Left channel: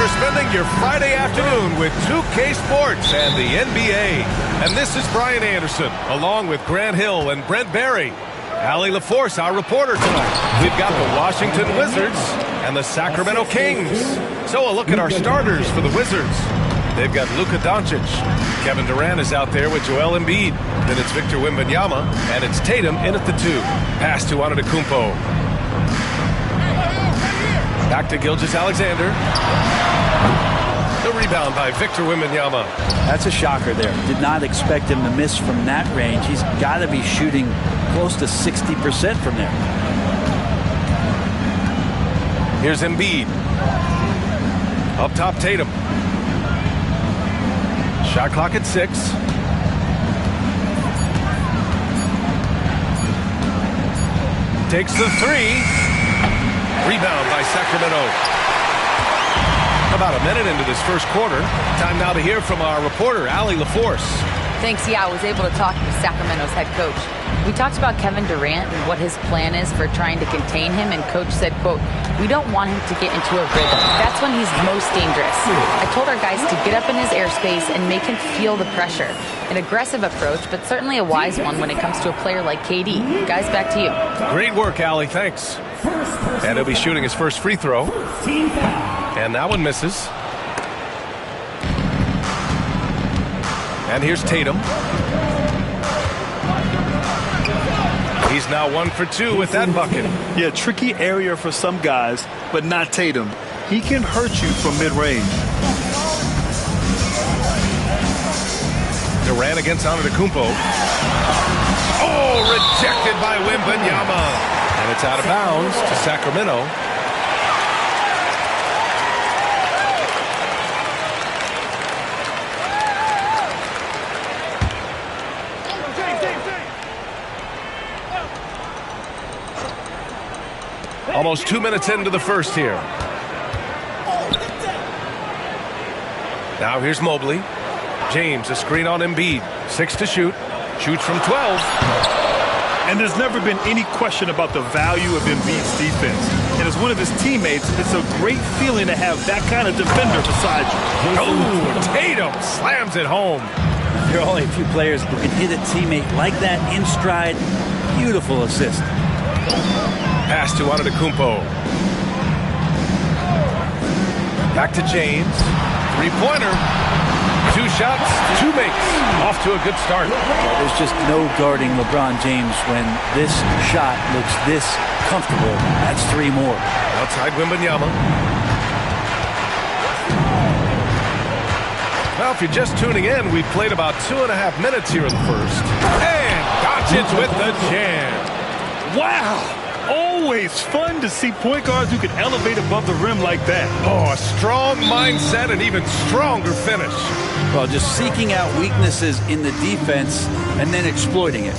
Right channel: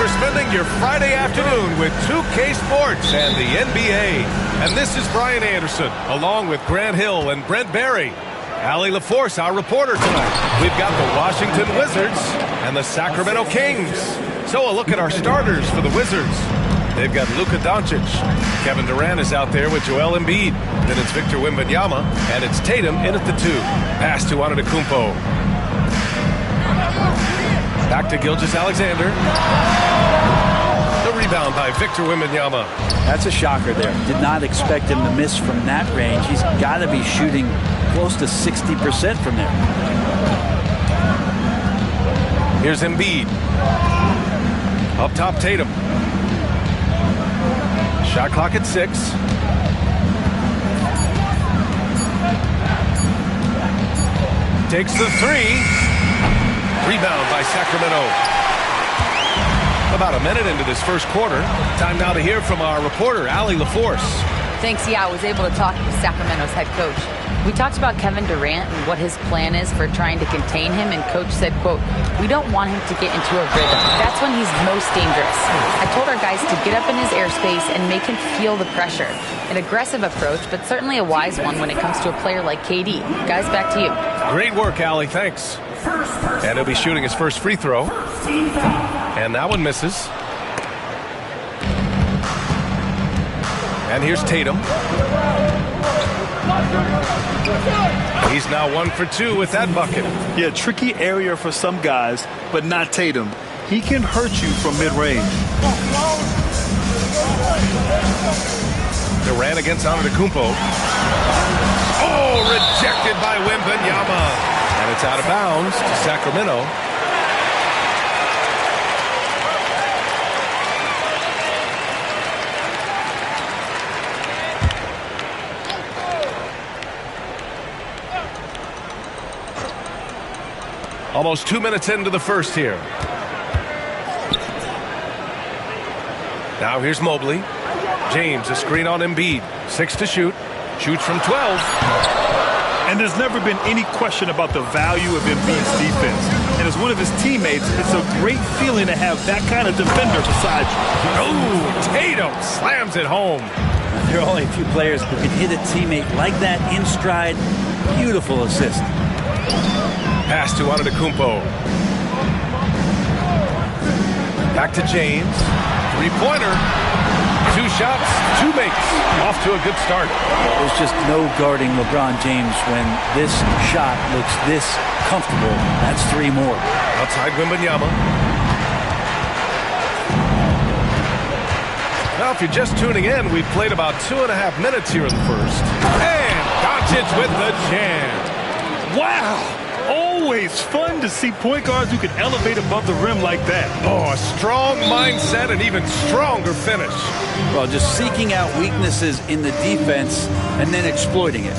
for spending your Friday afternoon with 2K Sports and the NBA. And this is Brian Anderson, along with Grant Hill and Brent Barry. Allie LaForce, our reporter tonight. We've got the Washington Wizards and the Sacramento Kings. So a look at our starters for the Wizards. They've got Luka Doncic. Kevin Durant is out there with Joel Embiid. Then it's Victor Wembanyama, and it's Tatum in at the 2. Pass to Antetokounmpo. Back to Gilgeous-Alexander. The rebound by Victor Wembanyama. That's a shocker there. Did not expect him to miss from that range. He's got to be shooting close to 60% from there. Here's Embiid. Up top, Tatum. Shot clock at 6. Takes the 3. Rebound by Sacramento. About a minute into this first quarter. Time now to hear from our reporter, Allie LaForce. Thanks, I was able to talk to Sacramento's head coach. We talked about Kevin Durant and what his plan is for trying to contain him, and coach said, quote, "We don't want him to get into a rhythm. That's when he's most dangerous. I told our guys to get up in his airspace and make him feel the pressure." An aggressive approach, but certainly a wise one when it comes to a player like KD. Guys, back to you. Great work, Allie. Thanks. And he'll be shooting his first free throw. And that one misses. And here's Tatum. He's now 1 for 2 with that bucket. Yeah, tricky area for some guys, but not Tatum. He can hurt you from mid-range. Durant against Antetokounmpo. Oh, rejected by Wembanyama. And it's out of bounds to Sacramento. Almost 2 minutes into the first here. Now here's Mobley. James, a screen on Embiid. 6 to shoot. Shoots from 12. And there's never been any question about the value of Embiid's defense. And as one of his teammates, it's a great feeling to have that kind of defender beside you. Oh, Tatum slams it home. Now, there are only a few players who can hit a teammate like that in stride. Beautiful assist. Pass to Antetokounmpo. Back to James. 3-pointer. 2 shots, 2 makes. Off to a good start. Well, there's just no guarding LeBron James when this shot looks this comfortable. That's 3 more. Outside Wembanyama. Well, if you're just tuning in, we've played about 2.5 minutes here in the first. And Doncic with the jam. Wow! Always fun to see point guards who can elevate above the rim like that. Oh, a strong mindset and even stronger finish. Well, just seeking out weaknesses in the defense and then exploiting it.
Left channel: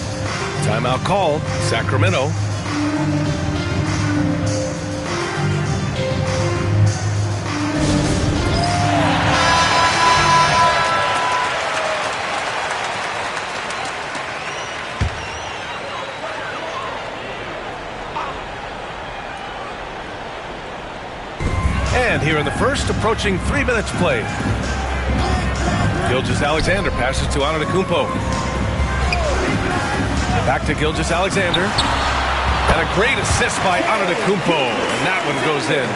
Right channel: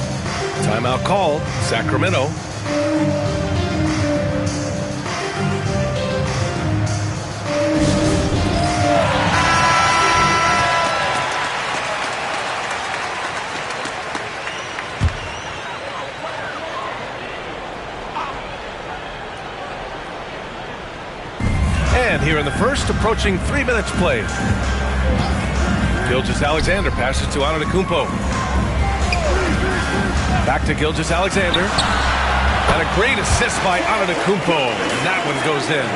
Timeout called. Sacramento. And here in the first, approaching 3 minutes played. Gilgeous-Alexander passes to Antetokounmpo. Back to Gilgeous-Alexander. And a great assist by Antetokounmpo. And that one goes in.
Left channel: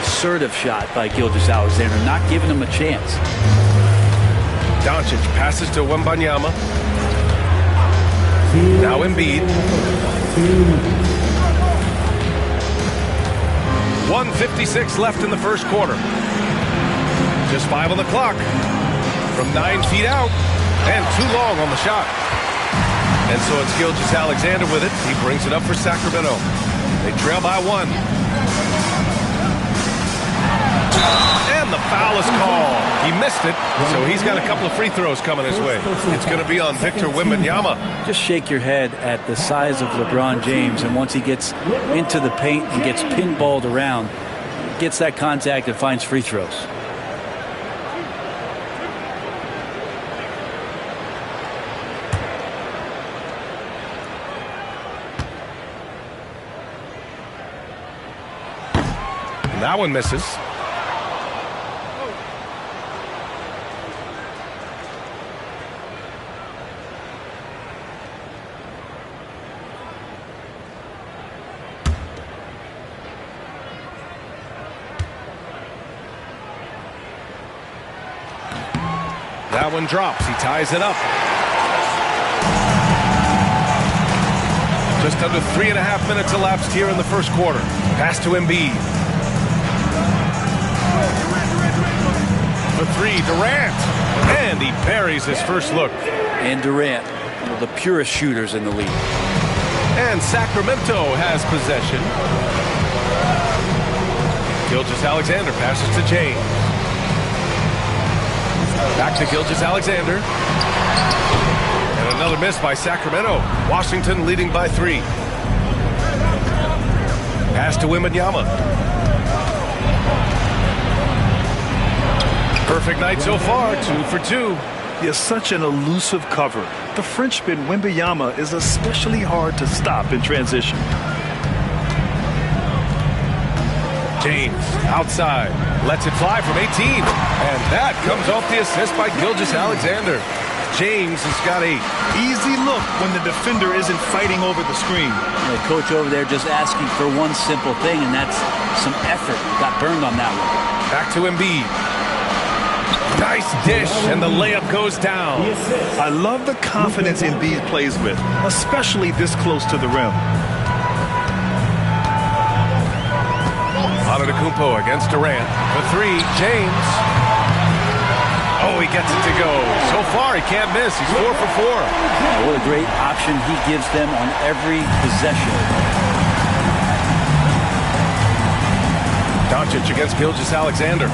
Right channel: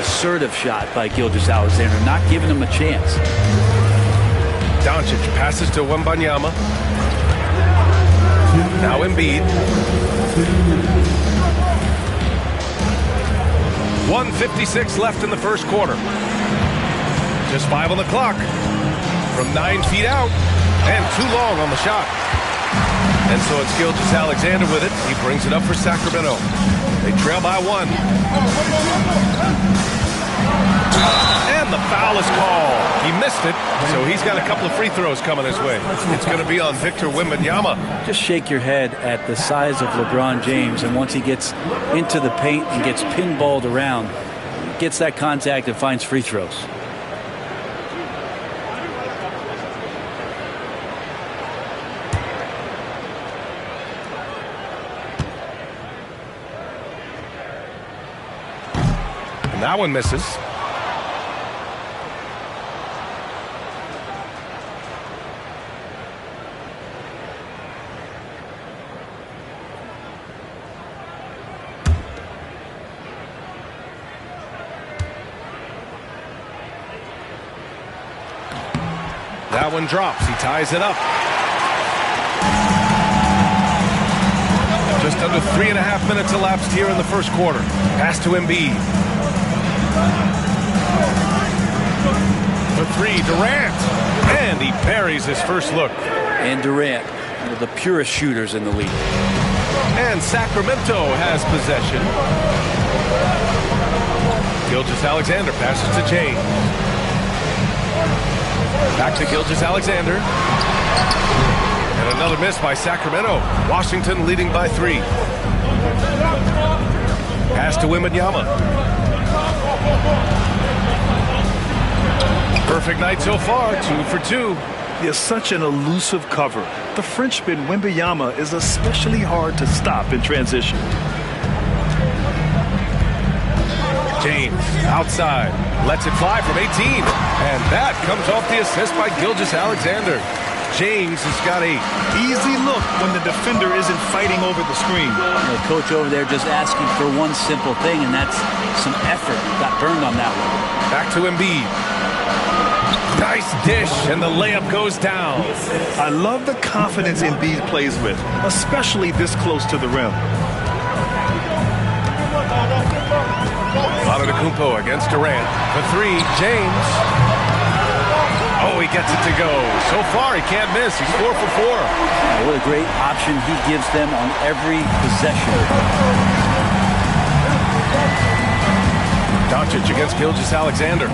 Assertive shot by Gilgeous-Alexander, not giving him a chance. Doncic passes to Wembanyama. Now Embiid. 1:56 left in the first quarter. Just 5 on the clock. From 9 feet out. And too long on the shot. And so it's Gilgeous-Alexander with it. He brings it up for Sacramento. They trail by 1. And the foul is called. He missed it, so he's got a couple of free throws coming his way. It's going to be on Victor Wembanyama. Just shake your head at the size of LeBron James, and once he gets into the paint and gets pinballed around, gets that contact and finds free throws. And that one misses. That one drops. He ties it up. Just under 3.5 minutes elapsed here in the first quarter. Pass to Embiid. For three, Durant. And he buries his first look. And Durant, one of the purest shooters in the league. And Sacramento has possession. Gilgeous-Alexander passes to James. Back to Gilgeous-Alexander. And another miss by Sacramento. Washington leading by 3. Pass to Wembanyama. Perfect night so far, 2 for 2. He has such an elusive cover. The Frenchman Wembanyama is especially hard to stop in transition. James outside, lets it fly from 18. And that comes off the assist by Gilgeous-Alexander. James has got a easy look when the defender isn't fighting over the screen. The coach over there just asking for one simple thing, and that's some effort. Got burned on that one. Back to Embiid. Nice dish, and the layup goes down. I love the confidence Embiid plays with, especially this close to the rim. Antetokounmpo against Durant. For 3, James. Oh, he gets it to go. So far, he can't miss. He's 4 for 4. Yeah, what a great option he gives them on every possession. Doncic against Gilgeous-Alexander.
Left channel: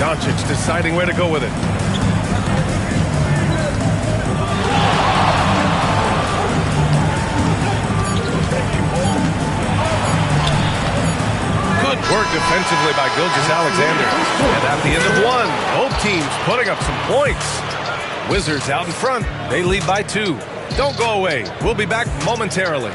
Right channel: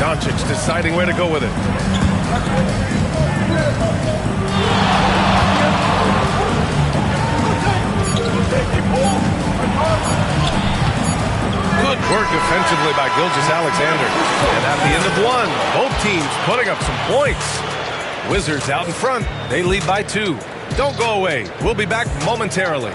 Doncic deciding where to go with it. Good work defensively by Gilgeous-Alexander. And at the end of 1, both teams putting up some points. Wizards out in front. They lead by 2. Don't go away. We'll be back momentarily.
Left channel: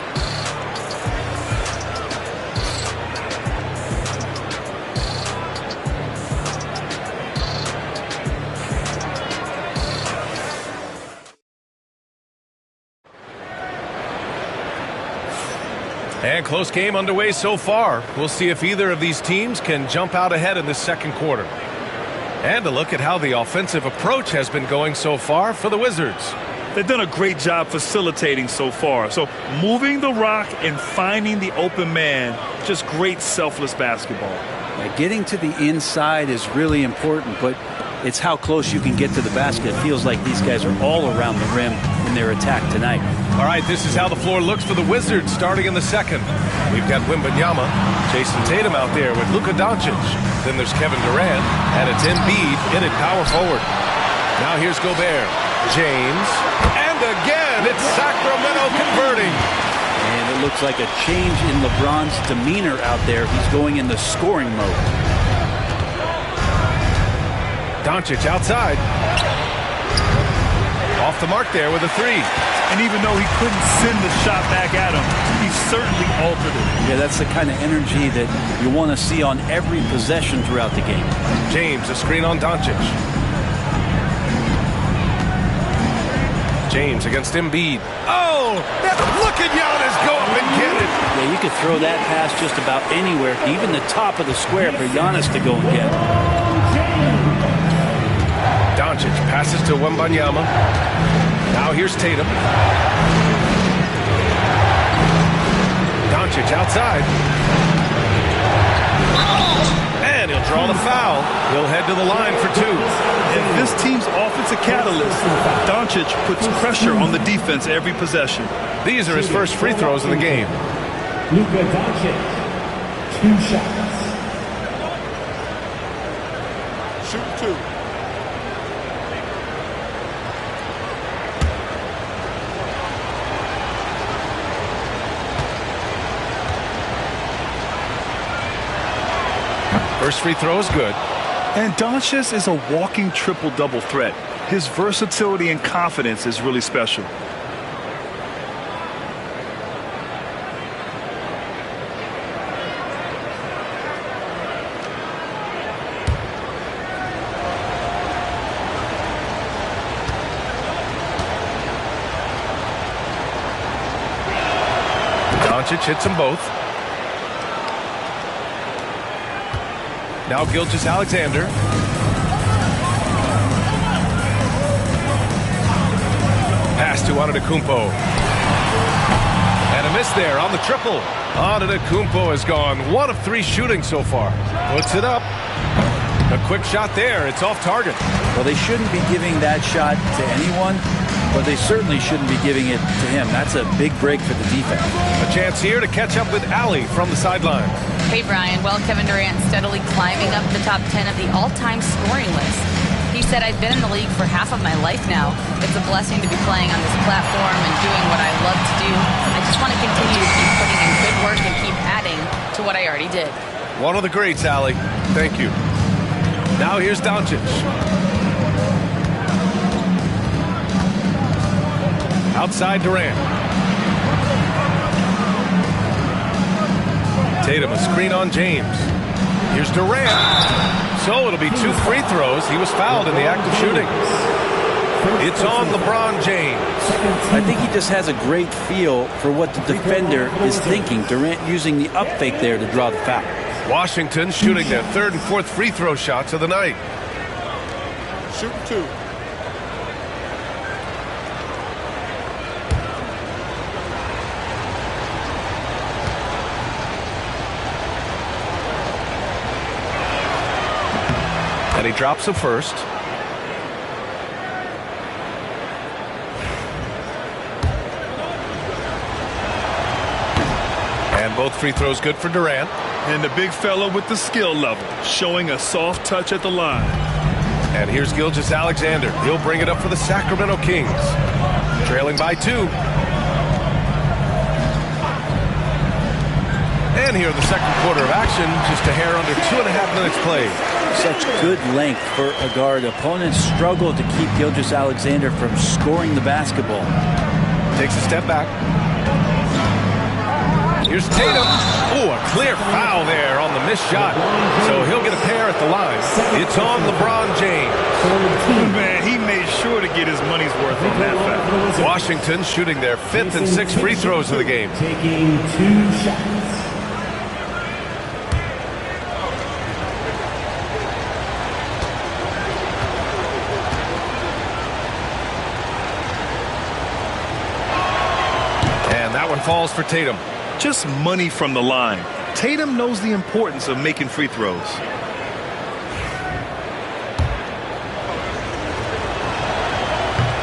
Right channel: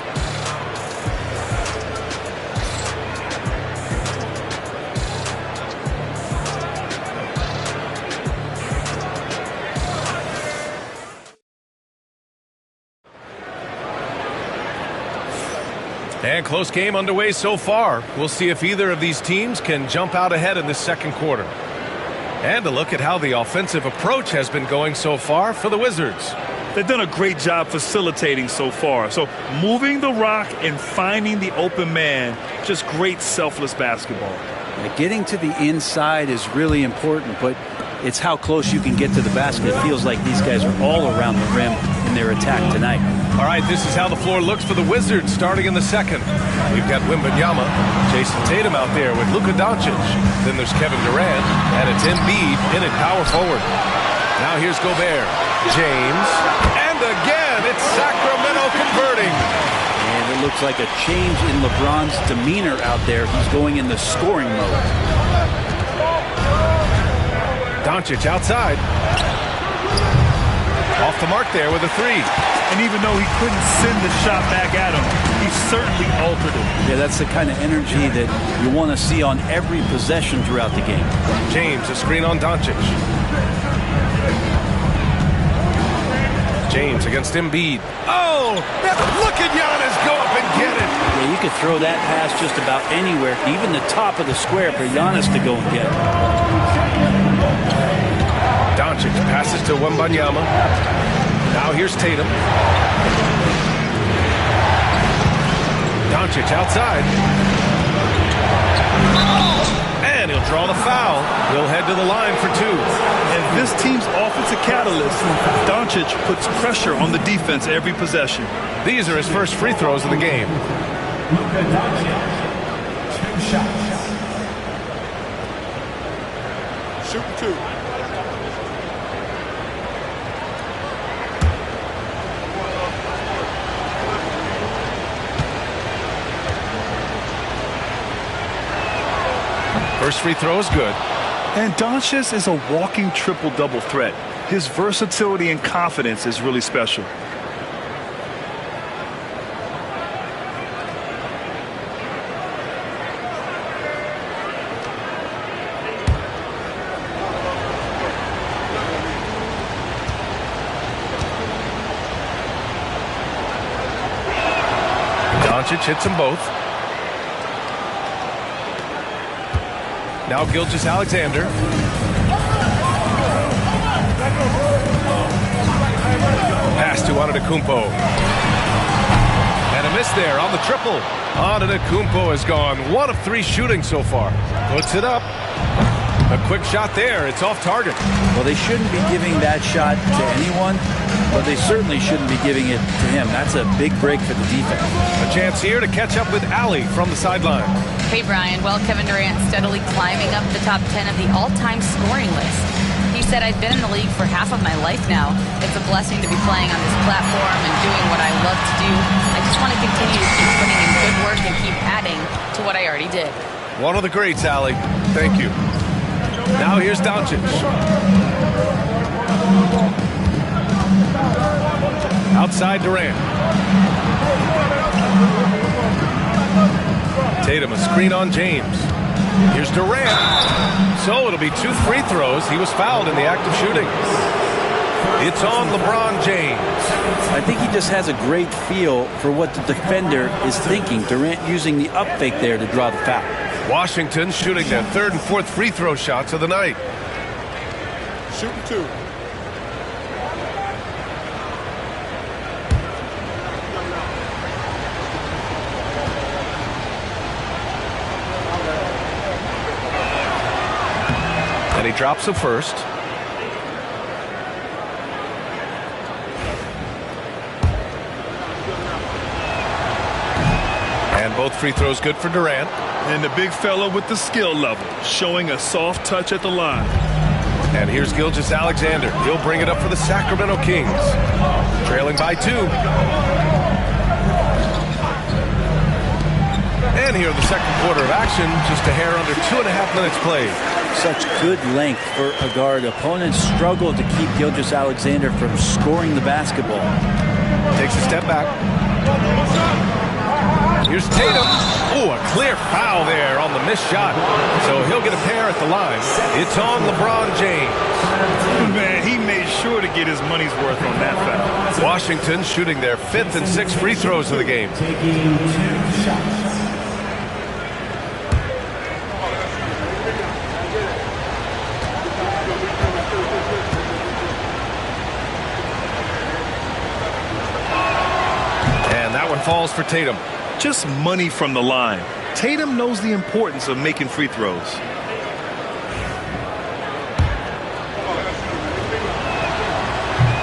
And close game underway so far. We'll see if either of these teams can jump out ahead in the second quarter. And a look at how the offensive approach has been going so far for the Wizards. They've done a great job facilitating so far. So moving the rock and finding the open man, just great selfless basketball. Yeah, getting to the inside is really important, but it's how close you can get to the basket. It feels like these guys are all around the rim in their attack tonight. All right, this is how the floor looks for the Wizards starting in the second. We've got Wembanyama, Jason Tatum out there with Luka Doncic. Then there's Kevin Durant, and it's Embiid in at power forward. Now here's Gobert, James, and again it's Sacramento converting. And it looks like a change in LeBron's demeanor out there. He's going in the scoring mode. Doncic outside. Off the mark there with a 3. And even though he couldn't send the shot back at him, he certainly altered it. Yeah, that's the kind of energy that you want to see on every possession throughout the game. James, a screen on Doncic. James against Embiid. Oh, look at Giannis go up and get it. Yeah, you could throw that pass just about anywhere, even the top of the square for Giannis to go and get. Doncic passes to Wembanyama. Now here's Tatum. Doncic outside. And he'll draw the foul. He'll head to the line for 2. And this team's offensive catalyst, Doncic, puts pressure on the defense every possession. These are his first free throws of the game. Luka Doncic, 2 shots. Shoot 2. First free throw is good. And Doncic is a walking triple-double threat. His versatility and confidence is really special. Doncic hits them both. Now Gilgeous-Alexander. Pass to Antetokounmpo. And a miss there on the triple. Antetokounmpo has gone 1 of 3 shooting so far. Puts it up. A quick shot there. It's off target. Well, they shouldn't be giving that shot to anyone, but they certainly shouldn't be giving it to him. That's a big break for the defense. A chance here to catch up with Allie from the sideline. Hey, Brian. Well, Kevin Durant steadily climbing up the top 10 of the all-time scoring list. He said, I've been in the league for half of my life now. It's a blessing to be playing on this platform and doing what I love to do. I just want to continue to keep putting in good work and keep adding to what I already did. One of the greats, Allie. Thank you. Now here's Doncic. Outside Durant. Tatum, a screen on James. Here's Durant. So it'll be 2 free throws. He was fouled in the act of shooting. It's on LeBron James. I think he just has a great feel for what the defender is thinking. Durant using the up fake there to draw the foul. Washington shooting their 3rd and 4th free throw shots of the night. Shooting 2. And he drops the first. And both free throws good for Durant. And the big fella with the skill level, showing a soft touch at the line. And here's Gilgeous-Alexander. He'll bring it up for the Sacramento Kings. Trailing by 2. And here in the second quarter of action, just a hair under 2.5 minutes played. Such good length for a guard. Opponents struggle to keep Gilgeous-Alexander from scoring the basketball. Takes a step back. Here's Tatum. Oh, a clear foul there on the missed shot. So he'll get a pair at the line. It's on LeBron James. Man, he made sure to get his money's worth on that foul. Washington shooting their 5th and 6th free throws of the game. Taking 2 shots. And that one falls for Tatum. Just money from the line. Tatum knows the importance of making free throws.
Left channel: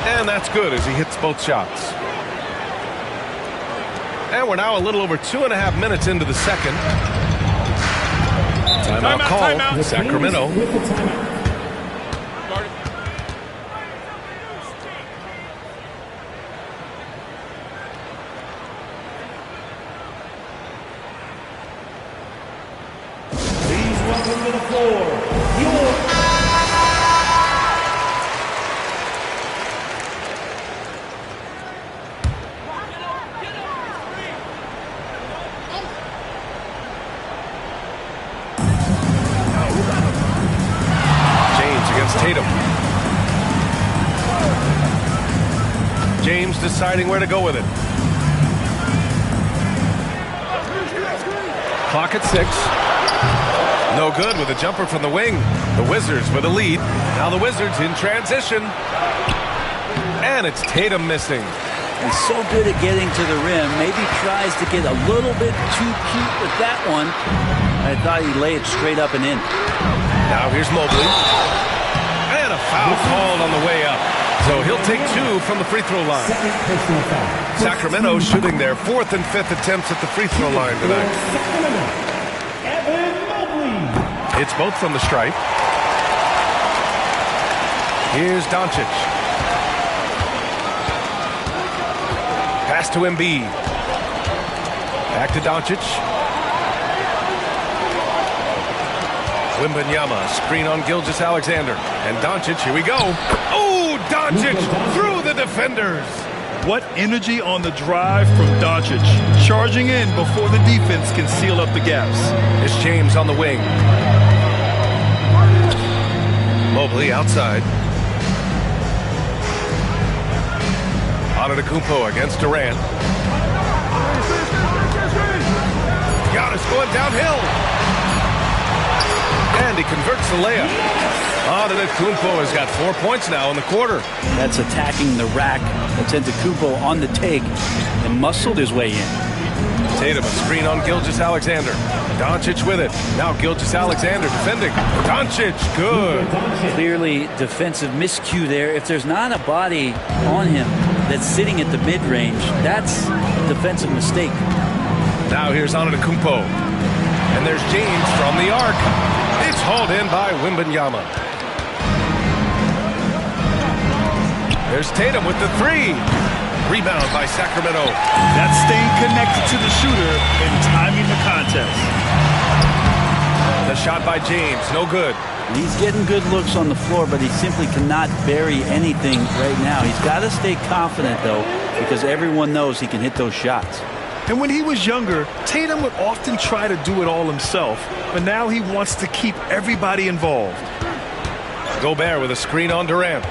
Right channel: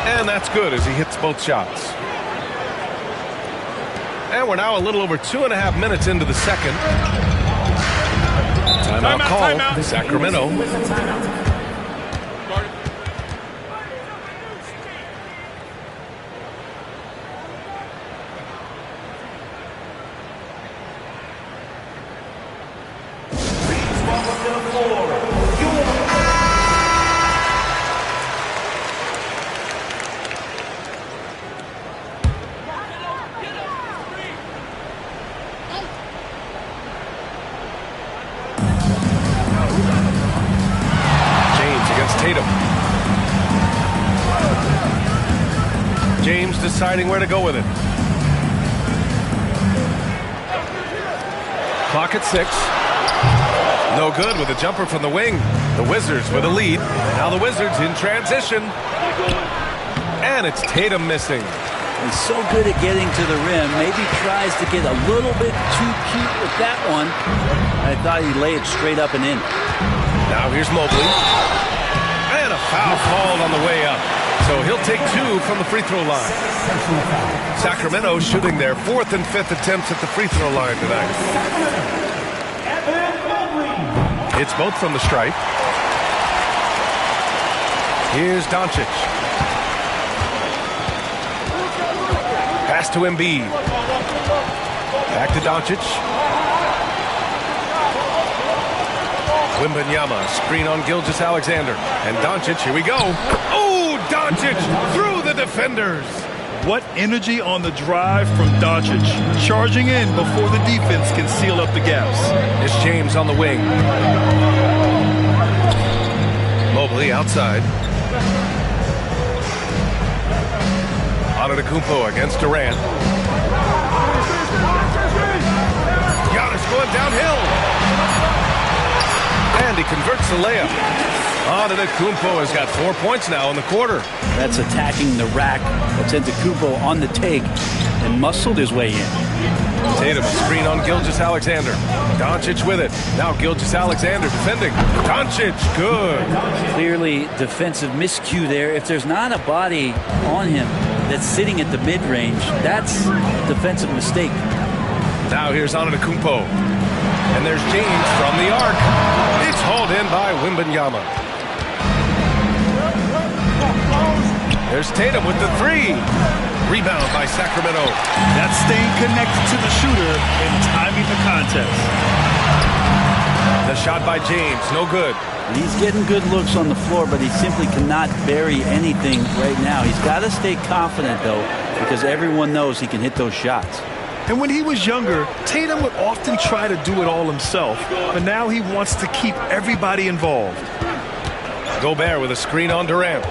And that's good as he hits both shots. And we're now a little over 2.5 minutes into the second. Timeout call. Timeout. Sacramento. With the timeout. Against Tatum. James deciding where to go with it. Clock at 6. No good with a jumper from the wing. The Wizards with a lead. Now the Wizards in transition. And it's Tatum missing. He's so good at getting to the rim. Maybe tries to get a little bit too cute with that one. I thought he'd lay it straight up and in. Now here's Mobley. And a foul called on the way up. So he'll take 2 from the free throw line. Sacramento shooting their 4th and 5th attempts at the free throw line tonight. It's both from the stripe. Here's Doncic. Pass to Embiid. Back to Doncic. Wembanyama, screen on Gilgeous-Alexander. And Doncic, here we go. Oh, Doncic through the defenders. What energy on the drive from Doncic. Charging in before the defense can seal up the gaps. It's James on the wing. Mobley outside. Antetokounmpo against Durant. Giannis going downhill. And he converts the layup. Antetokounmpo has got 4 points now in the quarter. That's attacking the rack. That's Antetokounmpo on the take and muscled his way in. Tatum, a screen on Gilgeous-Alexander. Doncic with it. Now Gilgeous-Alexander defending. Doncic, good. Clearly defensive miscue there. If there's not a body on him that's sitting at the mid-range, that's a defensive mistake. Now here's Antetokounmpo. And there's James from the arc. It's hauled in by Wembanyama. There's Tatum with the three. Rebound by Sacramento. That's staying connected to the shooter and timing the contest. The shot by James, no good. He's getting good looks on the floor, but he simply cannot bury anything right now. He's got to stay confident, though, because everyone knows he can hit those shots. And when he was younger, Tatum would often try to do it all himself, but now he wants to keep everybody involved. Gobert with a screen on Durant.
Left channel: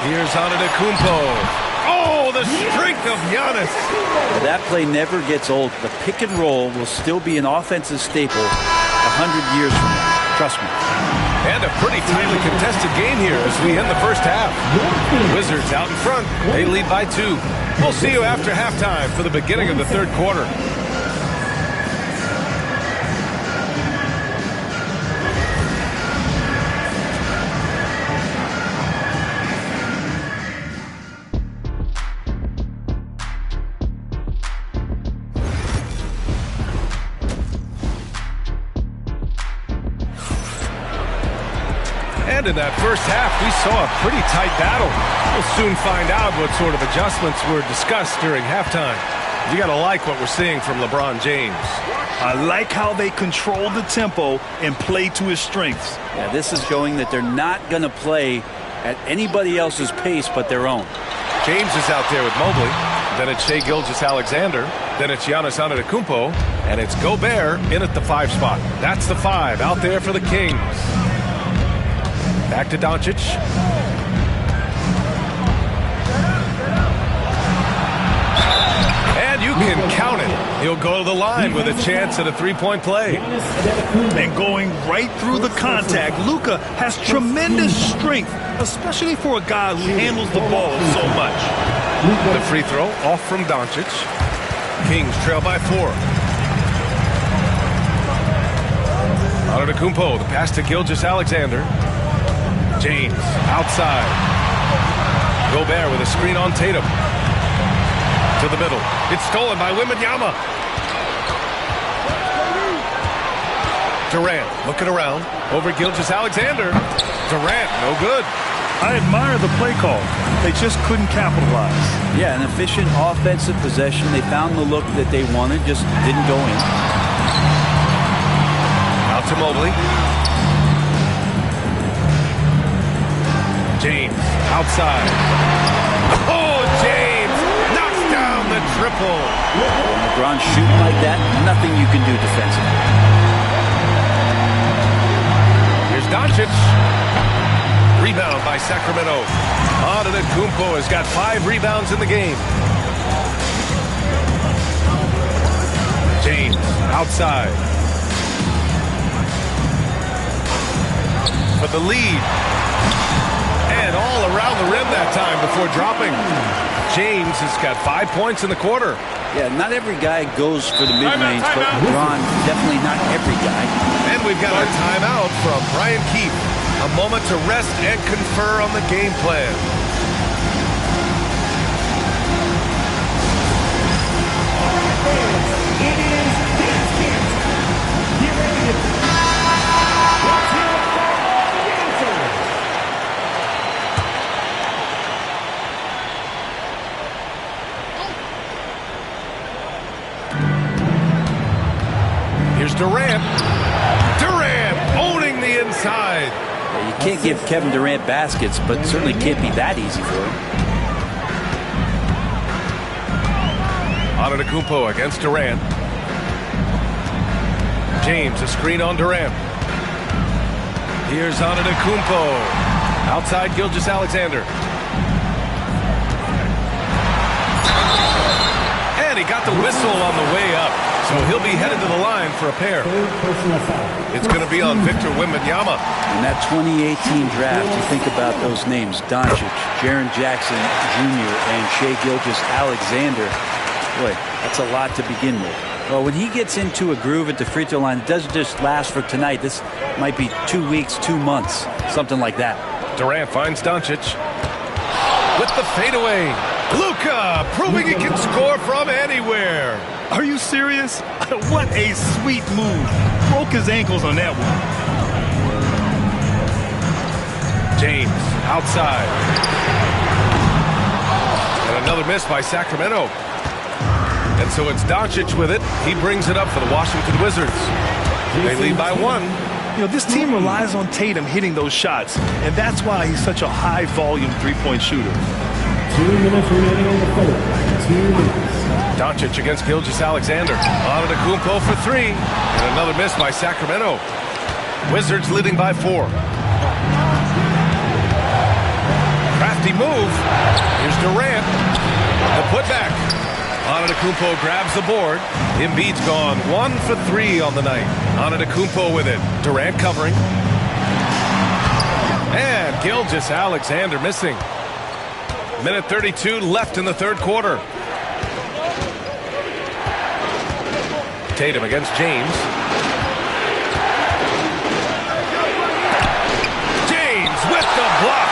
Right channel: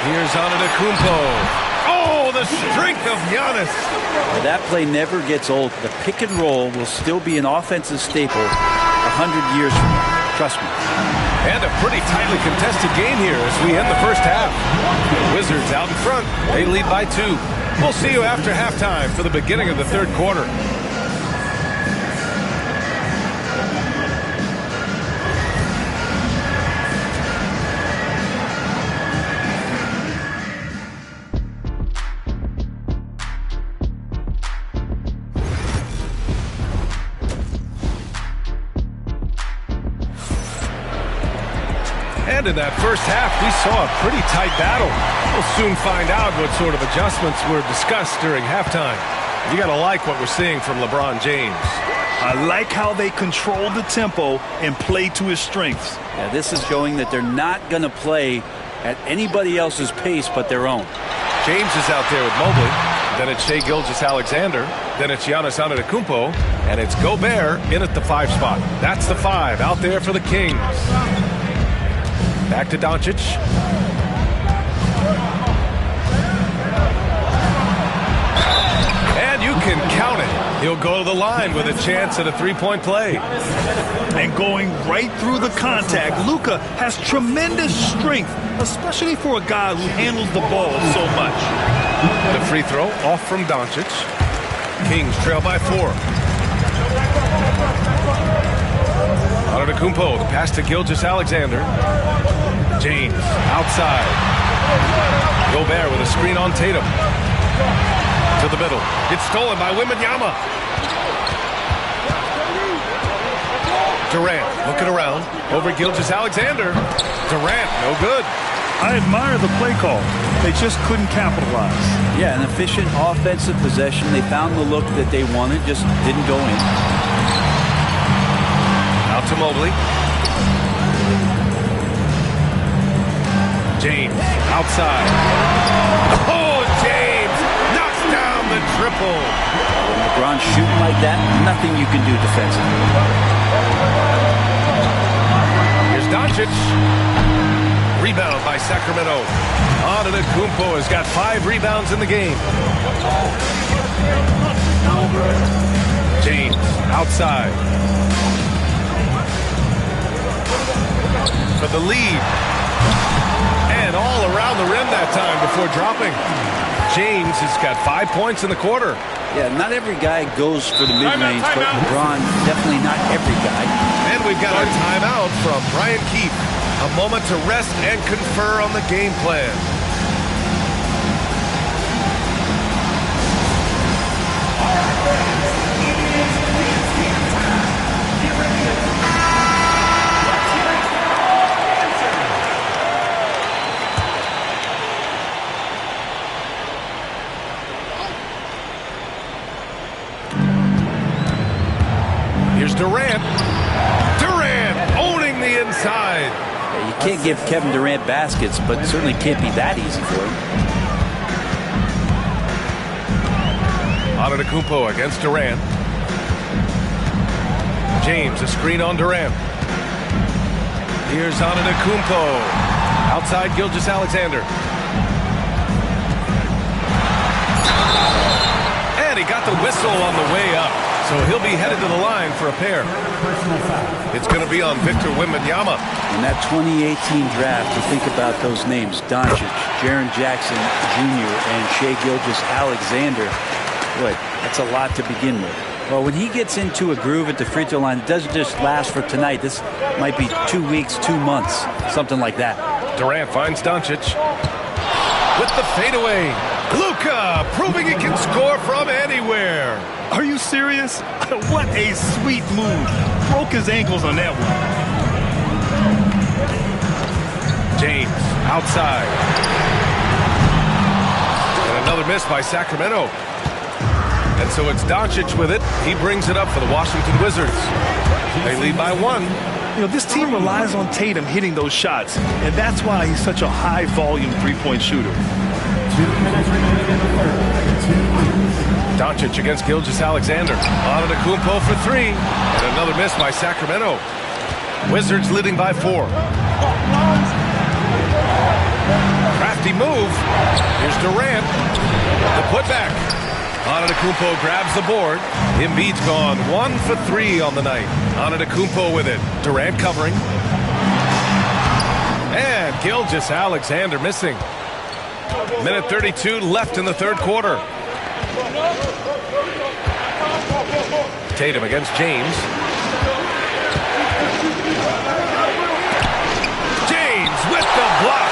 Here's Antetokounmpo. Oh, the strength of Giannis. Now, that play never gets old. The pick and roll will still be an offensive staple 100 years from now. Trust me. And a pretty tightly contested game here as we end the first half. Wizards out in front. They lead by 2. We'll see you after halftime for the beginning of the third quarter. And in that first half, we saw a pretty tight battle. We'll soon find out what sort of adjustments were discussed during halftime. You got to like what we're seeing from LeBron James. I like how they control the tempo and play to his strengths. Yeah, this is showing that they're not going to play at anybody else's pace but their own. James is out there with Mobley. Then it's Shai Gilgeous-Alexander. Then it's Giannis Antetokounmpo. And it's Gobert in at the 5 spot. That's the 5 out there for the Kings. Back to Doncic. And you can count it. He'll go to the line with a chance at a three-point play. And going right through the contact, Luka has tremendous strength, especially for a guy who handles the ball so much. The free throw off from Doncic. Kings trail by 4. Antetokounmpo, the pass to Gilgeous-Alexander. James outside. Gobert with a screen on Tatum. To the middle. It's stolen by Wembanyama. Durant looking around. Over Gilgeous-Alexander. Durant, no good. I admire the play call. They just couldn't capitalize. Yeah, an efficient offensive possession. They found the look that they wanted, just didn't go in. Out to Mobley. James outside. Oh, James knocks down the triple. When LeBron's shooting like that, nothing you can do defensively. Here's Doncic. Rebound by Sacramento. Antetokounmpo has got 5 rebounds in the game. James outside. For the lead. And all around the rim that time before dropping. James has got 5 points in the quarter. Yeah, not every guy goes for the mid-range, but LeBron, definitely not every guy. And we've got a timeout from Brian Keefe. A moment to rest and confer on the game plan. Here's Durant. Durant owning the inside. Yeah, you can't give Kevin Durant baskets, but certainly can't be that easy for him. Antetokounmpo against Durant. James, a screen on Durant. Here's Antetokounmpo. Outside Gilgeous-Alexander. And he got the whistle on the way up. So he'll be headed to the line for a pair. It's going to be on Victor Wembanyama. In that 2018 draft, you think about those names: Doncic, Jaren Jackson Jr., and Shai Gilgeous-Alexander. Boy, that's a lot to begin with. Well, when he gets into a groove at the free throw line, it doesn't just last for tonight. This might be 2 weeks, 2 months, something like that. Durant finds Doncic with the fadeaway. Luka proving he can score from anywhere. Are you serious? What a sweet move. Broke his ankles on that one. James outside. And another miss by Sacramento. And so it's Doncic with it. He brings it up for the Washington Wizards. They lead by 1. You know, this team relies on Tatum hitting those shots, and that's why he's such a high-volume three-point shooter. 2 minutes remaining in the fourth. 2 minutes. Doncic against Gilgeous-Alexander. Antetokounmpo for 3. And another miss by Sacramento. Wizards leading by 4. Crafty move. Here's Durant. The putback. Antetokounmpo grabs the board. Embiid's gone 1 for 3 on the night. Antetokounmpo with it. Durant covering. And Gilgeous-Alexander missing. Minute 32 left in the third quarter. Tatum against James. James with the block.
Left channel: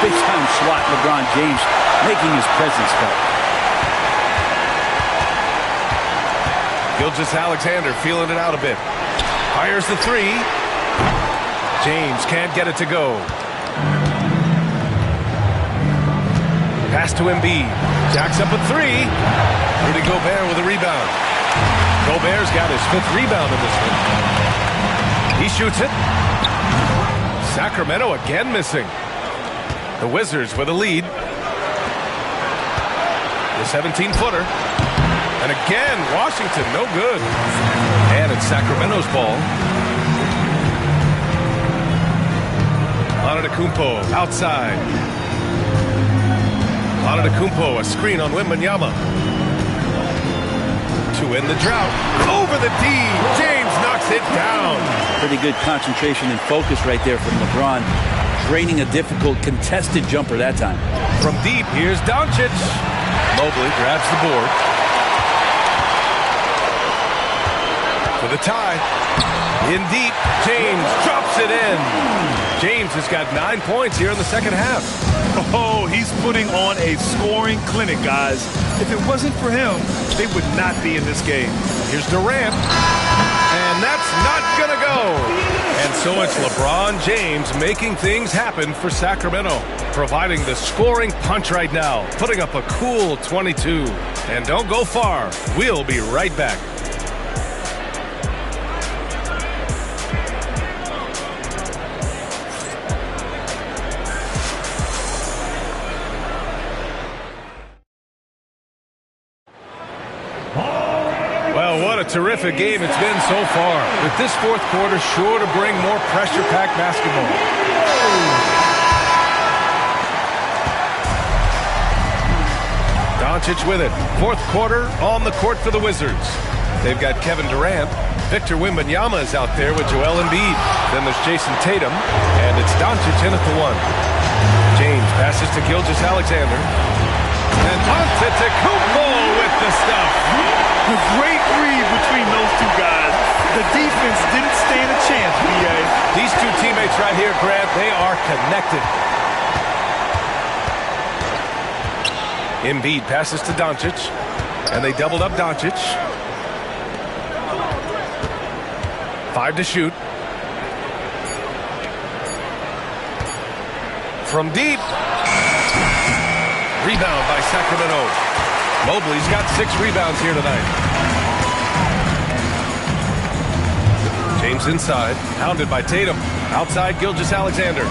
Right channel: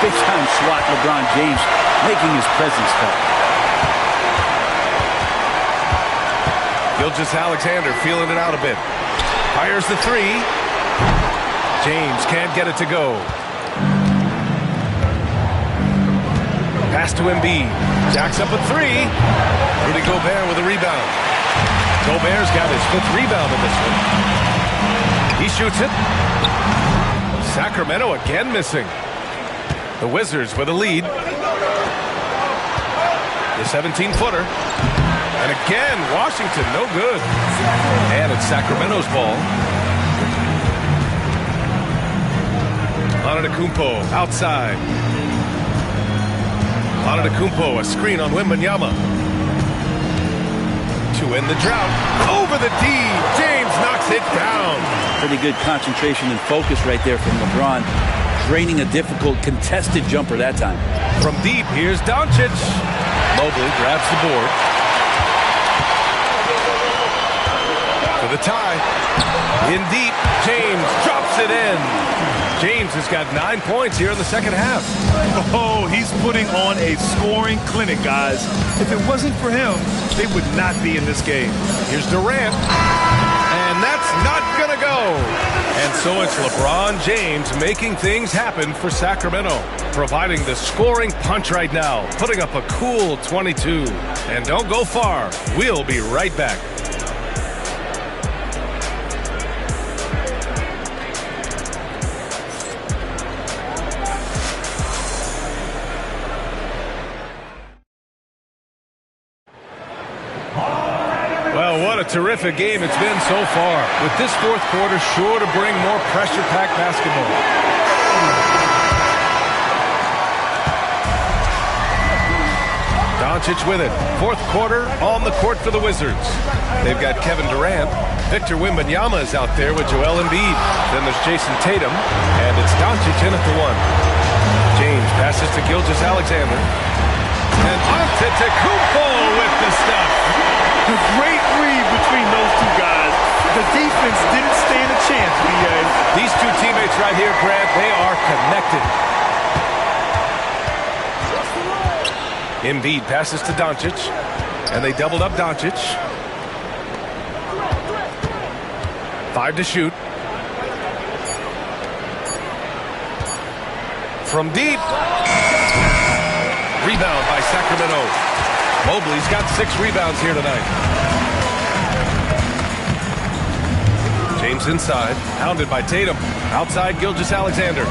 Big time swat, LeBron James making his presence felt. Gilgeous-Alexander feeling it out a bit. Fires the 3. James can't get it to go. Pass to Embiid. Jacks up a 3. Rudy Gobert with a rebound. Gobert's got his 5th rebound in this one. He shoots it. Sacramento again missing. The Wizards with a lead. The 17-footer. And again, Washington, no good. And it's Sacramento's ball. Antetokounmpo outside. Antetokounmpo, a screen on Wembanyama. To end the drought. Over the D. James knocks it down. Pretty good concentration and focus right there from LeBron. Draining a difficult contested jumper that time. From deep, here's Doncic. Mobley grabs the board. For the tie. In deep, James drops it in. James has got 9 points here in the second half. Oh, he's putting on a scoring clinic, guys. If it wasn't for him, they would not be in this game. Here's Durant. And that's not going to go. And so it's LeBron James making things happen for Sacramento, providing the scoring punch right now, putting up a cool 22. And don't go far. We'll be right back. Well, what a terrific game it's been so far. With this fourth quarter sure to bring more pressure-packed basketball. Doncic with it. Fourth quarter on the court for the Wizards. They've got Kevin Durant. Victor Wembanyama is out there with Joel Embiid. Then there's Jason Tatum. And it's Doncic in at the 1. James passes to Gilgeous-Alexander. And Antetokounmpo with the stuff. A great read between those two guys. The defense didn't stand a chance, B.A. These two teammates right here, Grant, they are connected. Embiid passes to Doncic, and they doubled up Doncic. 5 to shoot. From deep. Rebound by Sacramento. Mobley's got 6 rebounds here tonight. James inside, hounded by Tatum. Outside, Gilgeous-Alexander.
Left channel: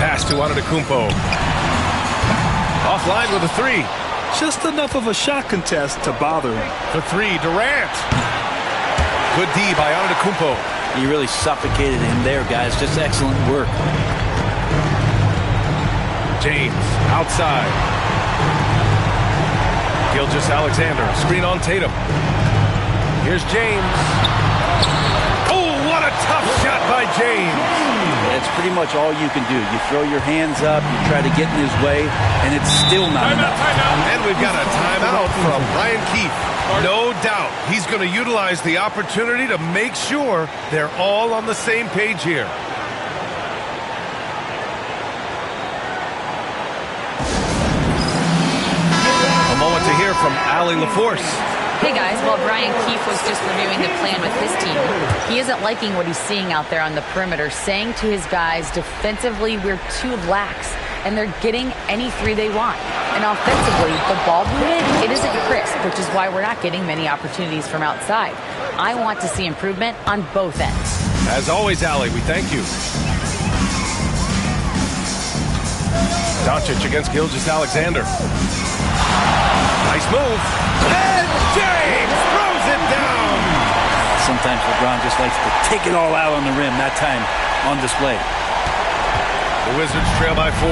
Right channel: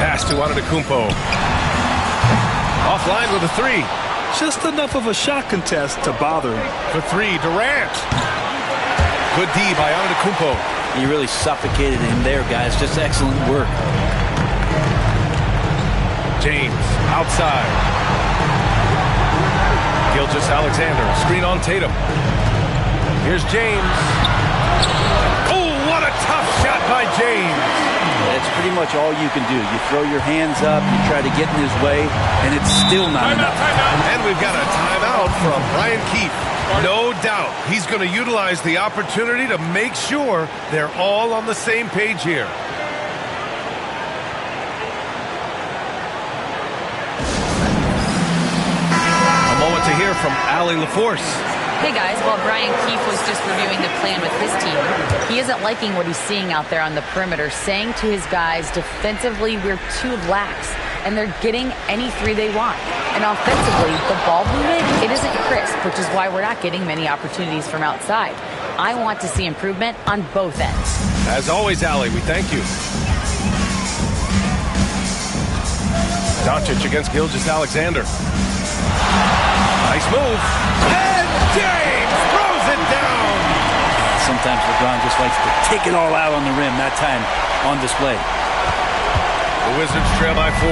Pass to Antetokounmpo. Offline with a 3. Just enough of a shot contest to bother him. For 3, Durant. Good D by Antetokounmpo. He really suffocated him there, guys. Just excellent work. James outside. Gilgeous-Alexander, screen on Tatum. Here's James. Oh, what a tough shot by James. It's pretty much all you can do. You throw your hands up, you try to get in his way, and it's still not enough. And we've got a timeout from Brian Keefe. No doubt he's going to utilize the opportunity to make sure they're all on the same page here. A moment to hear from Allie LaForce. Hey guys, while Brian Keefe was just reviewing the plan with his team, he isn't liking what he's seeing out there on the perimeter, saying to his guys, defensively, we're too lax, and they're getting any three they want. And offensively, the ball movement, it isn't crisp, which is why we're not getting many opportunities from outside. I want to see improvement on both ends. As always, Allie, we thank you. Doncic against Gilgeous-Alexander. Nice move. And James throws it down. Sometimes LeBron just likes to take it all out on the rim. That time on display. The Wizards trail by 4.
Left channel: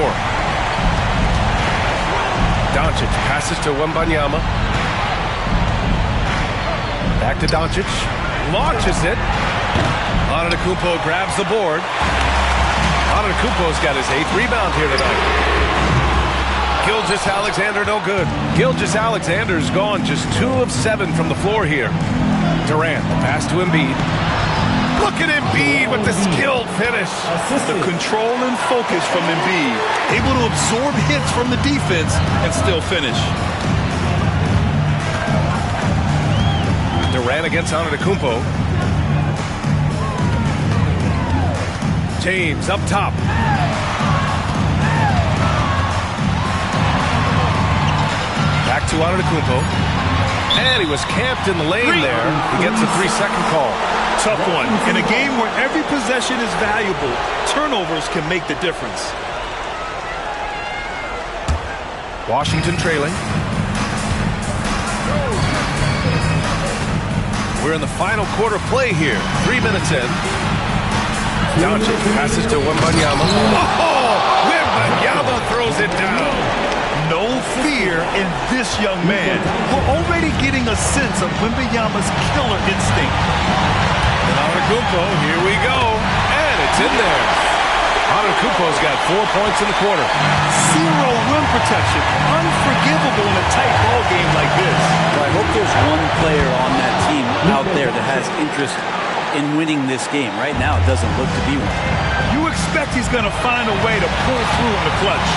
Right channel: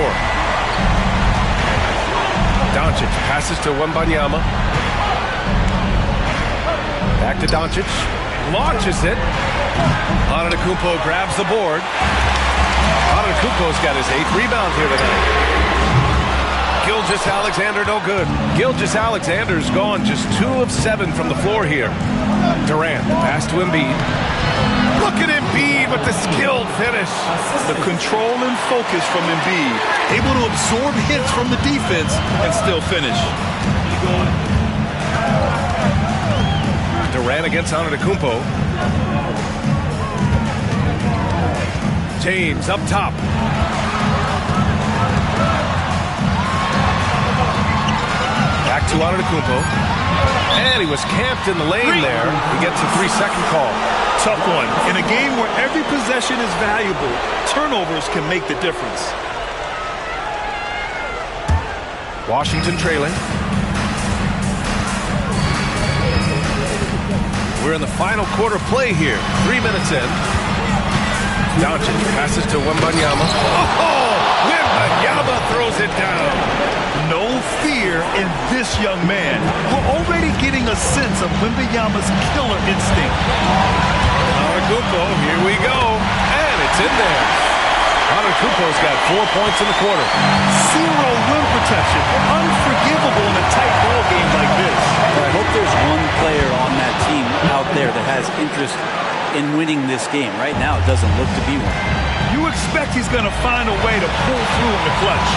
Doncic passes to Wembanyama. Back to Doncic. Launches it. Antetokounmpo grabs the board. Antetokounmpo's got his 8th rebound here tonight. Gilgeous-Alexander no good. Gilgeous-Alexander's gone just 2 of 7 from the floor here. Durant, the pass to Embiid. Look at Embiid with the skilled finish. The control and focus from Embiid. Able to absorb hits from the defense and still finish. Durant against Antetokounmpo. James up top. Back to Antetokounmpo. And he was camped in the lane there. He gets a 3-second call. Tough one. In a game where every possession is valuable, turnovers can make the difference. Washington trailing. We're in the final quarter play here. 3 minutes in. Doncic passes to Wembanyama. Oh! Wembanyama throws it down. No fear in this young man. We're already getting a sense of Wembanyama's killer instinct. Antetokounmpo, here we go. And it's in there. Antetokounmpo's got 4 points in the quarter. 0 rim protection. Unforgivable in a tight ball game like this. Well, I hope there's one player on that team out there that has interest in winning this game. Right now, it doesn't look to be one. You expect he's going to find a way to pull through in the clutch.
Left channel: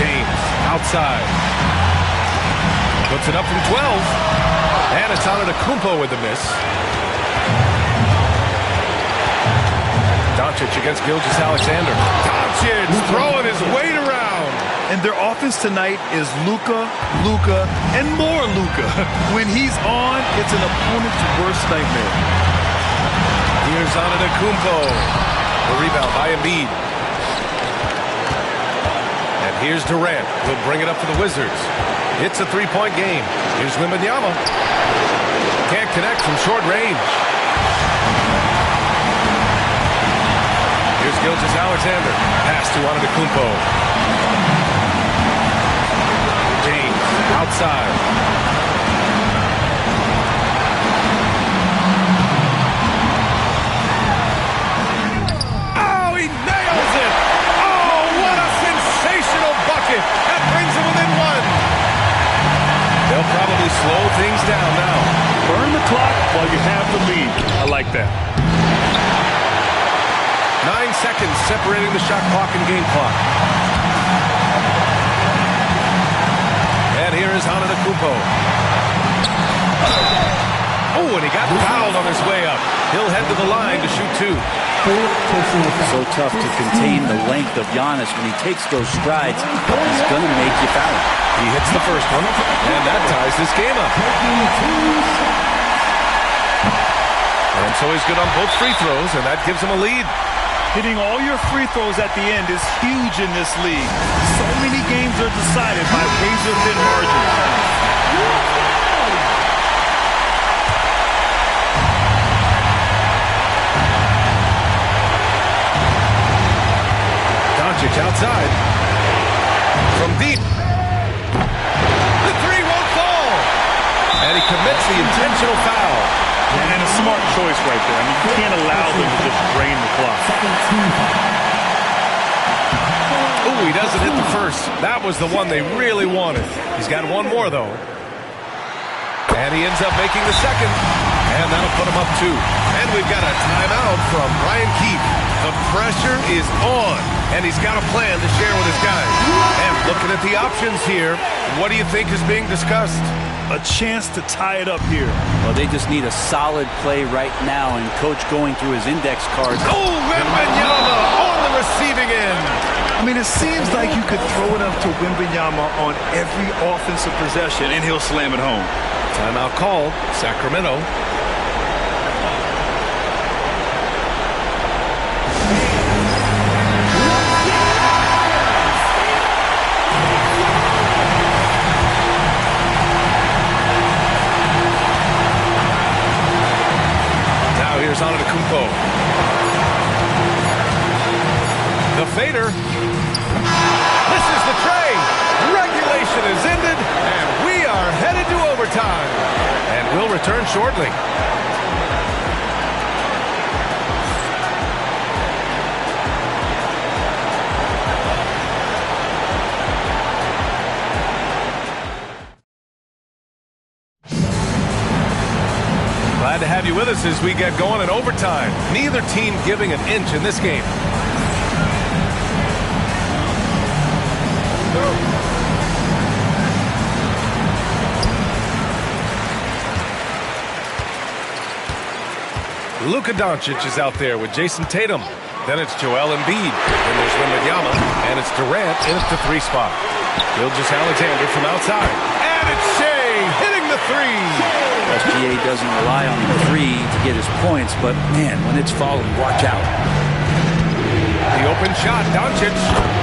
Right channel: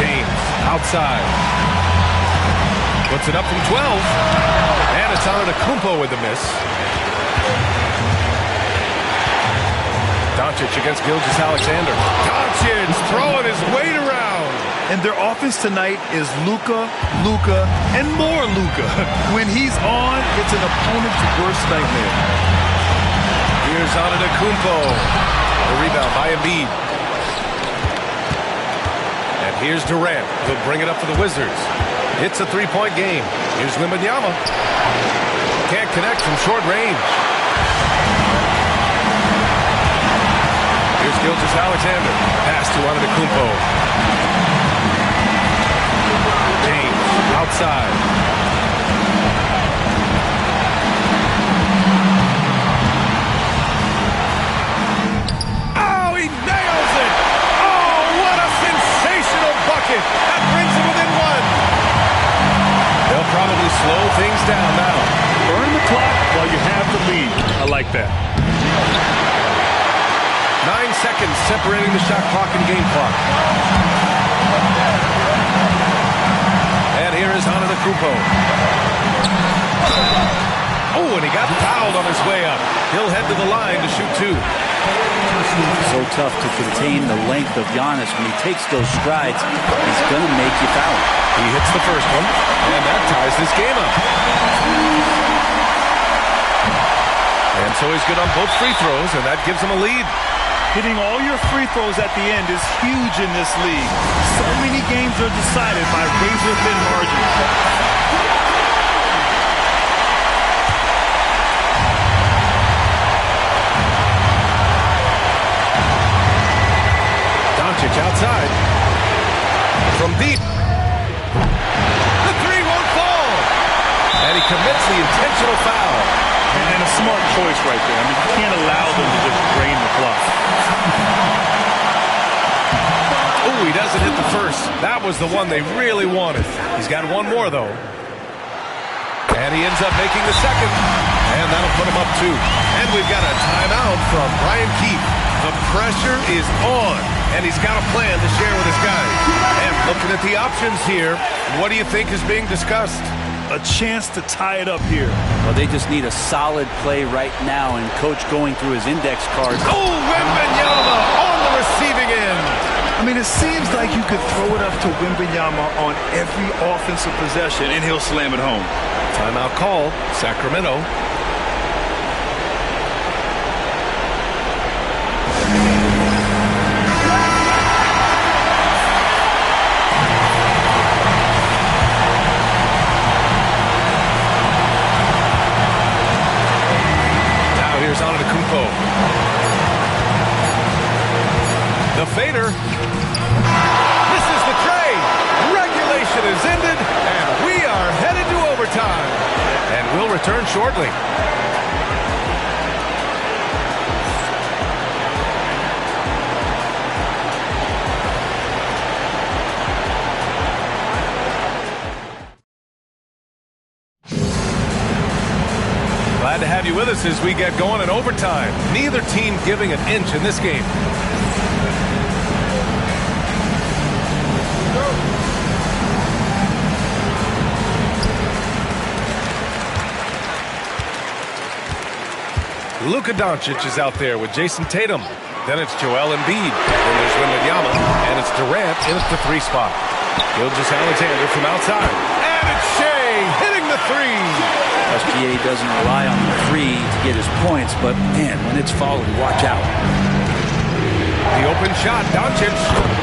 James outside. Puts it up from 12. And it's Antetokounmpo with the miss. Doncic against Gilgeous-Alexander. Doncic throwing his weight around. And their offense tonight is Luka, and more Luka. When he's on, it's an opponent's worst nightmare. Here's Antetokounmpo. The rebound by Embiid. And here's Durant. He'll bring it up for the Wizards. It's a 3-point game. Here's Wembanyama. Can't connect from short range. Here's Gilgeous-Alexander. Pass to Antetokounmpo. James outside. Oh, he nails it! Oh, what a sensational bucket! That brings him within 1. They'll probably slow things down now. Burn the clock while you have the lead. I like that. 9 seconds separating the shot clock and game clock. And here is Antetokounmpo. Oh, and he got fouled on his way up. He'll head to the line to shoot 2. So tough to contain the length of Giannis. When he takes those strides, he's going to make you foul him. He hits the first one, and that ties this game up. And so he's good on both free throws, and that gives him a lead. Hitting all your free throws at the end is huge in this league. So many games are decided by razor-thin margins. Doncic outside. From deep. The 3 won't fall. And he commits the intentional foul. And a smart choice right there. I mean, you can't allow them to just drain the clock. Ooh, he doesn't hit the first. That was the one they really wanted. He's got one more, though. And he ends up making the second. And that'll put him up 2. And we've got a timeout from Brian Keefe. The pressure is on. And he's got a plan to share with his guys. And looking at the options here, what do you think is being discussed? A chance to tie it up here. Well, they just need a solid play right now, and Coach going through his index cards. Oh, Wembanyama on the receiving end. I mean, it seems like you could throw it up to Wembanyama on every offensive possession, and he'll slam it home. Timeout called, Sacramento. Here's Antetokounmpo. The fader. Misses the tray. Regulation is ended, and we are headed to overtime. And we'll return shortly. Glad to have you with us as we get going in overtime. Neither team giving an inch in this game. Luka Doncic is out there with Jason Tatum. Then it's Joel Embiid. Then there's Wembanyama. And it's Durant in at the 3 spot. Gilgeous-Alexander from outside. And it's Shea hitting the 3. SGA doesn't rely on the 3 to get his points, but man, when it's falling, watch out. The open shot, Doncic.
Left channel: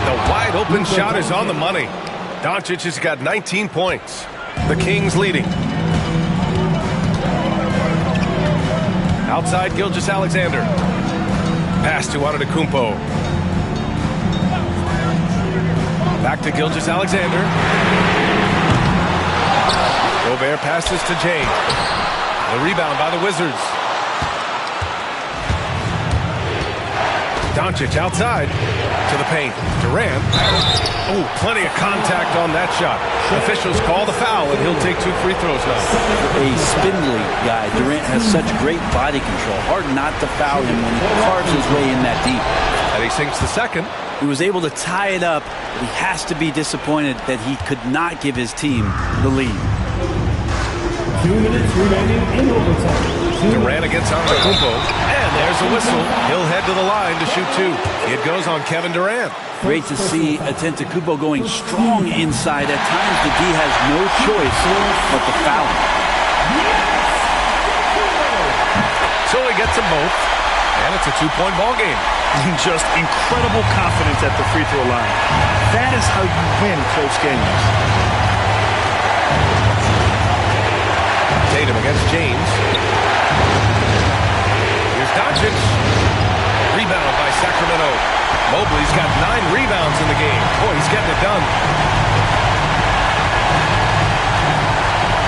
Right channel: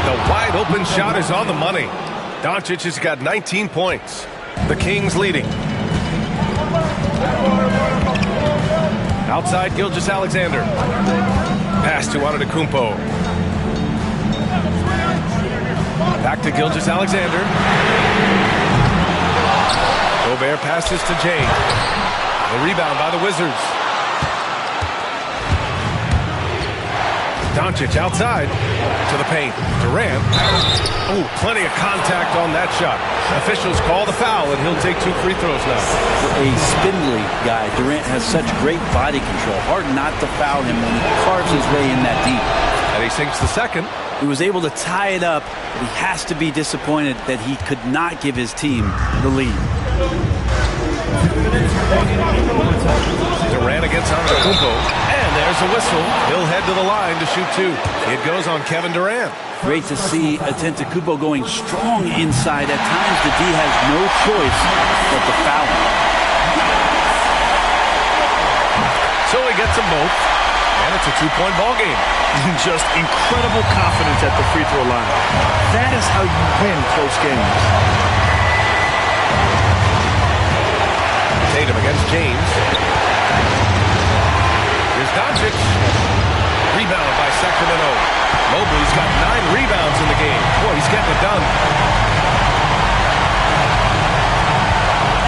The wide open shot is on the money. Doncic has got 19 points. The Kings leading. Outside, Gilgeous-Alexander. Pass to Antetokounmpo. Back to Gilgeous-Alexander. Gobert passes to James. The rebound by the Wizards. Doncic outside to the paint. Durant. Oh, plenty of contact on that shot. Officials call the foul, and he'll take 2 free throws now. For a spindly guy, Durant has such great body control. Hard not to foul him when he carves his way in that deep. And he sinks the second. He was able to tie it up, but he has to be disappointed that he could not give his team the lead. 2 minutes remaining in overtime. Durant against Antetokounmpo. And there's a whistle. He'll head to the line to shoot 2. It goes on Kevin Durant. Great to see Antetokounmpo going strong inside. At times, the D has no choice but to foul him. So he gets them both. And it's a 2-point ball game. Just incredible confidence at the free throw line. That is how you win close games. Tatum against James. Here's Doncic. Rebound by Sacramento. Mobley's got 9 rebounds in the game. Boy, he's getting it done.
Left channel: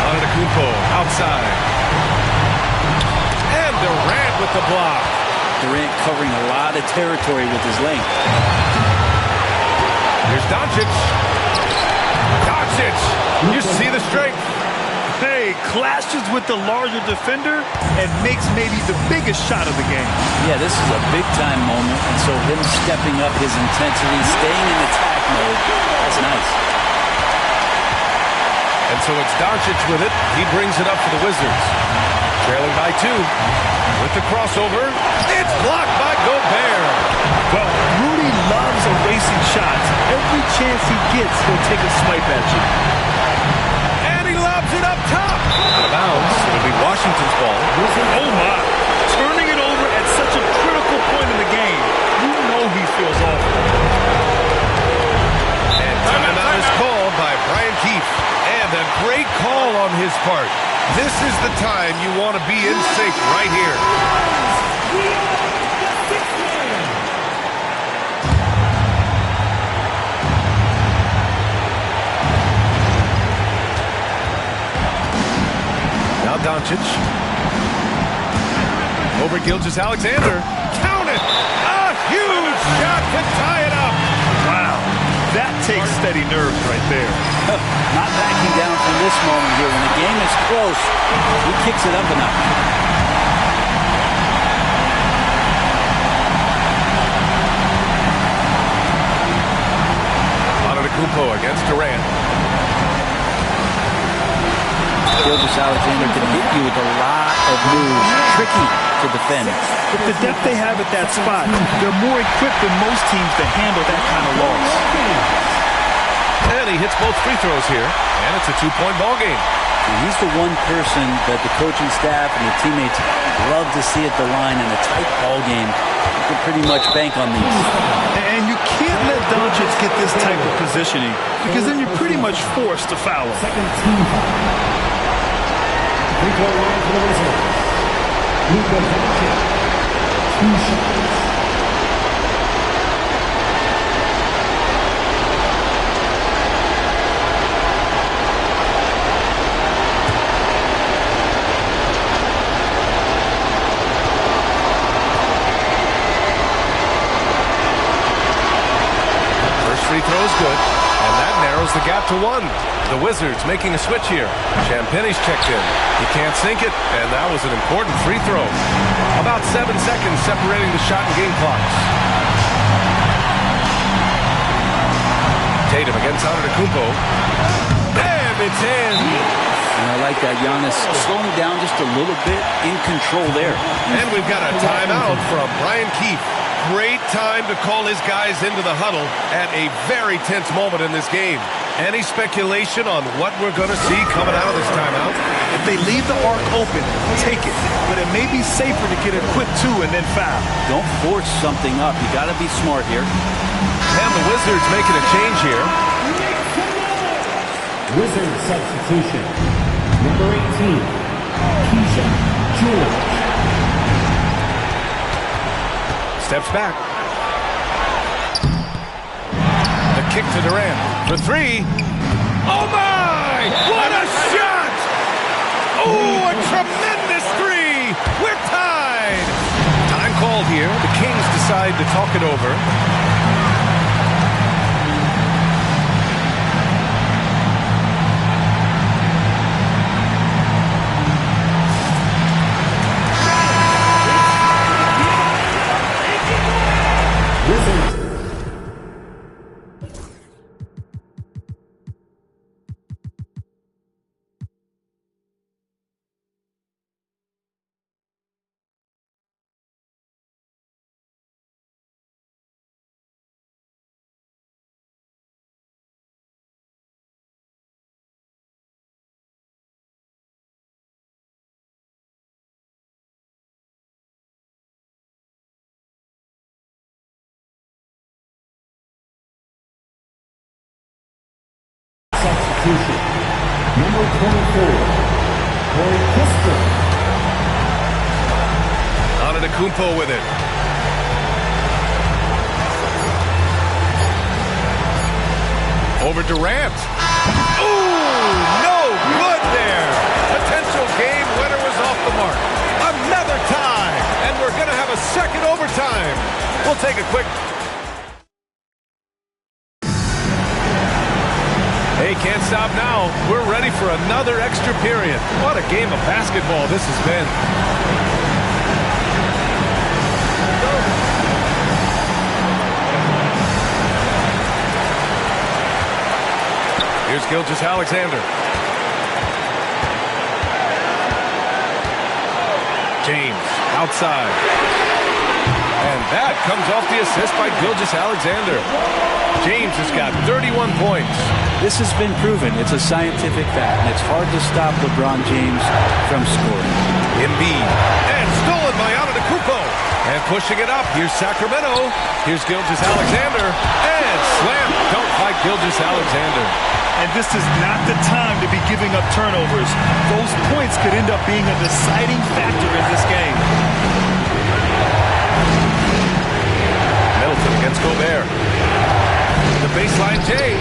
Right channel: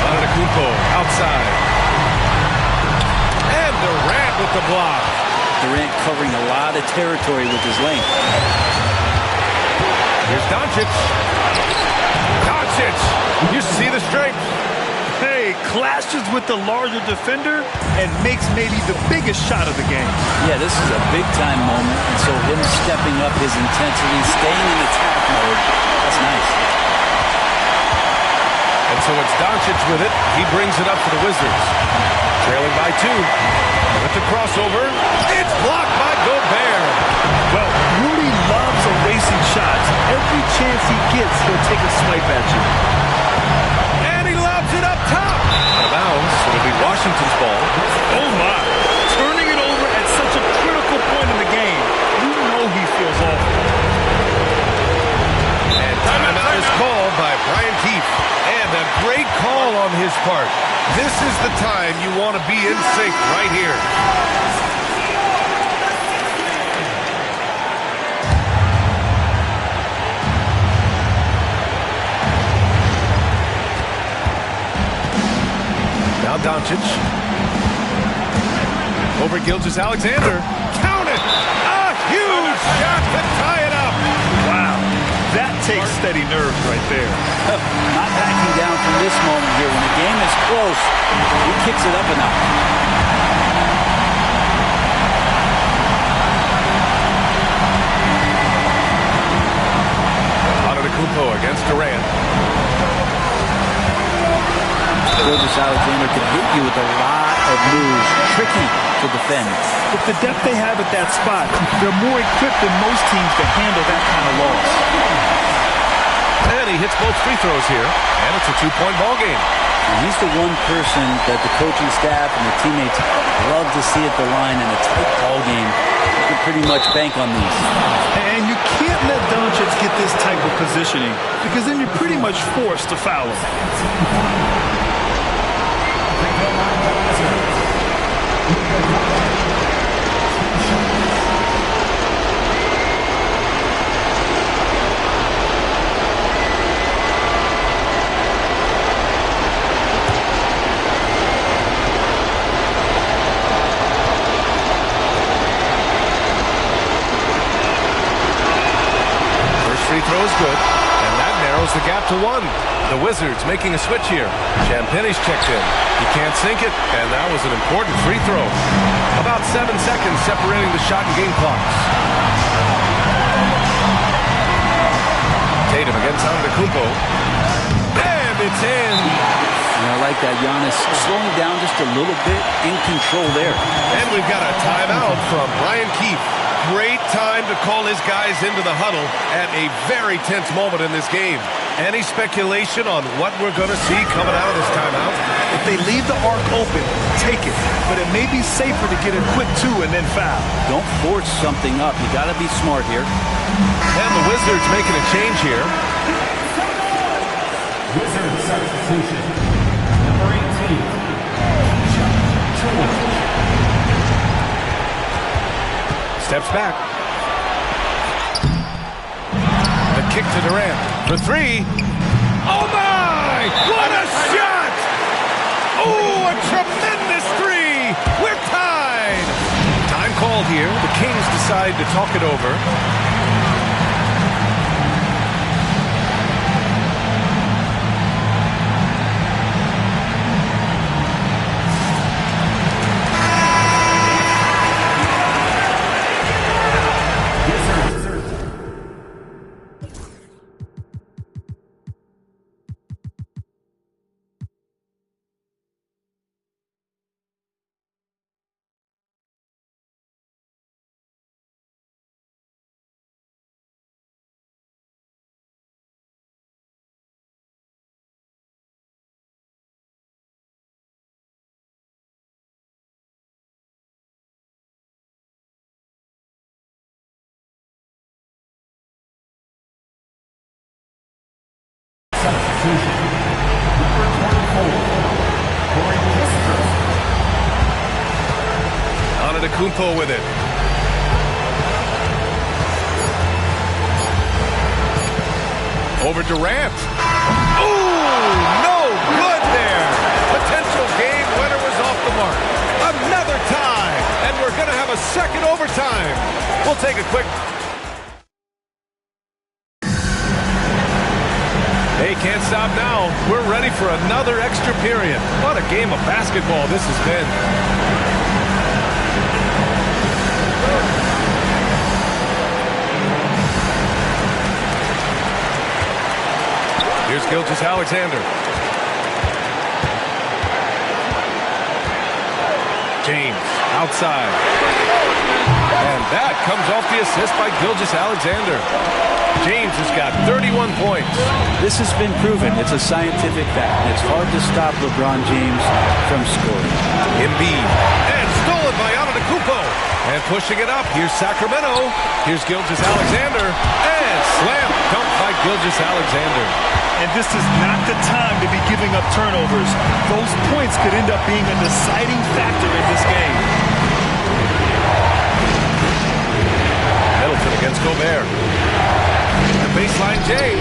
Antetokounmpo outside. And Durant with the block. Durant covering a lot of territory with his length. Here's Doncic. Doncic. You see the strength. Hey, clashes with the larger defender and makes maybe the biggest shot of the game. Yeah, this is a big-time moment, and so him stepping up his intensity, staying in attack mode, that's nice. And so it's Doncic with it. He brings it up for the Wizards. Trailing by 2. With the crossover, it's blocked by Gobert. Well, Rudy loves erasing shots. Every chance he gets, he'll take a swipe at you. And he lobs it up top. Out of bounds. It'll be Washington's ball. Oh, my. Turning it over at such a critical point in the game. You know he feels awful. And timeout is called by Brian Keefe. And a great call on his part. This is the time you want to be in sync right here. Now Doncic. Over Gilgeous-Alexander. Count it! A huge shot to tie it up! Wow, that takes steady nerves right there. Not backing down from this moment here. When the game is close, he kicks it up a notch. Antetokounmpo against Durant. Gilgeous-Alexander can hit you with a lot of moves. Tricky to defend. With the depth they have at that spot, they're more equipped than most teams to handle that kind of loss. And he hits both free throws here, and it's a two-point ball game. And he's the one person that the coaching staff and the teammates love to see at the line in a tight ball game. You can pretty much bank on these. And you can't let Doncic get this type of positioning because then you're pretty much forced to foul him. Second team foul. Free throw line for the Wizards. Luka Doncic. 2 shots. Free throw is good, and that narrows the gap to 1. The Wizards making a switch here. Champagne's checked in. He can't sink it, and that was an important free throw. About 7 seconds separating the shot and game clocks. Tatum against Antetokounmpo. And it's in. And I like that. Giannis slowing down just a little bit, in control there. And we've got a timeout from Brian Keefe. Great time to call his guys into the huddle at a very tense moment in this game. Any speculation on what we're going to see coming out of this timeout? If they leave the arc open, take it. But it may be safer to get a quick 2 and then foul. Don't force something up. You got to be smart here. And the Wizards making a change here. Wizard substitution. Number 18, Keisha George. Steps back. The kick to Durant for 3. Oh my! What a shot! Oh, a tremendous 3! We're tied! Time called here. The Kings decide to talk it over. Substitution. Number 24, Corey Kispert. Antetokounmpo with it. Over Durant. Ooh, no good there. Potential game winner was off the mark. Another tie, and we're going to have a second overtime. We'll take a quick... Hey, can't stop now. We're ready for another extra period. What a game of basketball this has been. Here's Gilgeous-Alexander. James outside. And that comes off the assist by Gilgeous-Alexander. James has got 31 points. This has been proven. It's a scientific fact. And it's hard to stop LeBron James from scoring. Embiid. And stolen by Antetokounmpo. And pushing it up. Here's Sacramento. Here's Gilgeous-Alexander. And slam dunk by Gilgeous-Alexander. And this is not the time to be giving up turnovers. Those points could end up being a deciding factor in this game. Middleton against Gobert. The baseline J.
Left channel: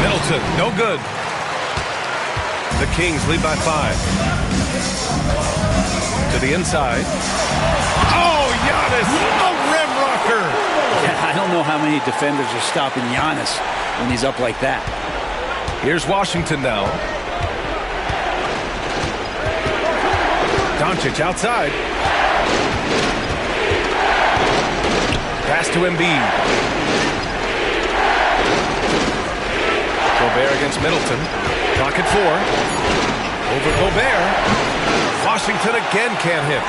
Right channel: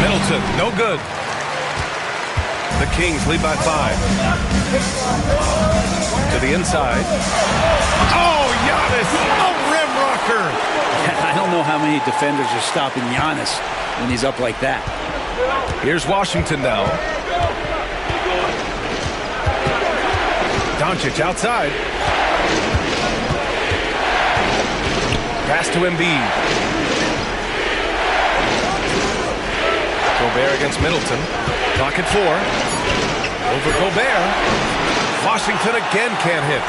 Middleton, no good. The Kings lead by 5. To the inside. Oh, Giannis, a rim rocker. Yeah, I don't know how many defenders are stopping Giannis when he's up like that. Here's Washington now. Doncic outside. Pass to Embiid. Gobert against Middleton. Clock at 4. Over Gobert. Washington again can't hit.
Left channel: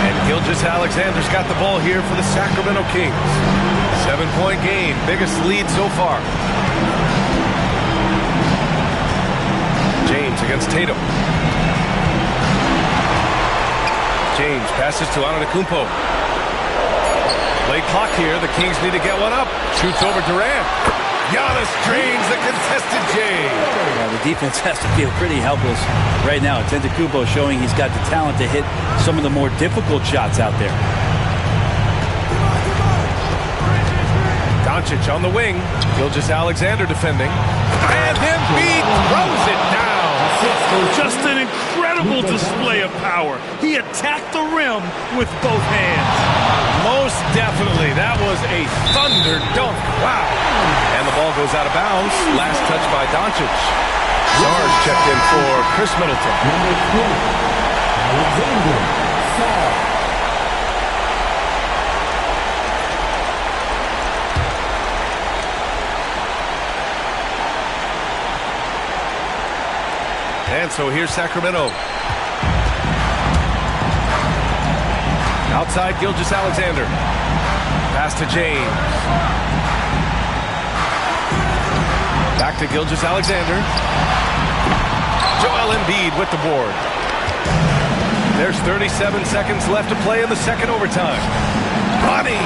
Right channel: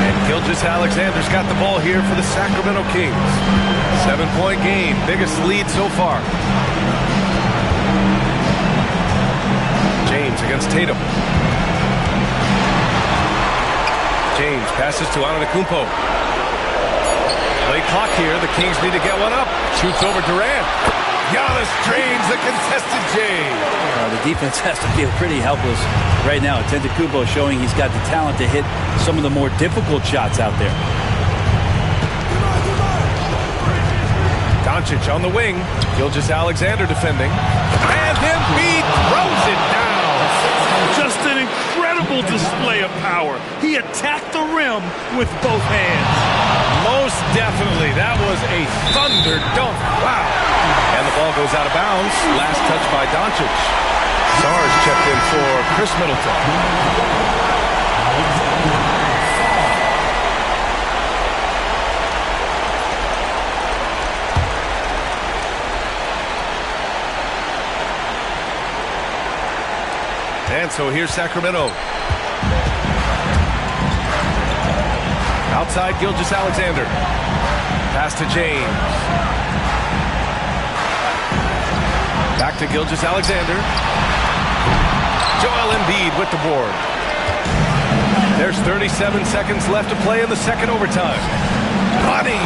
And Gilgeous-Alexander's got the ball here for the Sacramento Kings. 7-point game. Biggest lead so far. James against Tatum. James passes to Antetokounmpo. Late clock here. The Kings need to get one up. Shoots over Durant. Giannis drains the contested J. The defense has to feel pretty helpless right now. Antetokounmpo showing he's got the talent to hit some of the more difficult shots out there. Doncic on the wing. Gilgeous-Alexander defending. And Embiid throws it down. Just an incredible display of power. He attacked the rim with both hands. Most definitely. That was a thunder dunk. Wow. And the ball goes out of bounds. Last touch by Doncic. Sarge checked in for Chris Middleton. Alexander Sarge. And so here's Sacramento. Outside Gilgeous-Alexander. Pass to James. Back to Gilgeous-Alexander. Joel Embiid with the board. There's 37 seconds left to play in the second overtime. Money!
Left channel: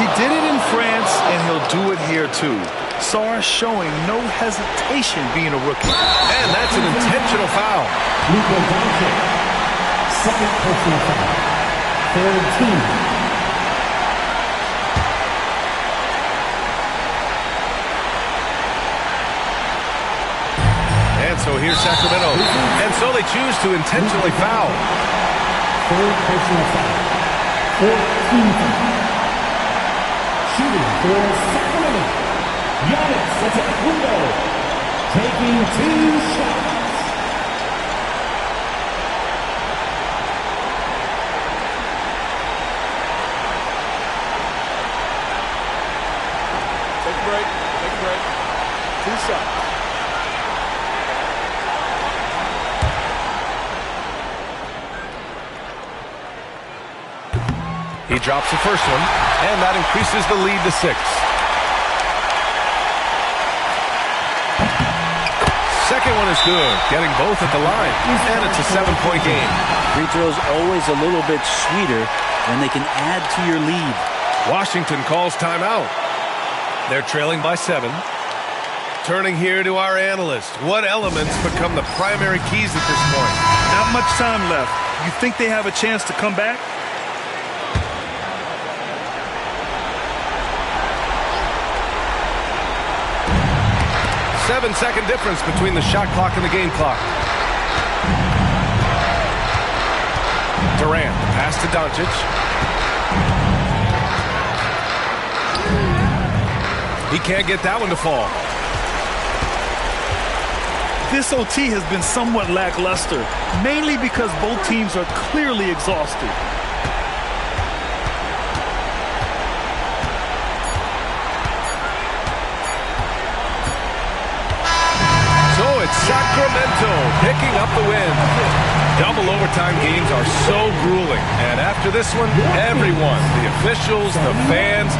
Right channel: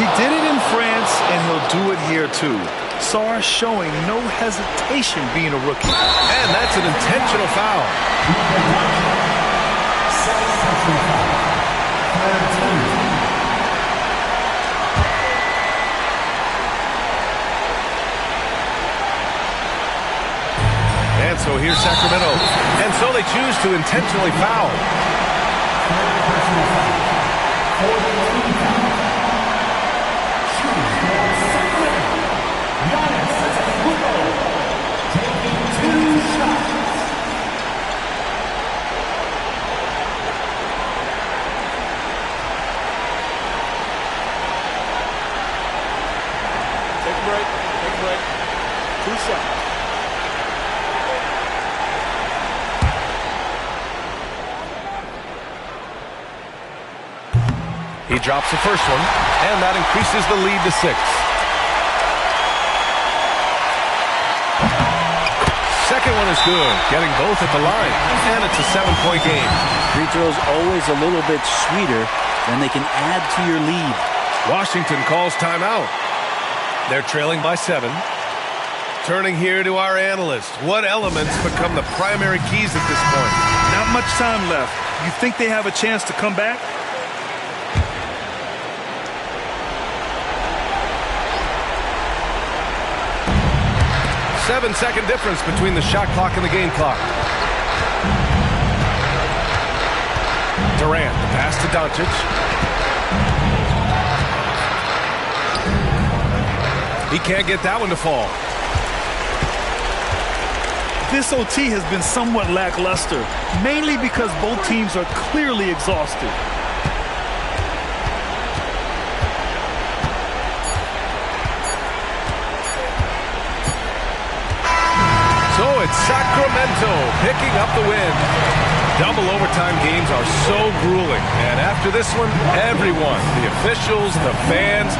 He did it in France, and he'll do it here too. Sarr showing no hesitation being a rookie. And that's an intentional foul. Luka Doncic. Second personal foul. Third team. And so here's Sacramento. And so they choose to intentionally foul. Third personal foul. Fourth team foul. Shooting for Sacramento. Giannis Antetokounmpo taking 2 shots. Take a break. Take a break. 2 shots. He drops the first one, and that increases the lead to 6. Second one is good, getting both at the line, and it's a 7-point game. Free throws always a little bit sweeter when they can add to your lead. Washington calls timeout. They're trailing by 7. Turning here to our analyst. What elements become the primary keys at this point? Not much time left. You think they have a chance to come back? Seven-second difference between the shot clock and the game clock. Durant, the pass to Doncic. He can't get that one to fall. This OT has been somewhat lackluster, mainly because both teams are clearly exhausted. So it's Sacramento picking up the win. Double overtime games are so grueling. And after this one, everyone, the officials, the fans,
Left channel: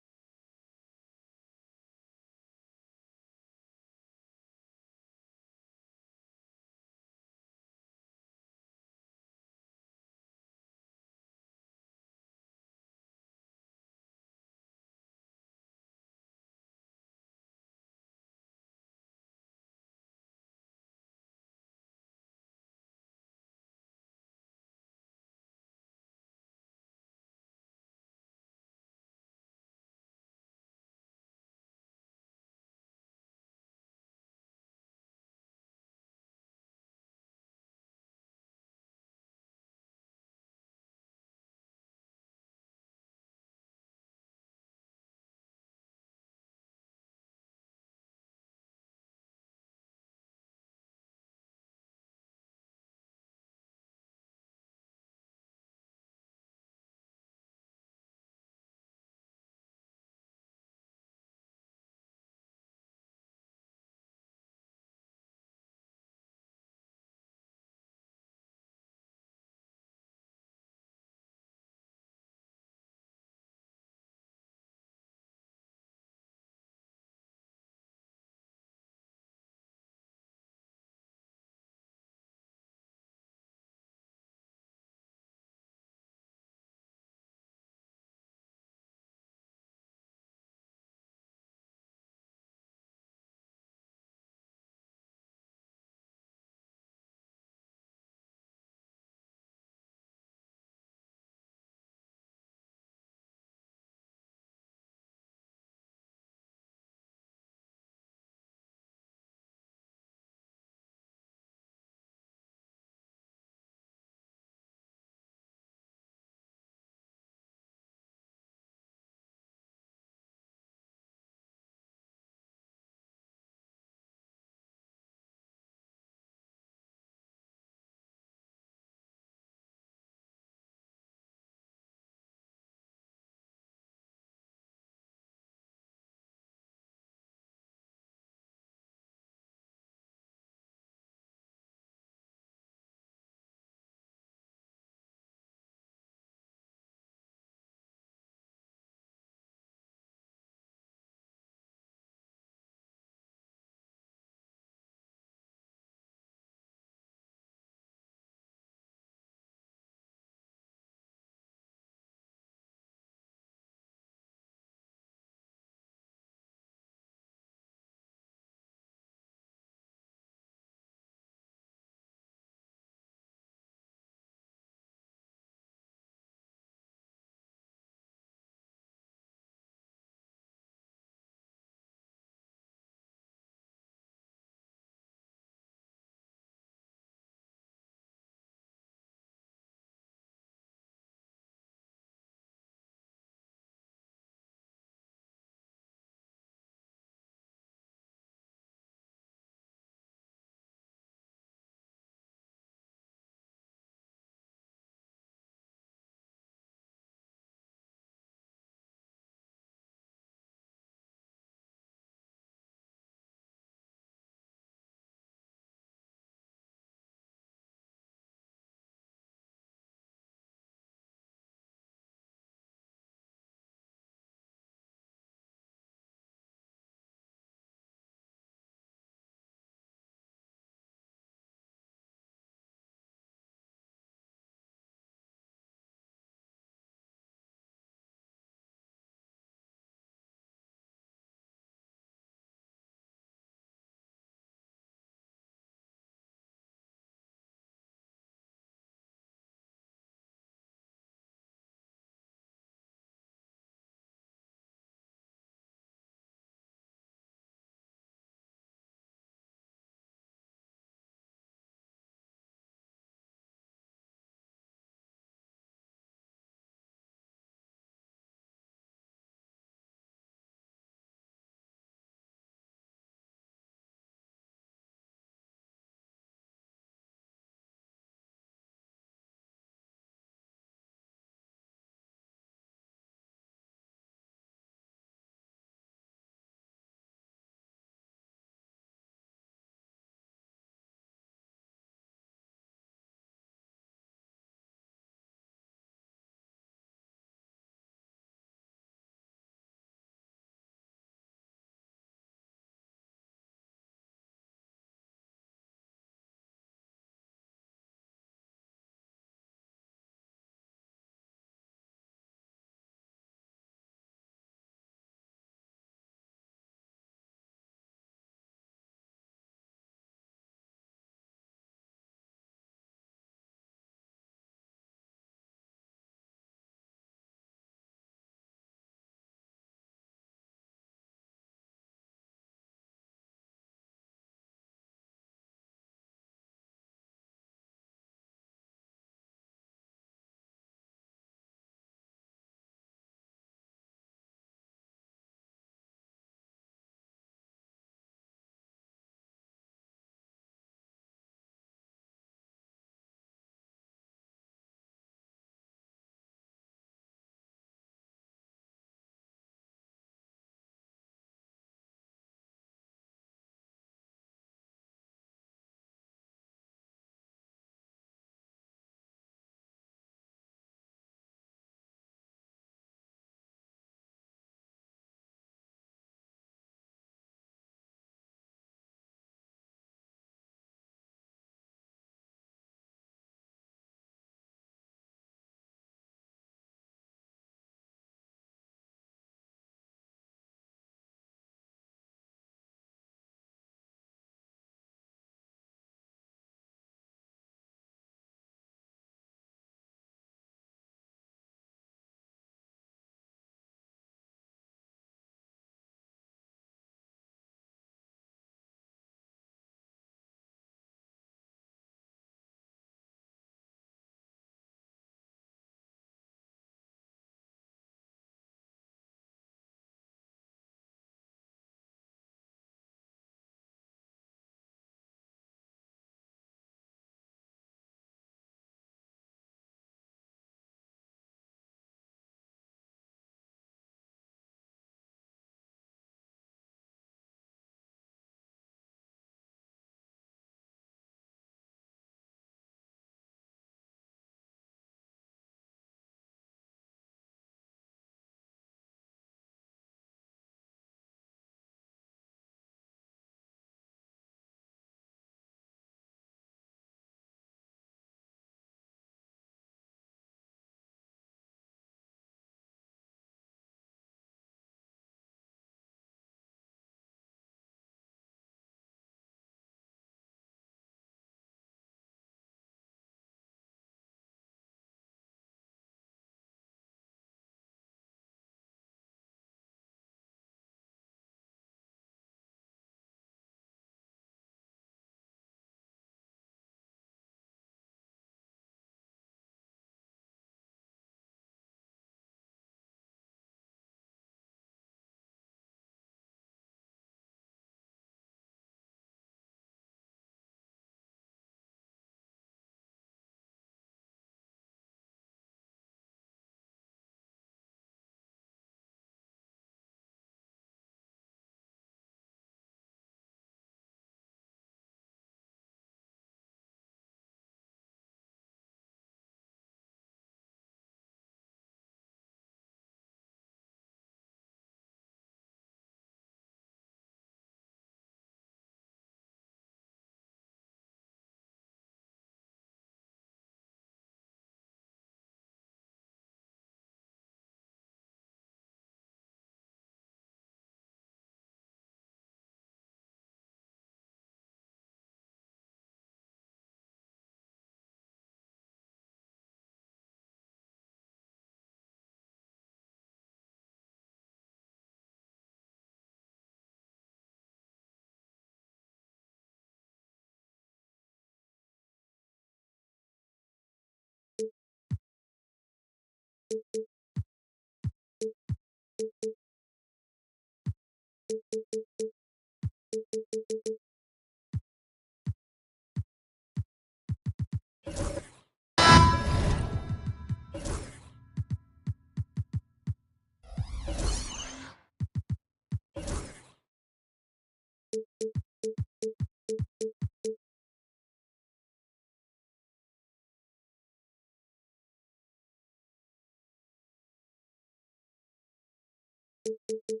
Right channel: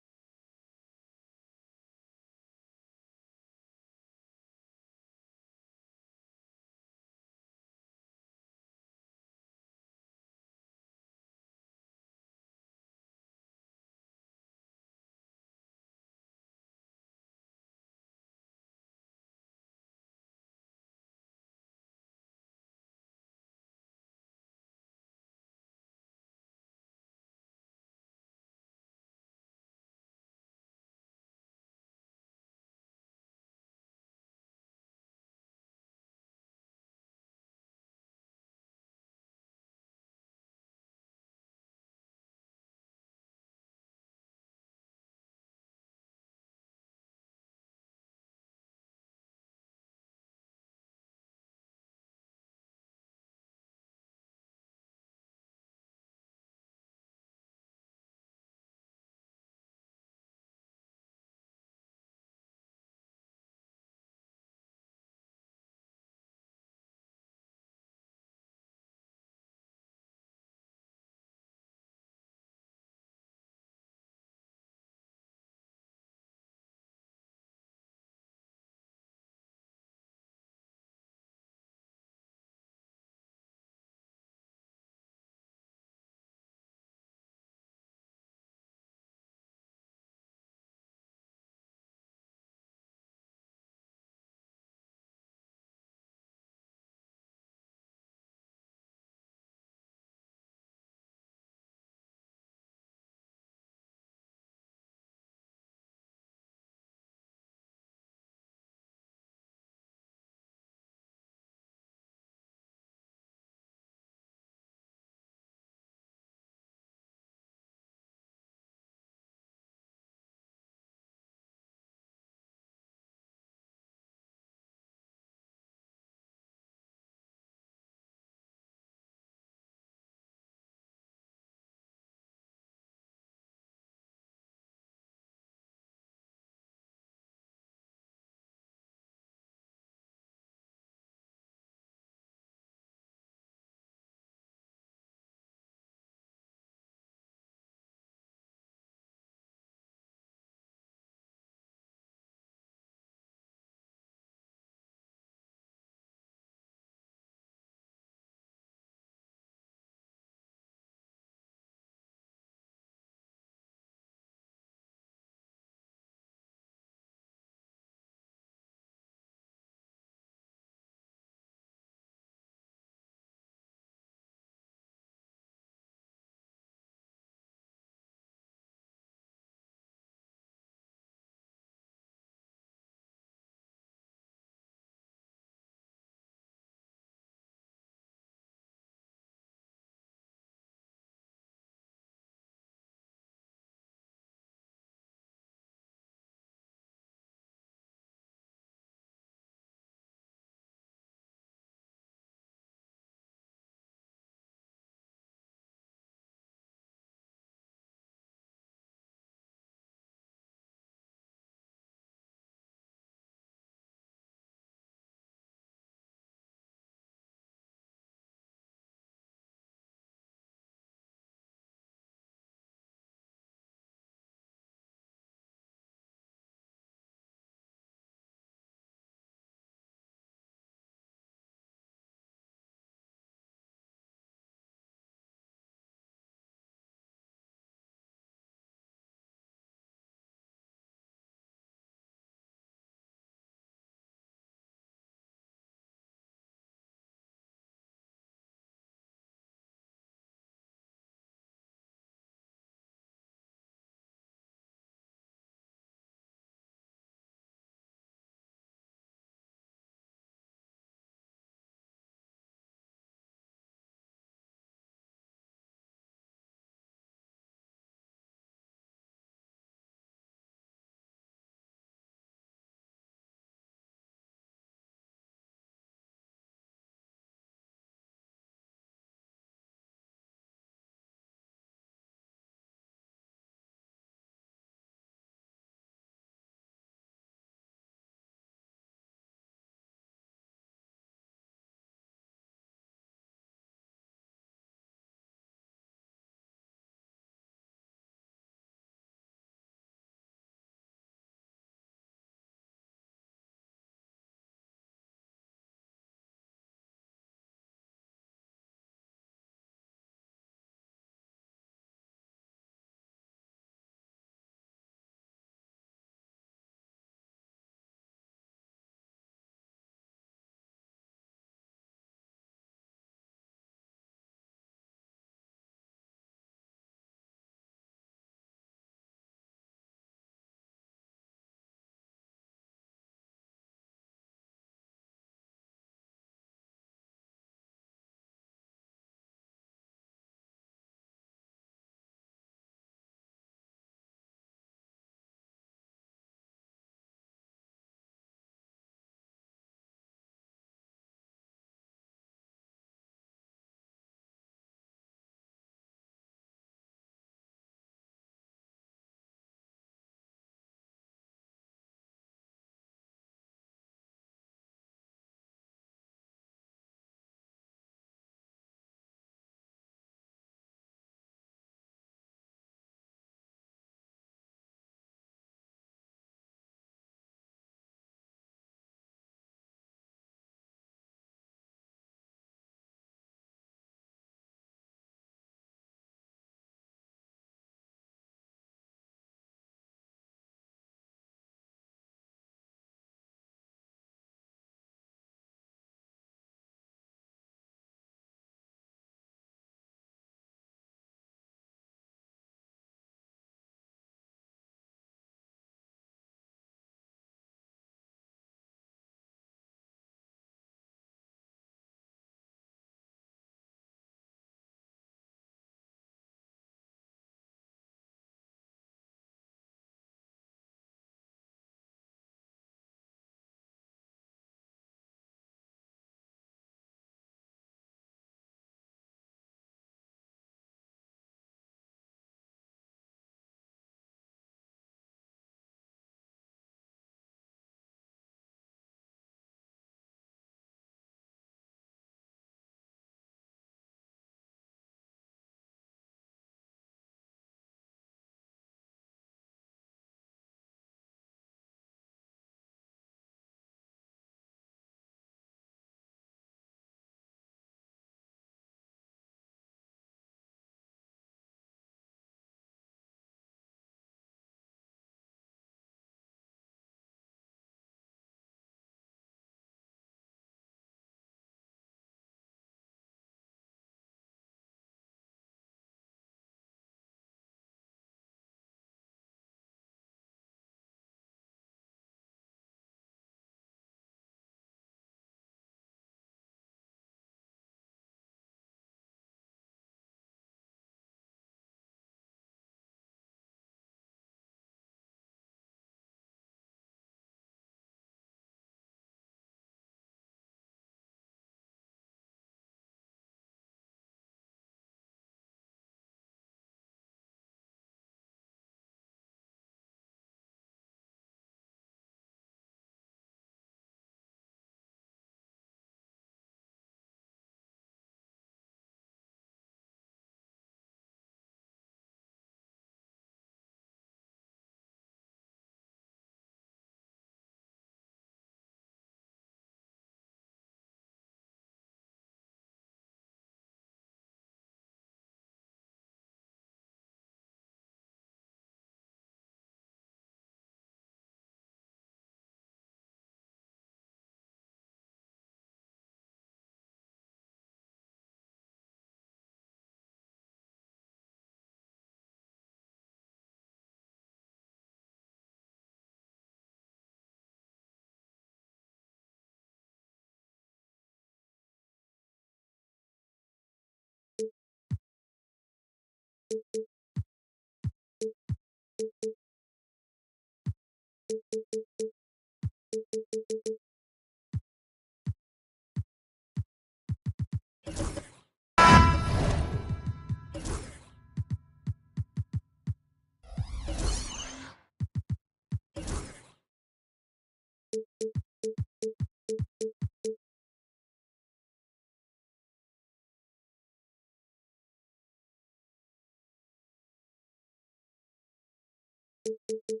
Welcome,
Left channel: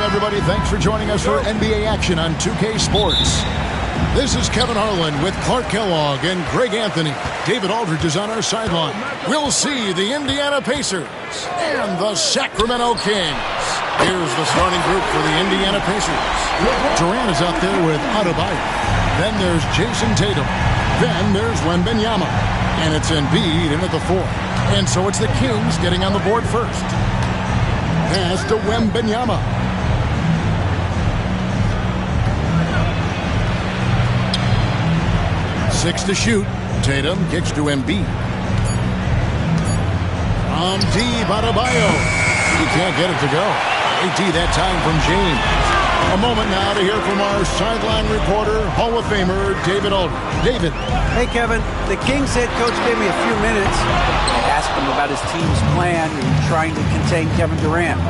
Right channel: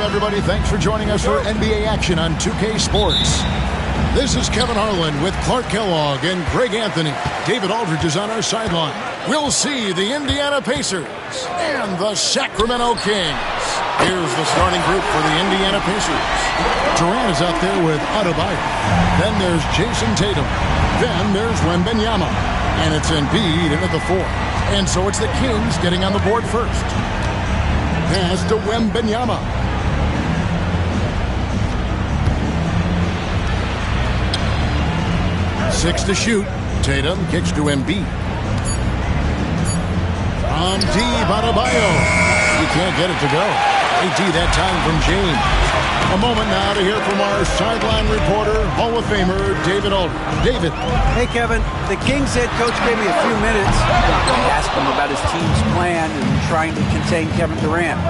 everybody. Thanks for joining us for NBA action on 2K Sports. This is Kevin Harlan with Clark Kellogg and Greg Anthony. David Aldridge is on our sideline. We'll see the Indiana Pacers and the Sacramento Kings. Here's the starting group for the Indiana Pacers. Durant is out there with Adebayo. Then there's Jason Tatum. Then there's Wembanyama. And it's Embiid in at the 4. And so it's the Kings getting on the board first. Pass to Wembanyama. 6 to shoot. Tatum kicks to Embiid. From deep, Adebayo. He can't get it to go. AT that time from James. A moment now to hear from our sideline reporter, Hall of Famer David Aldridge. David. Hey, Kevin. The Kings head coach gave me a few minutes. I asked him about his team's plan and trying to contain Kevin Durant.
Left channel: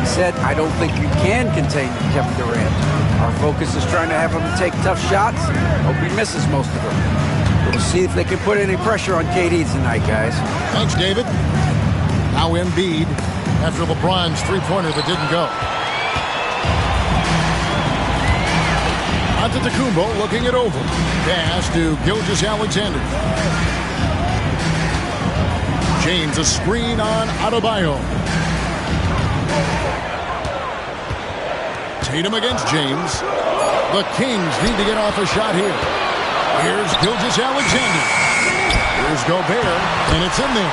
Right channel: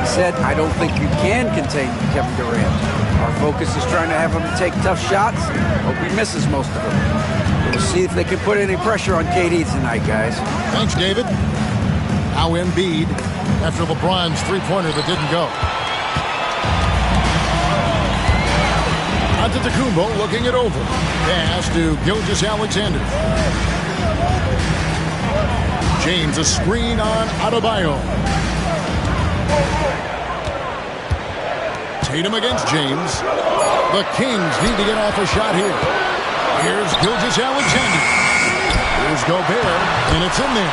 He said, I don't think you can contain Kevin Durant. Our focus is trying to have him take tough shots. Hope he misses most of them. We'll see if they can put any pressure on KD tonight, guys. Thanks, David. Now Embiid after LeBron's three-pointer that didn't go. Antetokounmpo looking it over. Pass to Gilgeous-Alexander. James a screen on Adebayo. Tatum against James. The Kings need to get off a shot here. Here's Gilgeous-Alexander. Here's Gobert, and it's in there.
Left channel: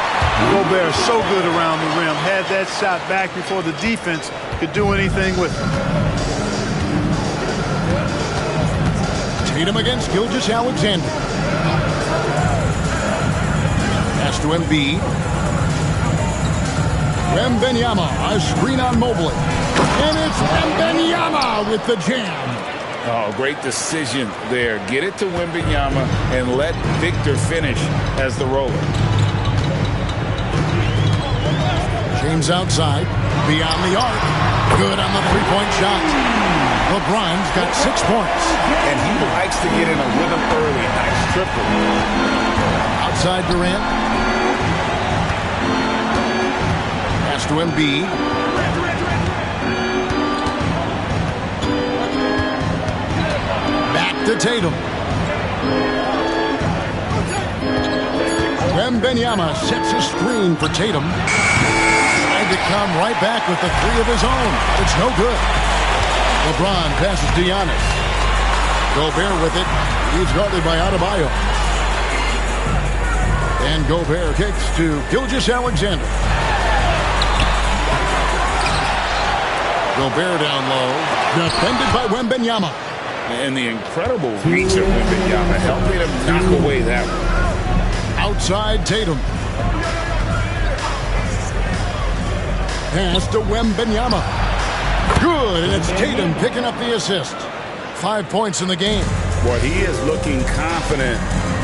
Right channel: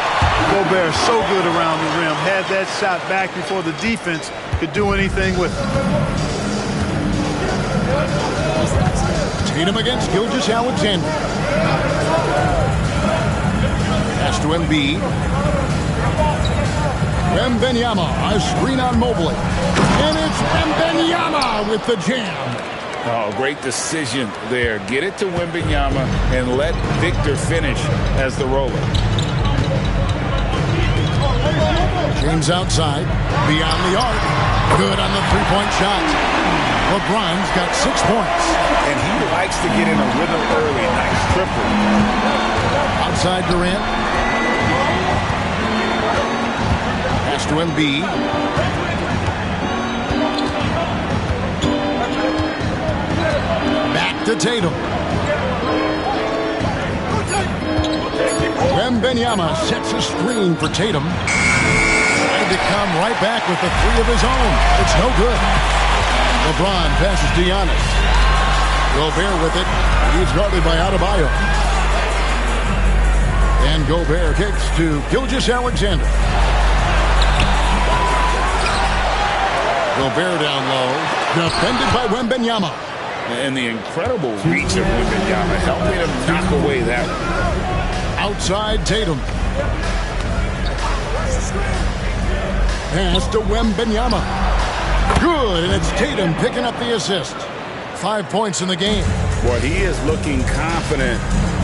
Gobert is so good around the rim. Had that shot back before the defense could do anything with it. Tatum against Gilgeous-Alexander. Pass to Embiid. Wembanyama, a screen on Mobley. And it's Wembanyama with the jam. Oh, great decision there. Get it to Wembanyama and let Victor finish as the roller. James outside, beyond the arc. Good on the three-point shot. LeBron's got 6 points. And he likes to get in a rhythm early. Nice triple. Outside Durant. Pass to Embiid. Back to Tatum. Wembanyama sets a screen for Tatum. Tried to come right back with the 3 of his own. It's no good. LeBron passes to Giannis. Gobert with it. He's guarded by Adebayo. And Gobert kicks to Gilgeous-Alexander. Gobert down low. Defended by Wembanyama. And the incredible reach of Wembanyama helping him knock away that one. Outside Tatum. Pass to Wembanyama. Good, and it's Tatum picking up the assist. 5 points in the game. Boy, he is looking confident.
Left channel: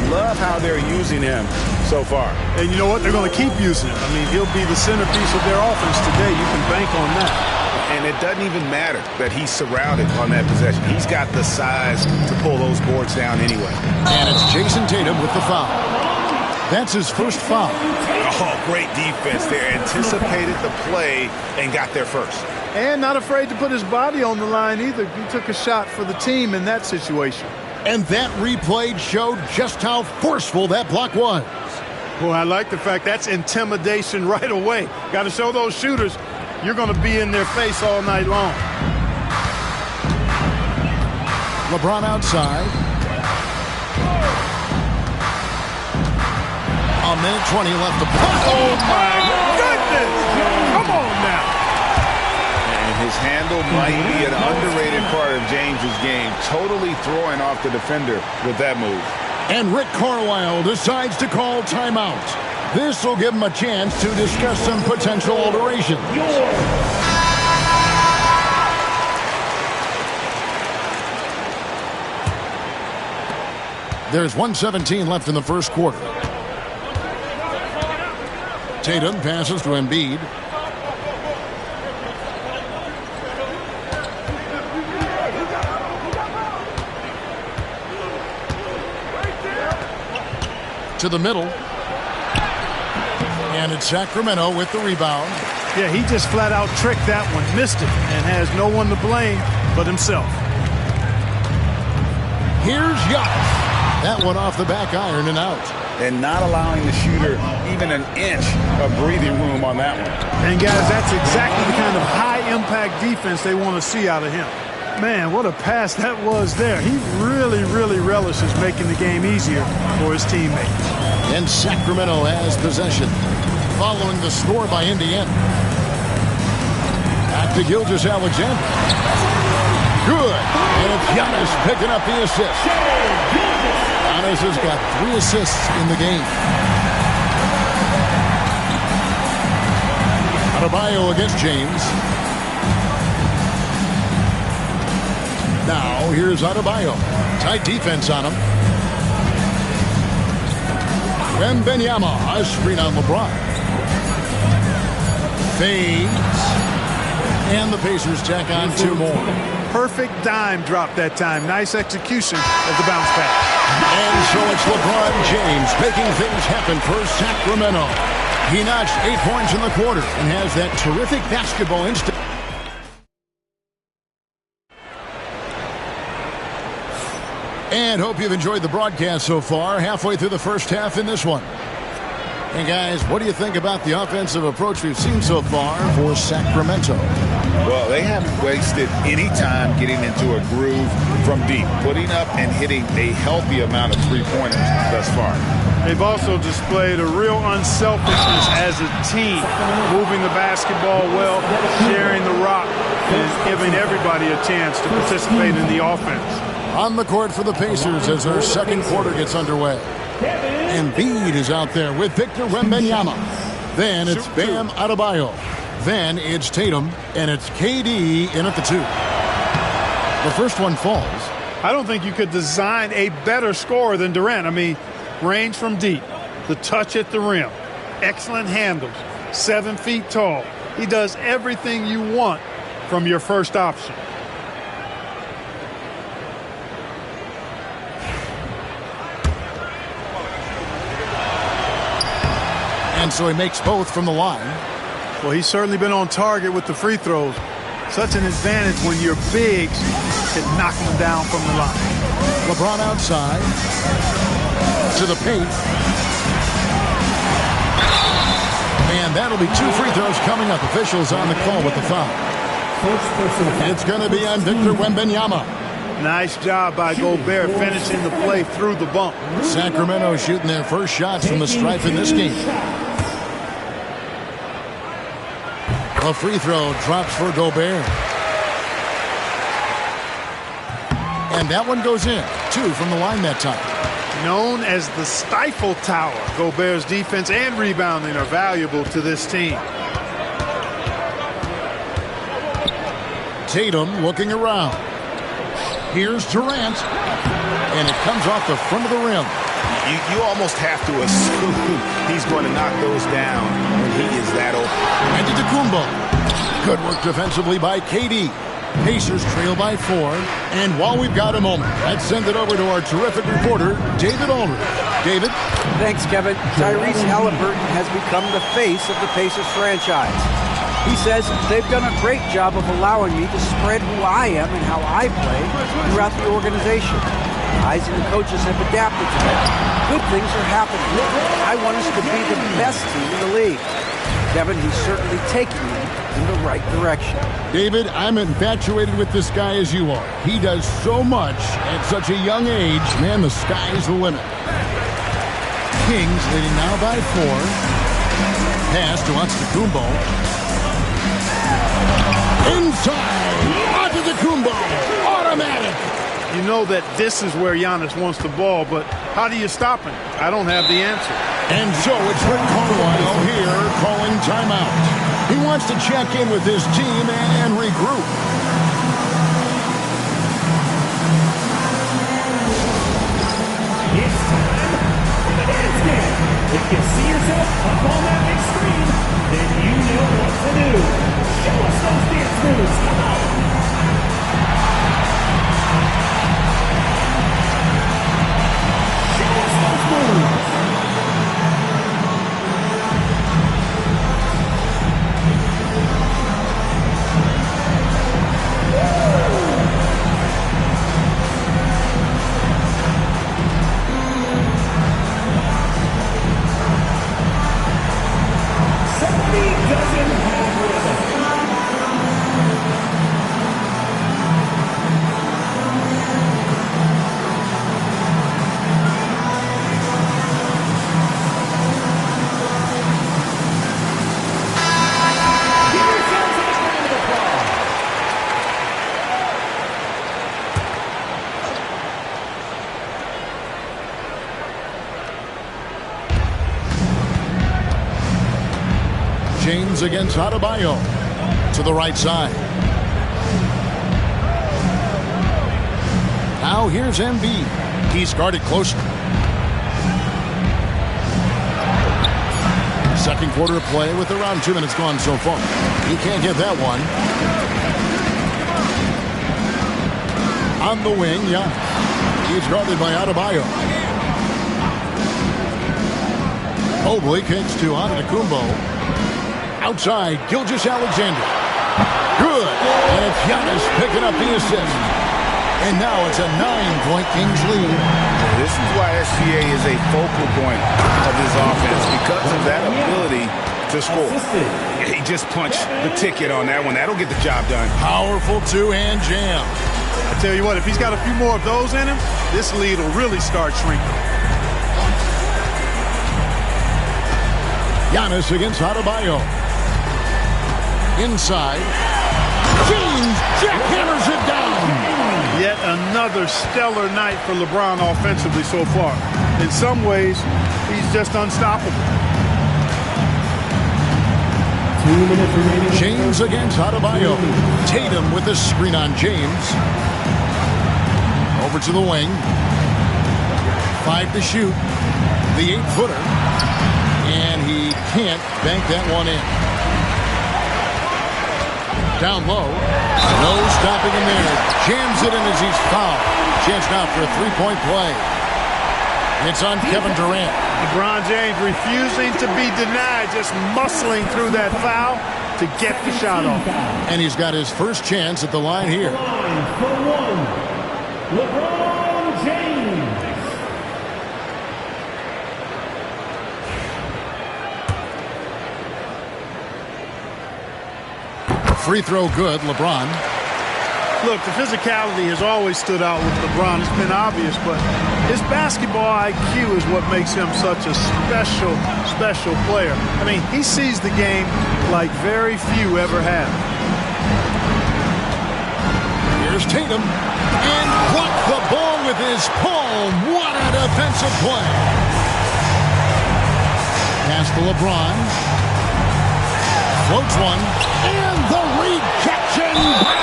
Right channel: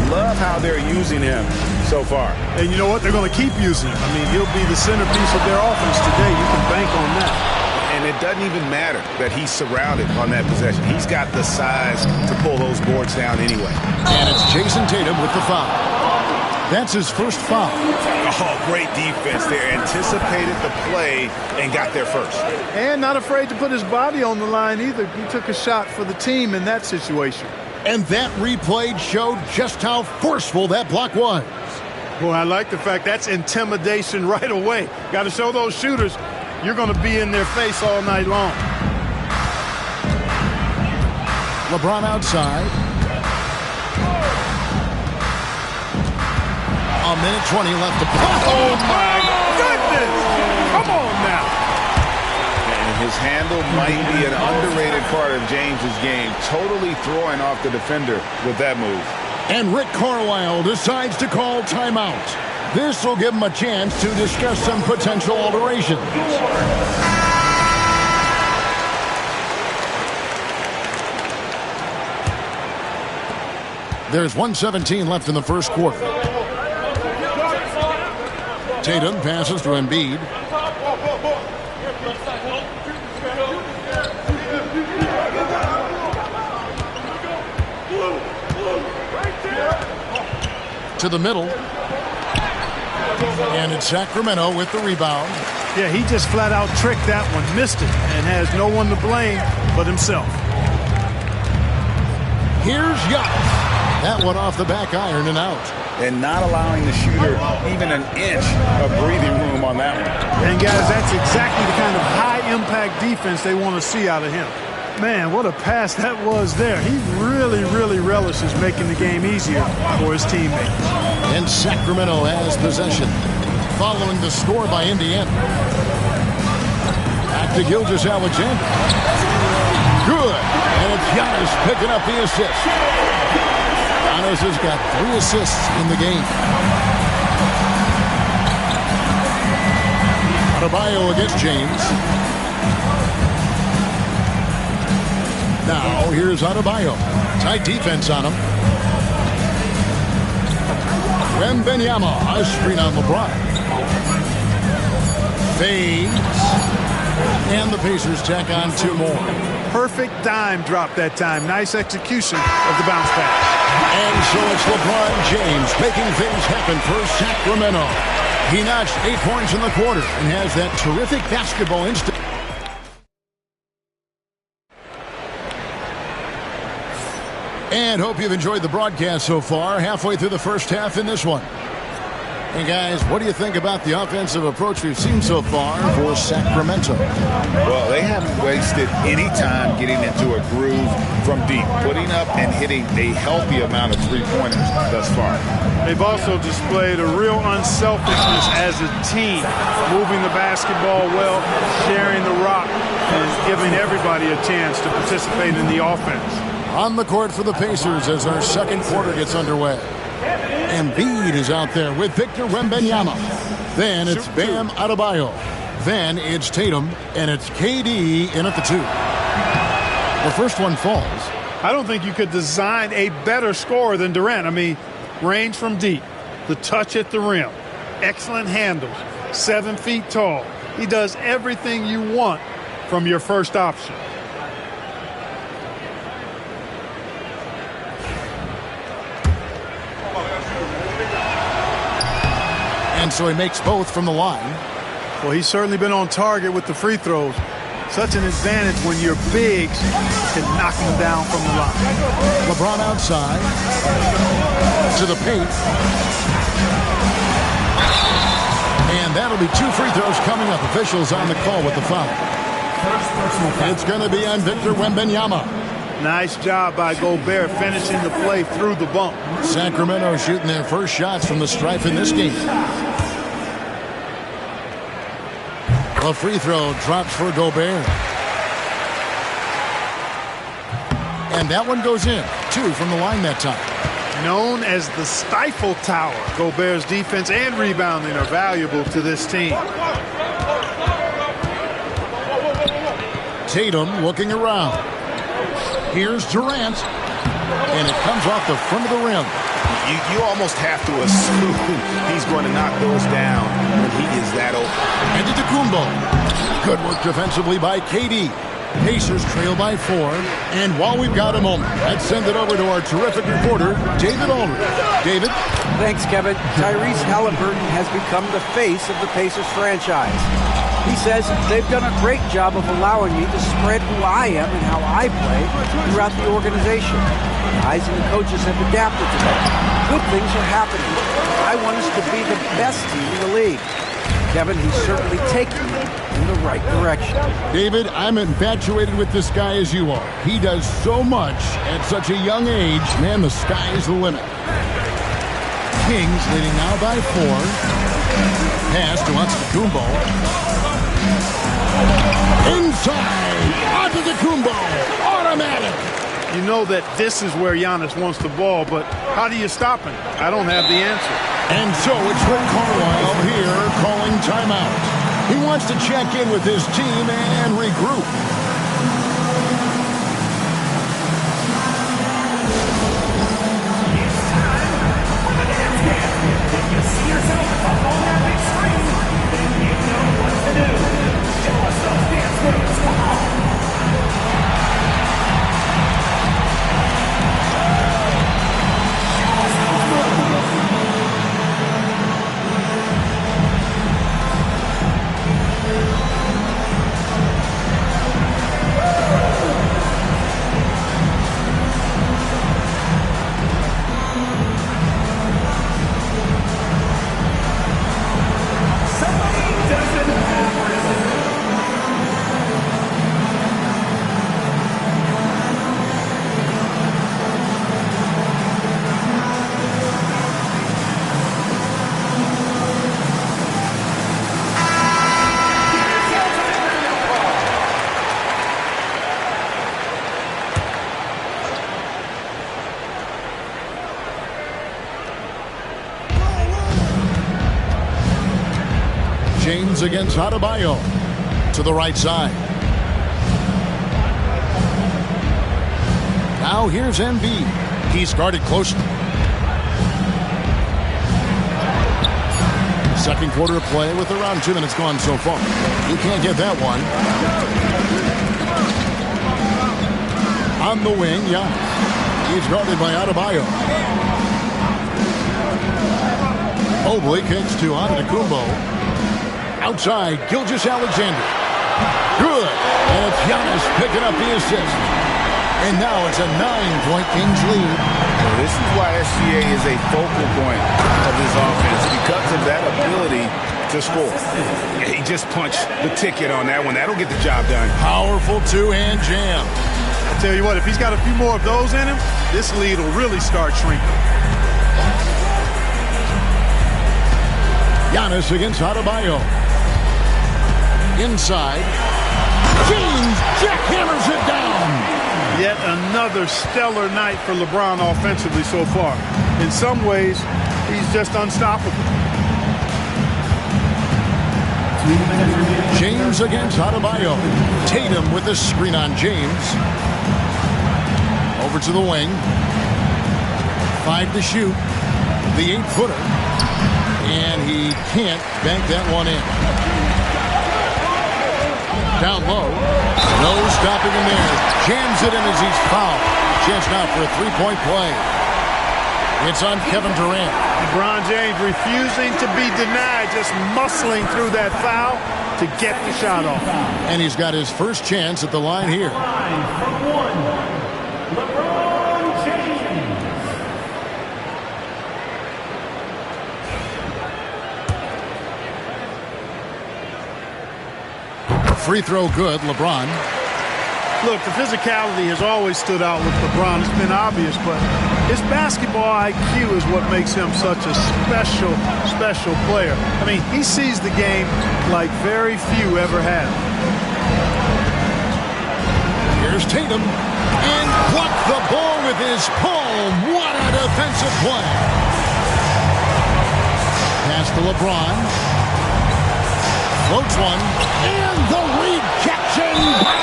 Love how they're using him so far. And you know what? They're going to keep using him. I mean, he'll be the centerpiece of their offense today. You can bank on that. And it doesn't even matter that he's surrounded on that possession. He's got the size to pull those boards down anyway. And it's Jason Tatum with the foul. That's his first foul. Oh, great defense there. Anticipated the play and got there first. And not afraid to put his body on the line either. He took a shot for the team in that situation. And that replay showed just how forceful that block was. Well, I like the fact that's intimidation right away. Got to show those shooters you're going to be in their face all night long. LeBron outside. A minute 20 left to play. Oh, my goodness. Come on now. And his handle might be an underrated part of James's game. Totally throwing off the defender with that move. And Rick Carlisle decides to call timeout. This will give him a chance to discuss some potential alterations. There's 1:17 left in the first quarter. Tatum passes to Embiid. To the middle. And it's Sacramento with the rebound. Yeah, he just flat out tricked that one, missed it, and has no one to blame but himself. Here's Giannis. That one off the back iron and out. And not allowing the shooter even an inch of breathing room on that one. And guys, that's exactly the kind of high-impact defense they want to see out of him. Man, what a pass that was there. He really, really relishes making the game easier for his teammates. And Sacramento has possession, following the score by Indiana. Back to Gilgeous-Alexander. Good. And it's Giannis picking up the assist. Giannis has got 3 assists in the game. Adebayo against James. Now, here's Adebayo. Tight defense on him. Wembanyama, a screen on LeBron. Fades. And the Pacers tack on 2 more. Perfect dime drop that time. Nice execution of the bounce pass. And so it's LeBron James making things happen for Sacramento. He notched 8 points in the quarter and has that terrific basketball instinct. And hope you've enjoyed the broadcast so far. Halfway through the first half in this one. Hey guys, what do you think about the offensive approach we've seen so far for Sacramento? Well, they haven't wasted any time getting into a groove from deep, putting up and hitting a healthy amount of three-pointers thus far. They've also displayed a real unselfishness as a team, moving the basketball well, sharing the rock, and giving everybody a chance to participate in the offense. On the court for the Pacers as our second quarter gets underway. Embiid is out there with Victor Wembanyama. Then it's Bam Adebayo. Then it's Tatum, and it's KD in at the 2. The first one falls. I don't think you could design a better scorer than Durant. I mean, range from deep, the touch at the rim, excellent handles, 7 feet tall. He does everything you want from your first option. And so he makes both from the line. Well, he's certainly been on target with the free throws. Such an advantage when your bigs can knock them down from the line. LeBron outside to the paint. And that'll be 2 free throws coming up. Officials on the call with the foul. It's going to be on Victor Wembanyama. Nice job by Gobert finishing the play through the bump. Sacramento shooting their first shots from the stripe in this game. A free throw drops for Gobert. And that one goes in. 2 from the line that time. Known as the Stifle Tower, Gobert's defense and rebounding are valuable to this team. Tatum looking around. Here's Durant. And it comes off the front of the rim. You almost have to assume he's going to knock those down when he is that open. Antetokounmpo. Good work defensively by KD. Pacers trail by 4. And while we've got a moment, let's send it over to our terrific reporter, David Aldridge. David? Thanks, Kevin. Tyrese Halliburton has become the face of the Pacers franchise. He says they've done a great job of allowing me to spread who I am and how I play throughout the organization. Guys and the coaches have adapted to that. Good things are happening. I want us to be the best team in the league. Kevin, he's certainly taking me in the right direction. David, I'm infatuated with this guy as you are. He does so much at such a young age. Man, the sky is the limit. Kings leading now by 4. Pass to Antetokounmpo. Inside. Antetokounmpo. Automatic. You know that this is where Giannis wants the ball, but how do you stop him? I don't have the answer. And so it's Rick Carlisle here calling timeout. He wants to check in with his team and regroup. James against Adebayo. To the right side. Now here's Embiid. He's guarded closely. Second quarter of play with around 2 minutes gone so far. He can't get that one. On the wing, Giannis. He's guarded by Adebayo. Mobley kicks to Antetokounmpo. Outside, Gilgeous-Alexander. Good. And it's Giannis picking up the assist. And now it's a 9-point Kings lead. Well, this is why SGA is a focal point of this offense, because of that ability to score. He just punched the ticket on that one. That'll get the job done. Powerful two-hand jam. I tell you what, if he's got a few more of those in him, this lead will really start shrinking. Giannis against Adebayo. Inside. James jackhammers it down. Yet another stellar night for LeBron offensively so far. In some ways, he's just unstoppable. 2 minutes remaining. James against Adebayo. Tatum with the screen on James. Over to the wing. 5 to shoot. The 8-footer. And he can't bank that one in. Down low. No stopping him there. Jams it in as he's fouled. Chance now for a 3-point play. It's on Kevin Durant. LeBron James refusing to be denied, just muscling through that foul to get the shot off. And he's got his first chance at the line here. For one, LeBron James. Free throw good, LeBron. Look, the physicality has always stood out with LeBron. It's been obvious, but his basketball IQ is what makes him such a special, special player. I mean, he sees the game like very few ever have. Here's Tatum. And blocked the ball with his palm. What a defensive play. Pass to LeBron. Floats one. And the rejection by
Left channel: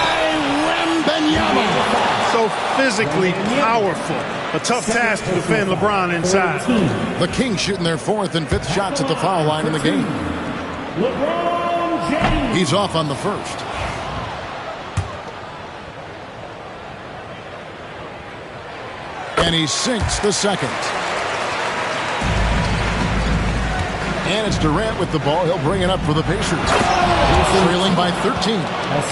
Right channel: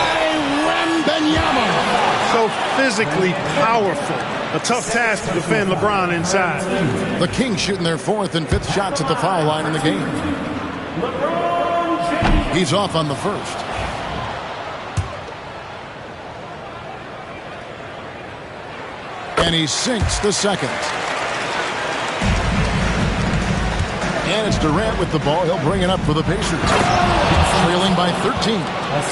Wembanyama. So physically powerful. A tough task to defend LeBron inside. The Kings shooting their 4th and 5th shots at the foul line in the game. LeBron James. He's off on the first. And he sinks the second. And it's Durant with the ball. He'll bring it up for the Pacers. Trailing by 13.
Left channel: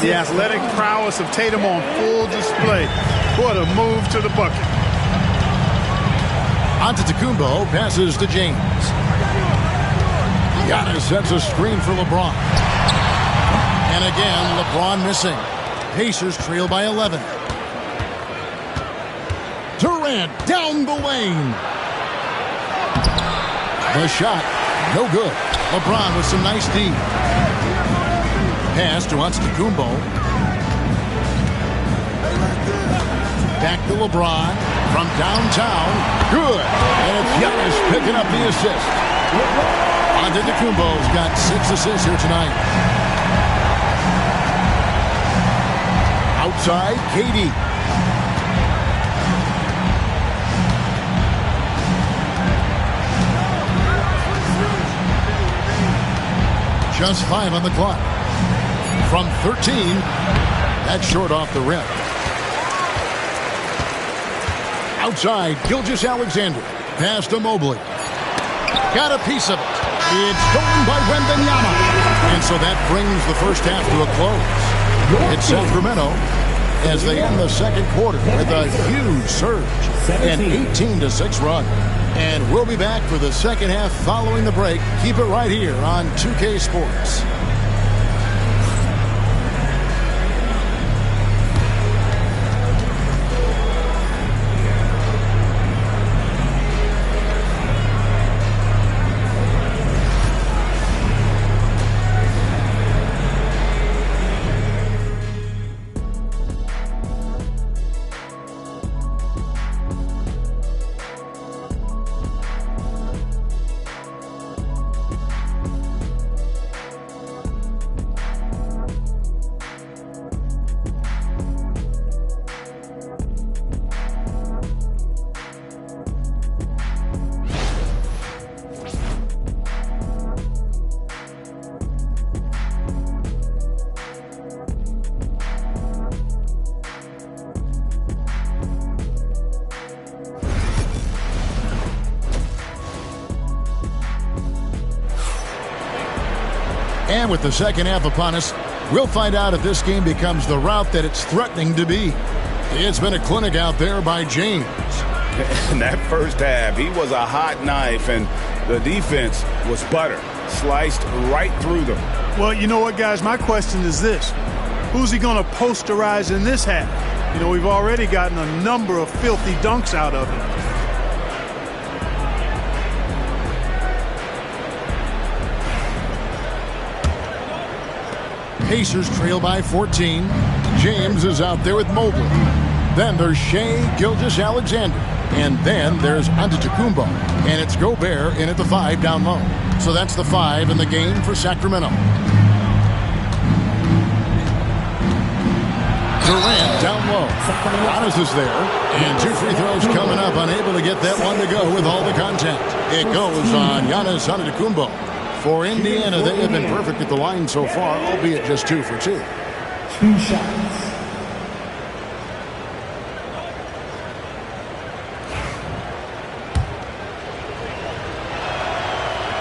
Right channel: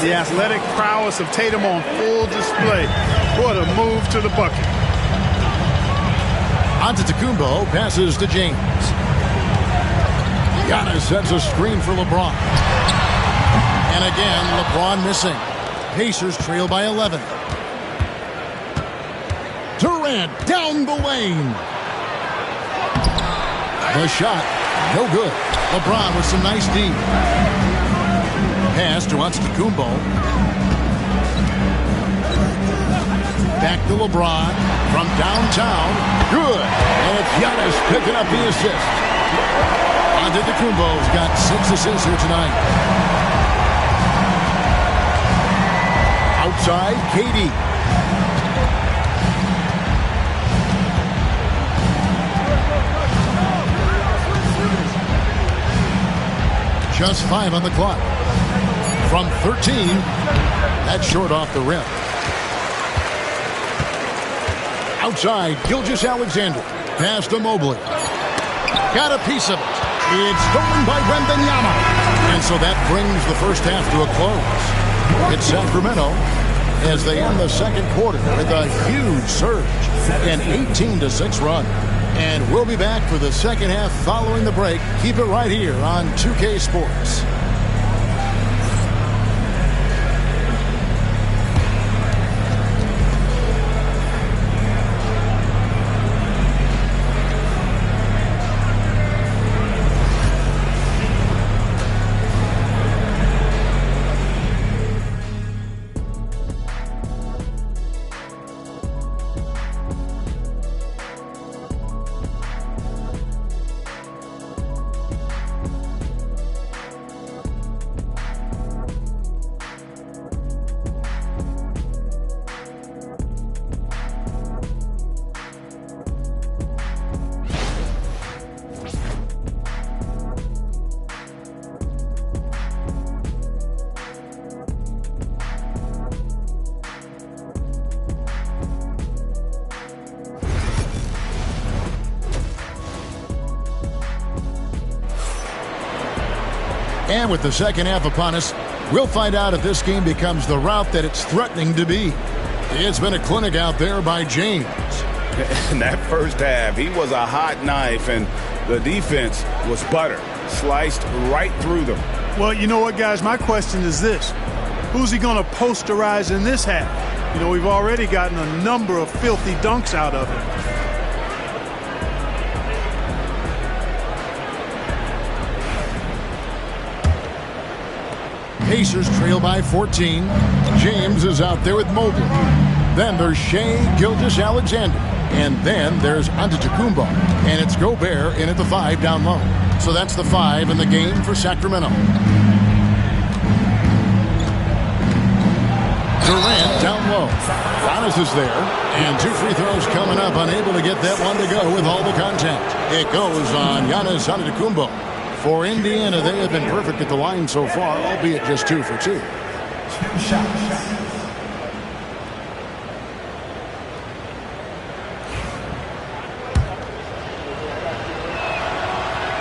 The athletic prowess of Tatum on full display. What a move to the bucket. Antetokounmpo passes to James. Giannis sets a screen for LeBron. And again, LeBron missing. Pacers trail by 11. Durant down the lane. The shot. No good. LeBron with some nice D. Pass to Antetokounmpo. Back to LeBron from downtown. Good. And it's Giannis picking up the assist. Antetokounmpo's got 6 assists here tonight. Outside, KD. Just 5 on the clock. From 13, that's short off the rim. Outside, Gilgeous-Alexander. Pass to Mobley. Got a piece of it. It's stolen by Wembanyama. And so that brings the first half to a close. It's Sacramento as they end the second quarter with a huge surge. An 18-6 run. And we'll be back for the second half following the break. Keep it right here on 2K Sports. And with the second half upon us, we'll find out if this game becomes the route that it's threatening to be. It's been a clinic out there by James. In that first half, he was a hot knife, and the defense was butter, sliced right through them. Well, you know what, guys? My question is this. Who's he going to posterize in this half? You know, we've already gotten a number of filthy dunks out of him. Pacers trail by 14. James is out there with Mobley. Then there's Shai Gilgeous-Alexander. And then there's Antetokounmpo. And it's Gobert in at the 5 down low. So that's the 5 in the game for Sacramento. Durant down low. Giannis is there. And 2 free throws coming up. Unable to get that one to go with all the contact. It goes on Giannis Antetokounmpo. For Indiana, they have been perfect at the line so far, albeit just 2 for 2. 2 shots.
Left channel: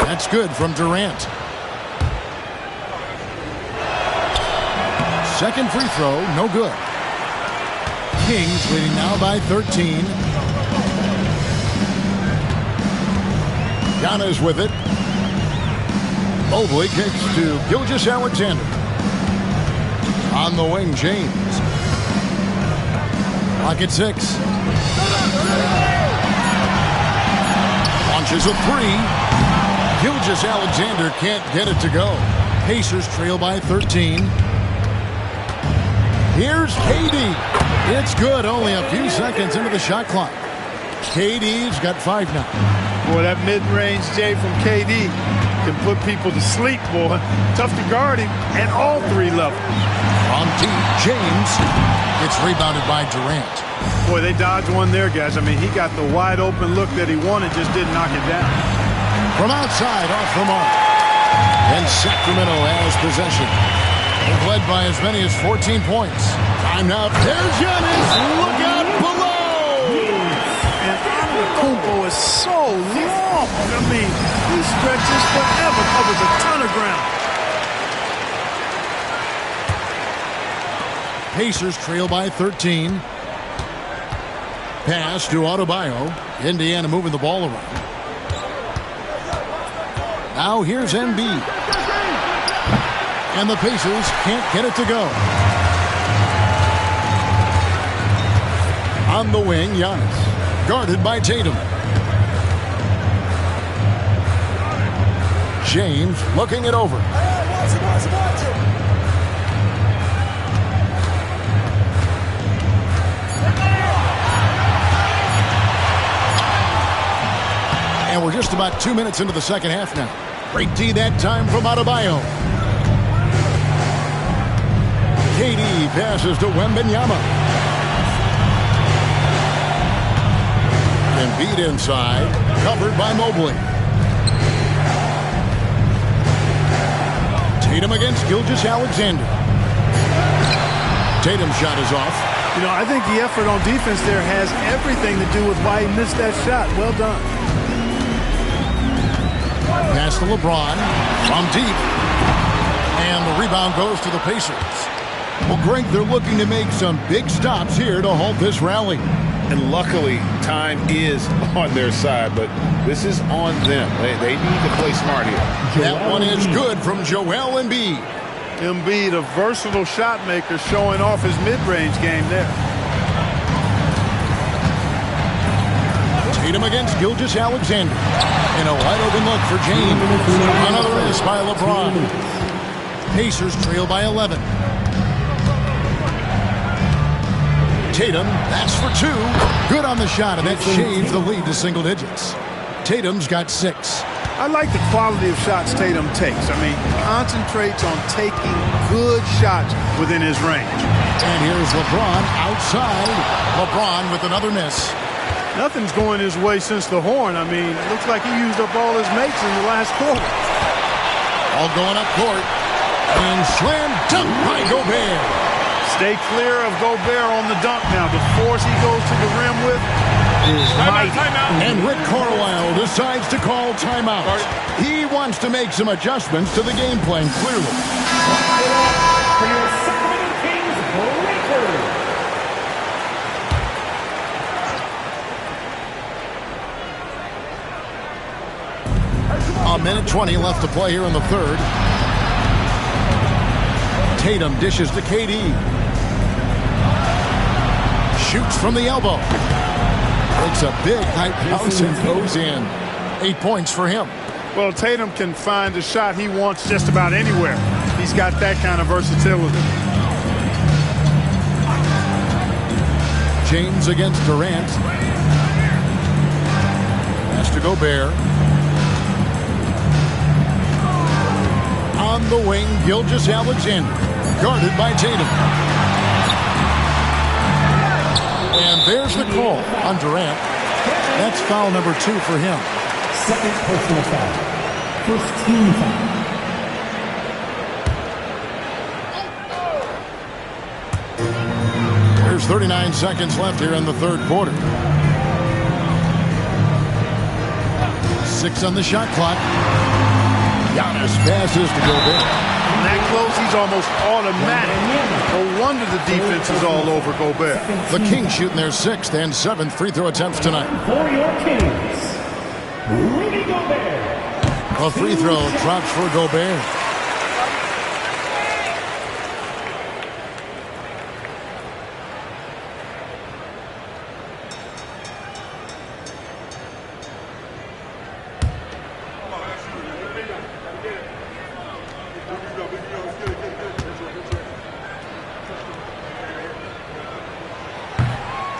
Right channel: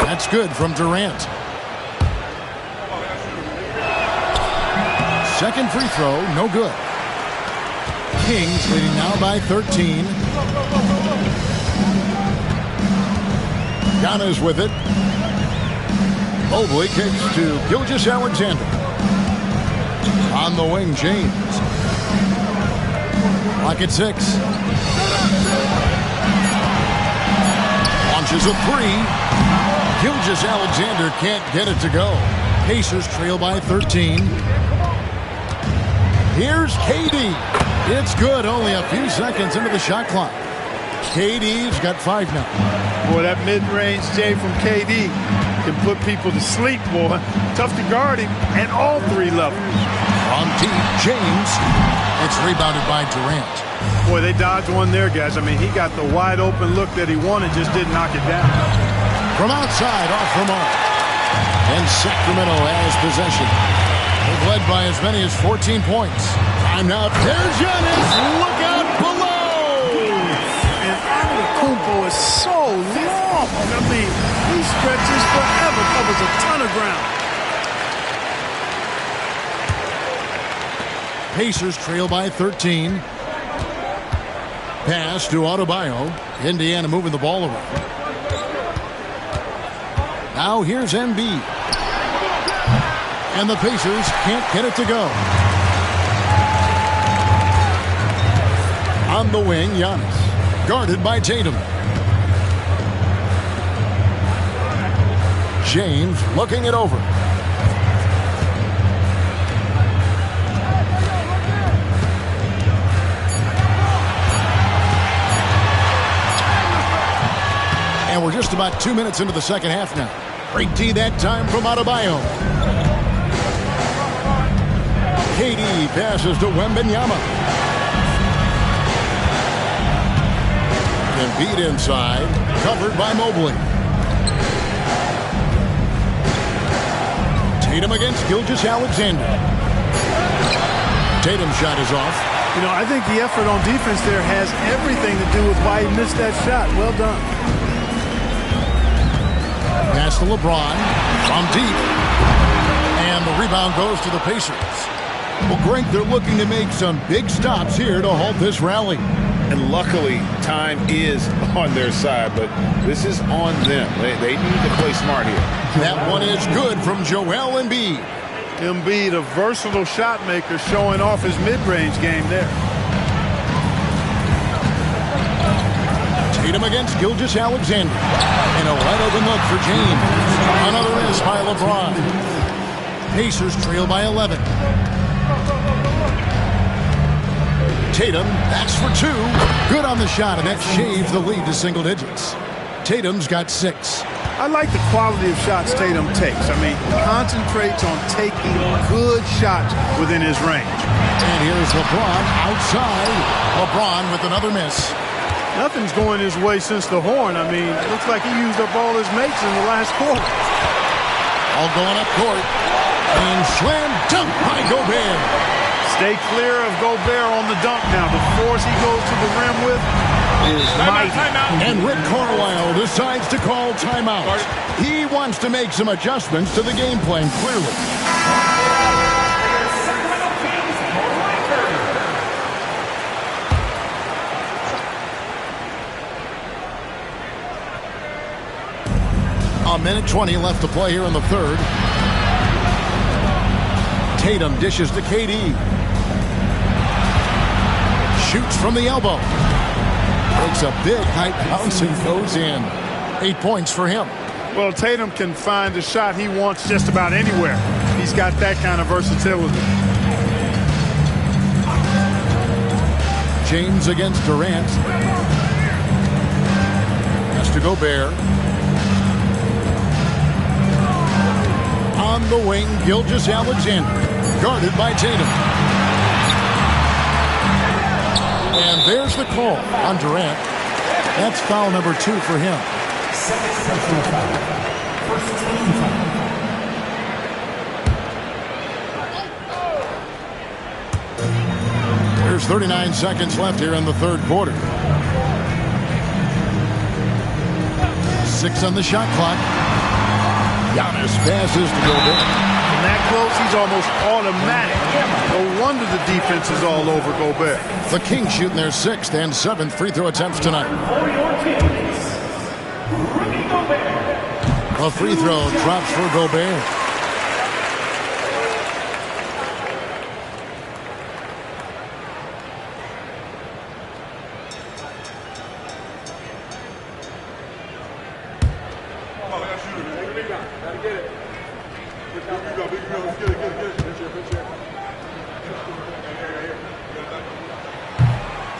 That's good from Durant. Second free throw, no good. Kings leading now by 13. Giannis with it. Mobley kicks to Gilgeous-Alexander. On the wing, James. Clock at 6. Launches a 3. Gilgeous-Alexander can't get it to go. Pacers trail by 13. Here's KD. It's good, only a few seconds into the shot clock. KD's got 5 now. Boy, that mid-range J from KD can put people to sleep, boy. Tough to guard him at all 3 levels. From deep, James. It's rebounded by Durant. Boy, they dodged one there, guys. I mean, he got the wide-open look that he wanted, just didn't knock it down. From outside, off the mark. And Sacramento has possession. They've led by as many as 14 points. Time now. There's Giannis. Look out below. And Antetokounmpo is so long. I mean, he stretches forever, covers a ton of ground. Pacers trail by 13. Pass to Adebayo. Indiana moving the ball around. Now here's Embiid. And the Pacers can't get it to go. On the wing, Giannis. Guarded by Tatum. James looking it over. And we're just about 2 minutes into the second half now. Great D that time from Adebayo. KD passes to Wembanyama. Embiid inside, covered by Mobley. Tatum against Gilgeous-Alexander. Tatum's shot is off. You know, I think the effort on defense there has everything to do with why he missed that shot. Well done. Pass to LeBron from deep. And the rebound goes to the Pacers. Well, Greg, they're looking to make some big stops here to halt this rally. And luckily, time is on their side, but this is on them. They need to play smart here. That one is good from Joel Embiid. Embiid, a versatile shot maker, showing off his mid-range game there. Tatum against Gilgeous-Alexander. And a wide-open look for James. Another miss by LeBron. Pacers trail by 11. Tatum, that's for 2. Good on the shot, and that shaves the lead to single digits. Tatum's got 6. I like the quality of shots Tatum takes. I mean, concentrates on taking good shots within his range. And here's LeBron outside. LeBron with another miss. Nothing's going his way since the horn. I mean, it looks like he used up all his mates in the last quarter. All going up court. And slam dunk by Gobert. Stay clear of Gobert on the dunk now. The force he goes to the rim with is mighty. And Rick Carlisle decides to call timeout. He wants to make some adjustments to the game plan, clearly. A minute 20 left to play here in the third. Tatum dishes to KD. Shoots from the elbow. Takes a big high bounce and goes in. 8 points for him. Well, Tatum can find the shot he wants just about anywhere. He's got that kind of versatility. James against Durant. Pass to Gobert. On the wing, Gilgeous-Alexander. Guarded by Tatum. And there's the call on Durant. That's foul number 2 for him. Second personal foul. First team foul. There's 39 seconds left here in the third quarter. 6 on the shot clock. Giannis passes to Gobert. From that close, he's almost automatic. No wonder the defense is all over Gobert. The Kings shooting their 6th and 7th free throw attempts tonight. For your Kings, Rudy Gobert. A free throw drops for Gobert.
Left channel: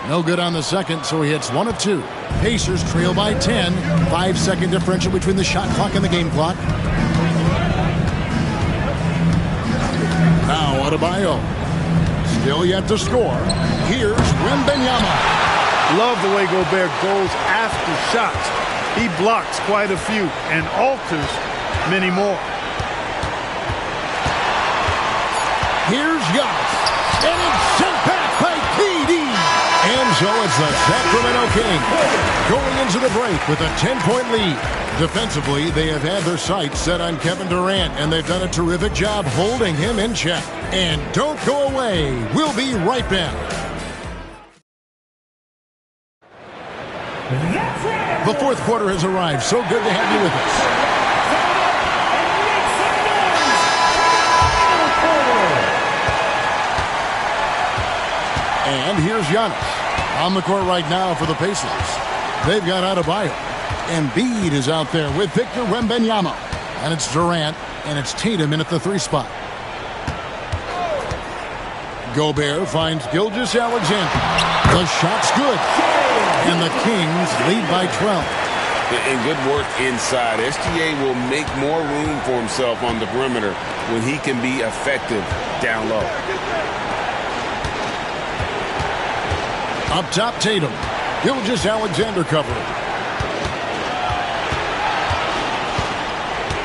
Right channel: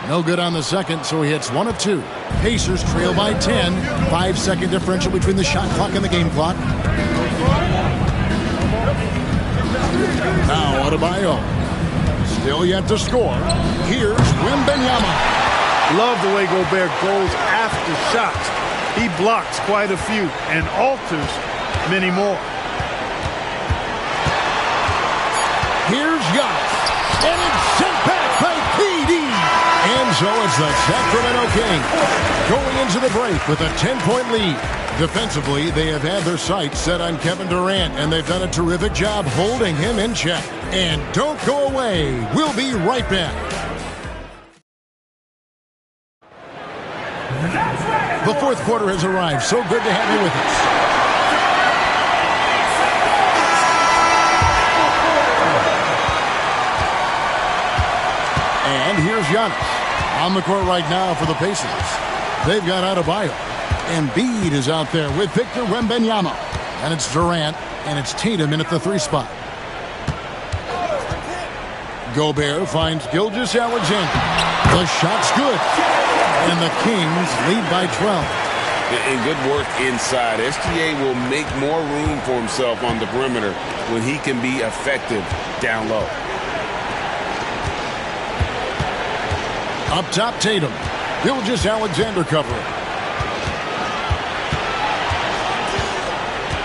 No good on the second, so he hits 1 of 2. Pacers trail by 10. 5-second differential between the shot clock and the game clock. Now Adebayo. Still yet to score. Here's Wembanyama. Love the way Gobert goes after shots. He blocks quite a few and alters many more. Here's Giannis. And it's sent back by KD. And so it's the Sacramento Kings going into the break with a 10-point lead. Defensively, they have had their sights set on Kevin Durant, and they've done a terrific job holding him in check. And don't go away. We'll be right back. The fourth quarter has arrived. So good to have you with us. And here's Giannis on the court right now for the Pacers. They've got Adebayo. Embiid is out there with Victor Wembanyama. And it's Durant, and it's Tatum in at the 3 spot. Gobert finds Gilgeous-Alexander. The shot's good. And the Kings lead by 12. And good work inside. SGA will make more room for himself on the perimeter when he can be effective down low. Up top, Tatum. Gilgeous-Alexander covering.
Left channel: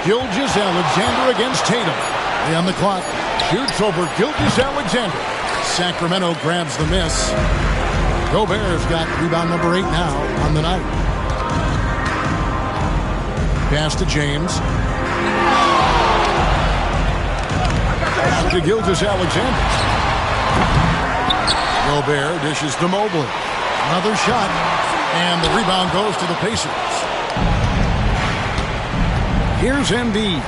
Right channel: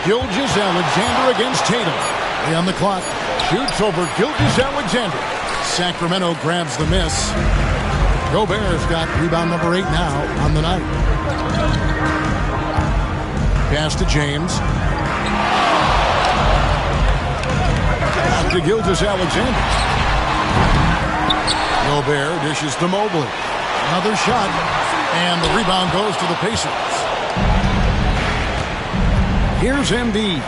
Gilgeous-Alexander against Tatum. 3 on the clock. Shoots over Gilgeous-Alexander. Sacramento grabs the miss. Gobert's got rebound number 8 now on the night. Pass to James. Out to Gilgeous-Alexander. Gobert dishes to Mobley. Another shot. And the rebound goes to the Pacers. Here's Embiid.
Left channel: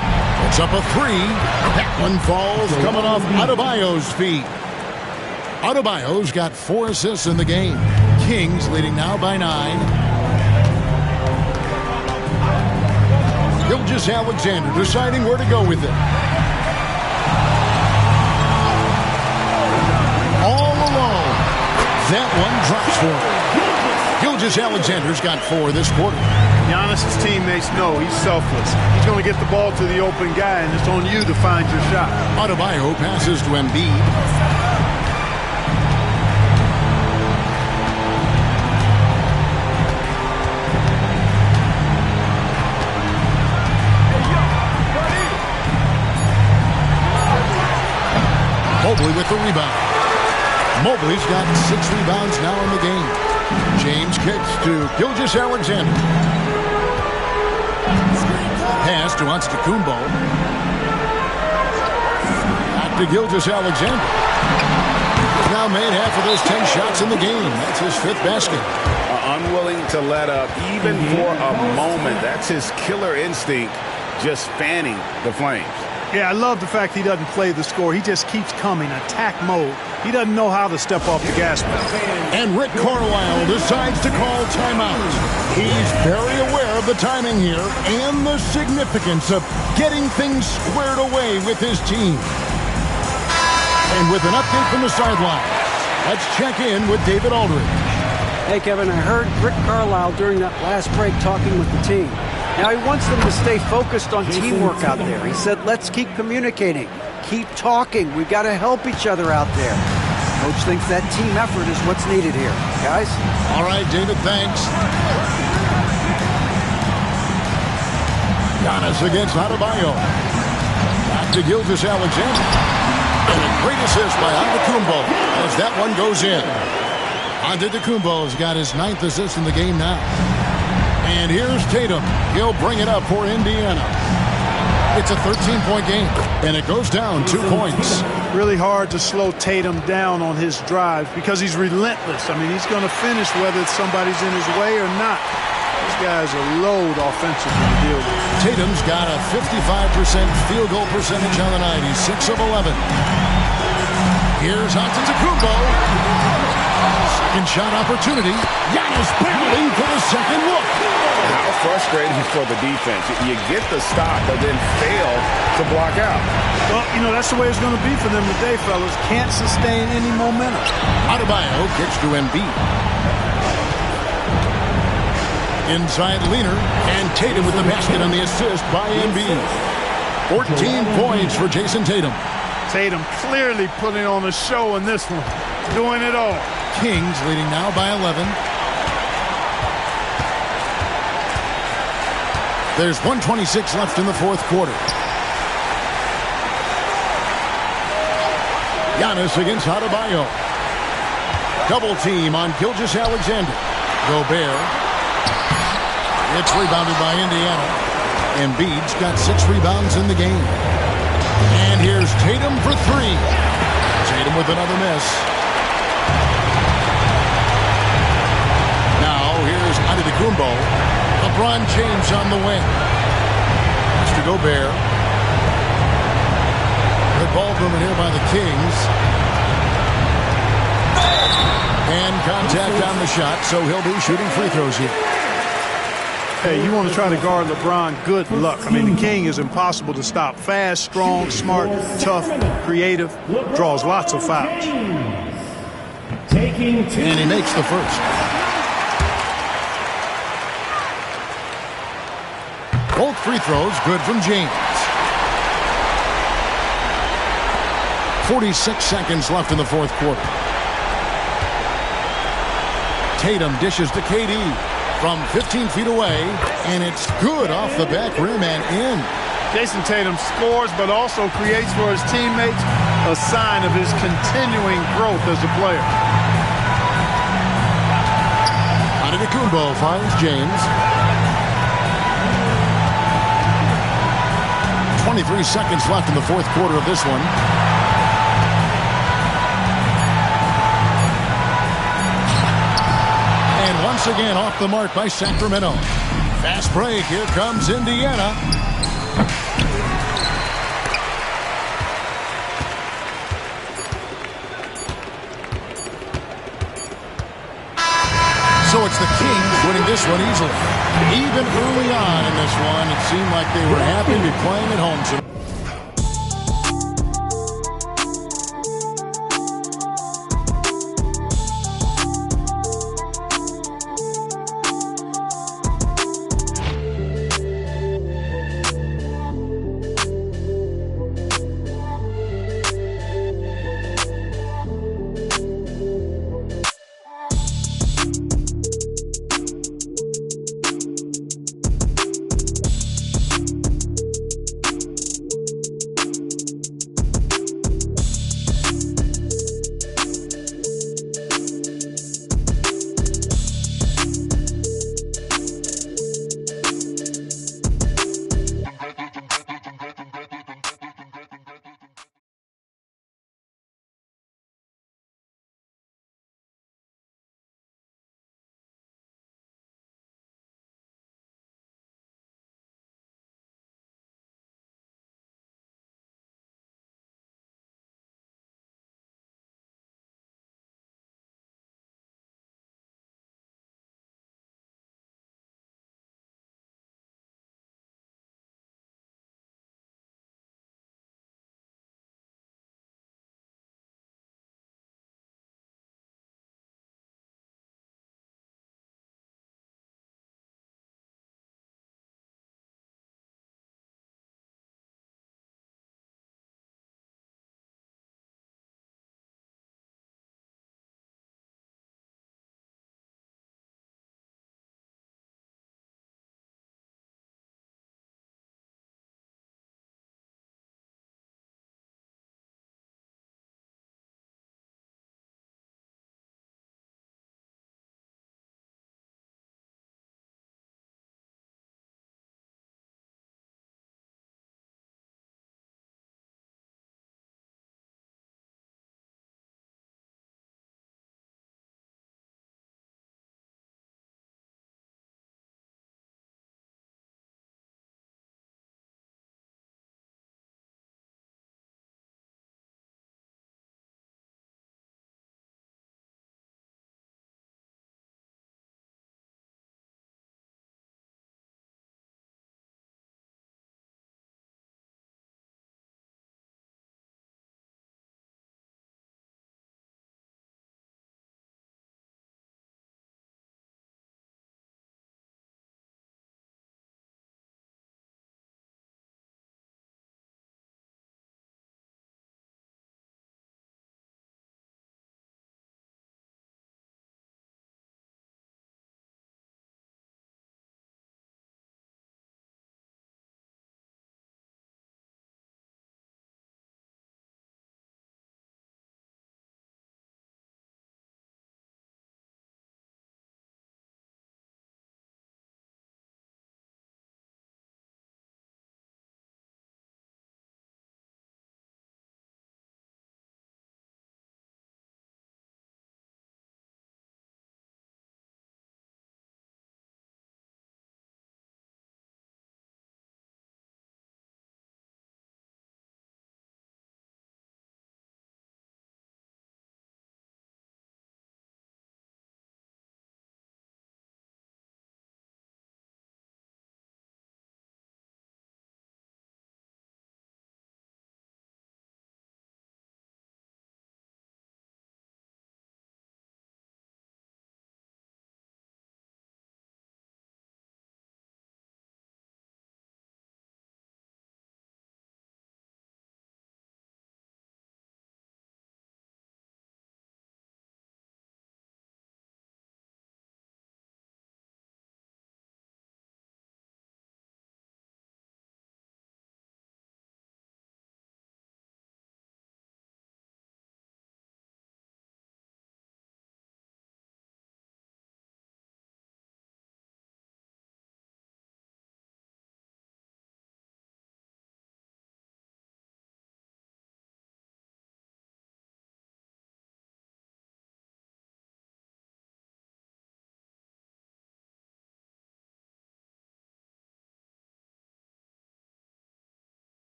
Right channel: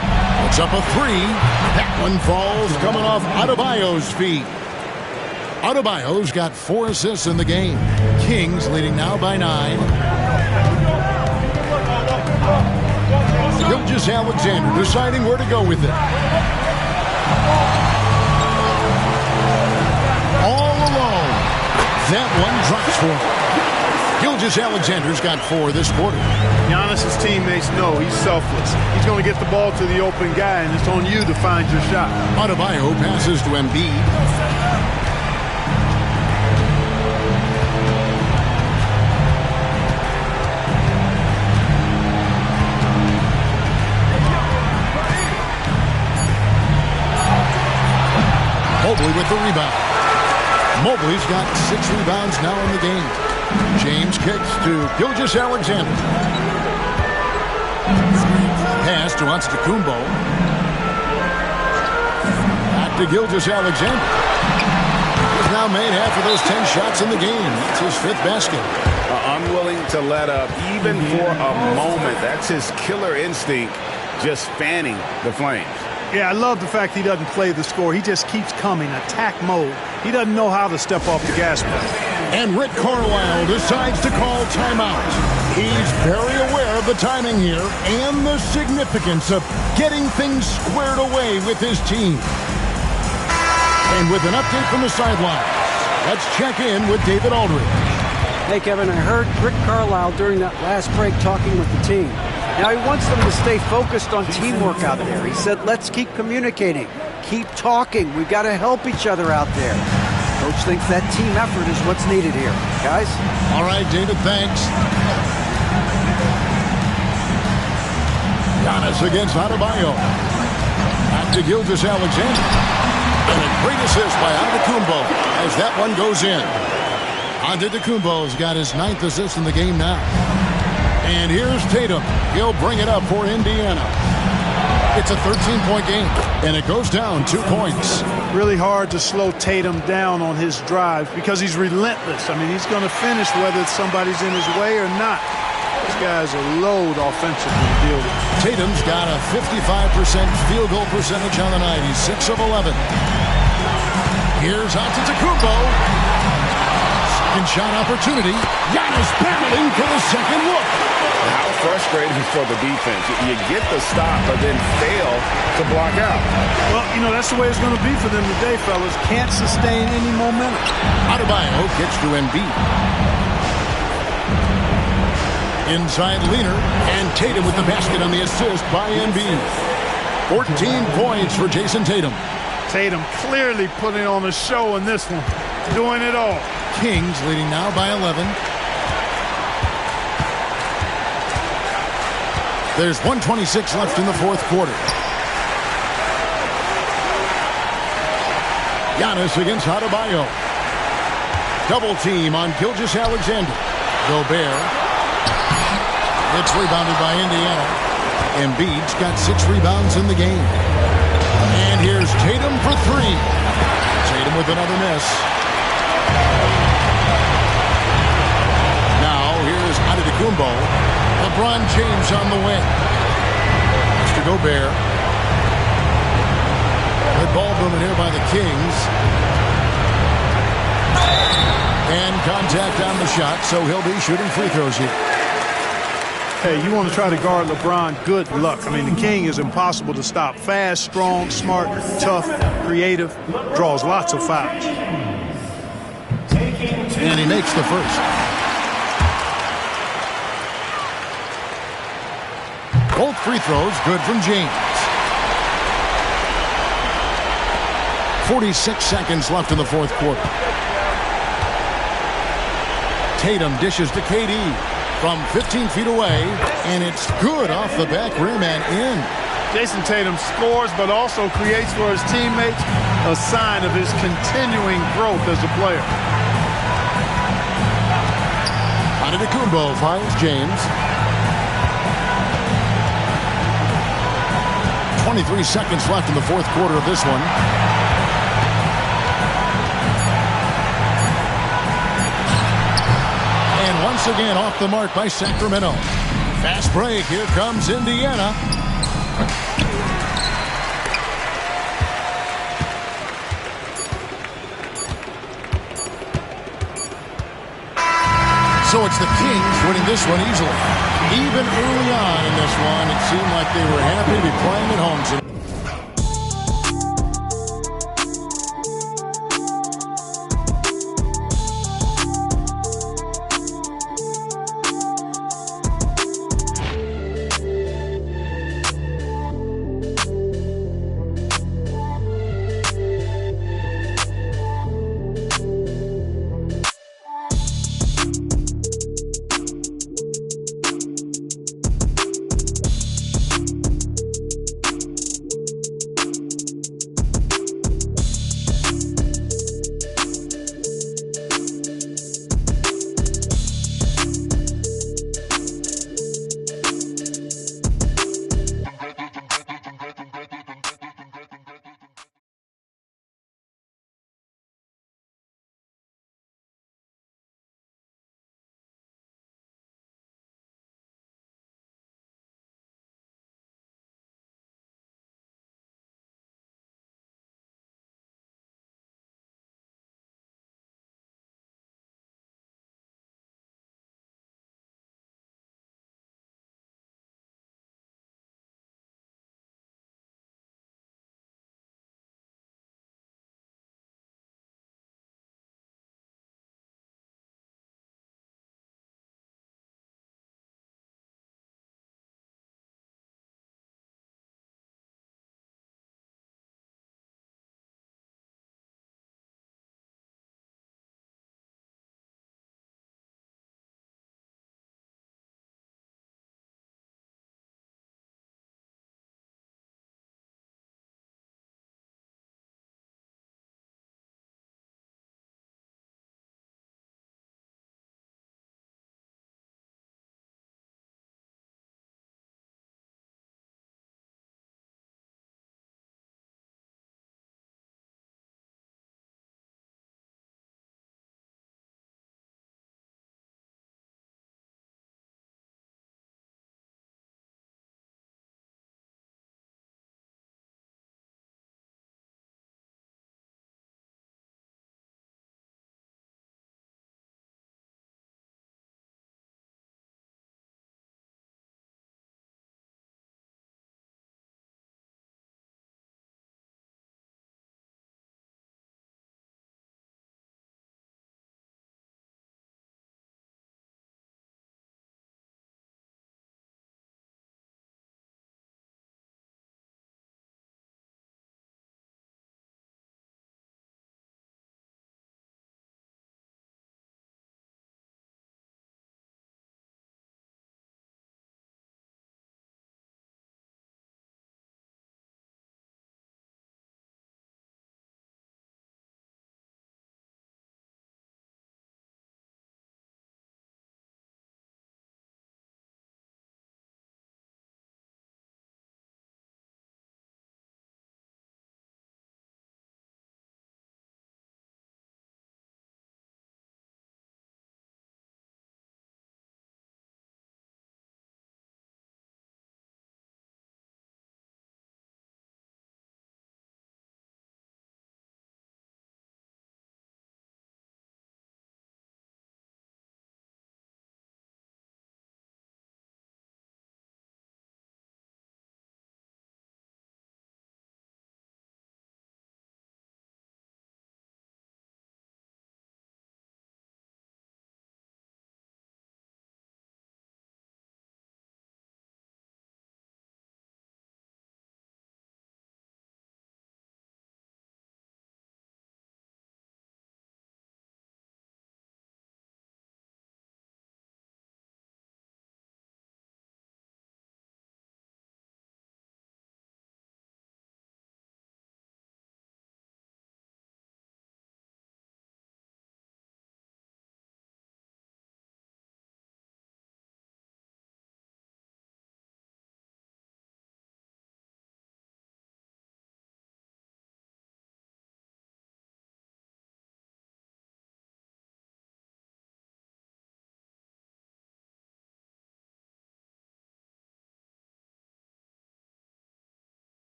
Puts up a 3. That one falls coming off Adebayo's feet. Adebayo's got 4 assists in the game. Kings leading now by 9. Gilgeous-Alexander deciding where to go with it. All alone. That one drops for him. Gilgeous-Alexander's got 4 this quarter. Giannis' teammates know he's selfless. He's going to get the ball to the open guy, and it's on you to find your shot. Adebayo passes to Embiid. Mobley with the rebound. Mobley's got 6 rebounds now in the game. James kicks to Gilgeous-Alexander. Pass to Antetokounmpo. Back to Gilgeous-Alexander. He's now made half of those 10 shots in the game. That's his 5th basket. Unwilling to let up even for a moment. That's his killer instinct, just fanning the flames. Yeah, I love the fact he doesn't play the score. He just keeps coming, attack mode. He doesn't know how to step off the gas pedal. And Rick Carlisle decides to call timeout. He's very aware of the timing here and the significance of getting things squared away with his team. And with an update from the sidelines, let's check in with David Aldridge. Hey, Kevin, I heard Rick Carlisle during that last break talking with the team. Now, he wants them to stay focused on teamwork out there. He said, let's keep communicating, keep talking. We've got to help each other out there. Coach thinks that team effort is what's needed here. Guys? All right, David, thanks. Giannis against Adebayo. Back to Gilgeous-Alexander. And a great assist by Antetokounmpo as that one goes in. Antetokounmpo's got his 9th assist in the game now. And here's Tatum. He'll bring it up for Indiana. It's a 13-point game, and it goes down 2 points. Really hard to slow Tatum down on his drives because he's relentless. I mean, he's going to finish whether somebody's in his way or not. This guy's a load offensively to deal with. Tatum's got a 55% field goal percentage on the night. He's 6 of 11. Here's Antetokounmpo. Second shot opportunity. Giannis battling for the second look. How frustrating for the defense. You get the stop, but then fail to block out. Well, you know, that's the way it's going to be for them today, fellas. Can't sustain any momentum. Adebayo gets to Embiid. Inside leaner, and Tatum with the basket on the assist by Embiid. 14 points for Jason Tatum. Tatum clearly putting on a show in this one. Doing it all. Kings leading now by 11. There's 1:26 left in the 4th quarter. Giannis against Adebayo. Double team on Gilgeous-Alexander. Gobert. It's rebounded by Indiana. Embiid's got 6 rebounds in the game. And here's Tatum for 3. Tatum with another miss. Now here's Antetokounmpo. LeBron James on the wing. Mr. Gobert. Good ball movement here by the Kings. And contact on the shot, so he'll be shooting free throws here. Hey, you want to try to guard LeBron, good luck. I mean, the King is impossible to stop. Fast, strong, smart, tough, creative, draws lots of fouls. And he makes the first. Both free throws good from James. 46 seconds left in the 4th quarter. Tatum dishes to KD from 15 feet away, and it's good off the back rim and in. Jason Tatum scores, but also creates for his teammates, a sign of his continuing growth as a player. Antetokounmpo finds James. 23 seconds left in the 4th quarter of this one. And once again off the mark by Sacramento. Fast break. Here comes Indiana. So it's the Kings winning this one easily. Even early on in this one, it seemed like they were happy to be playing at home tonight.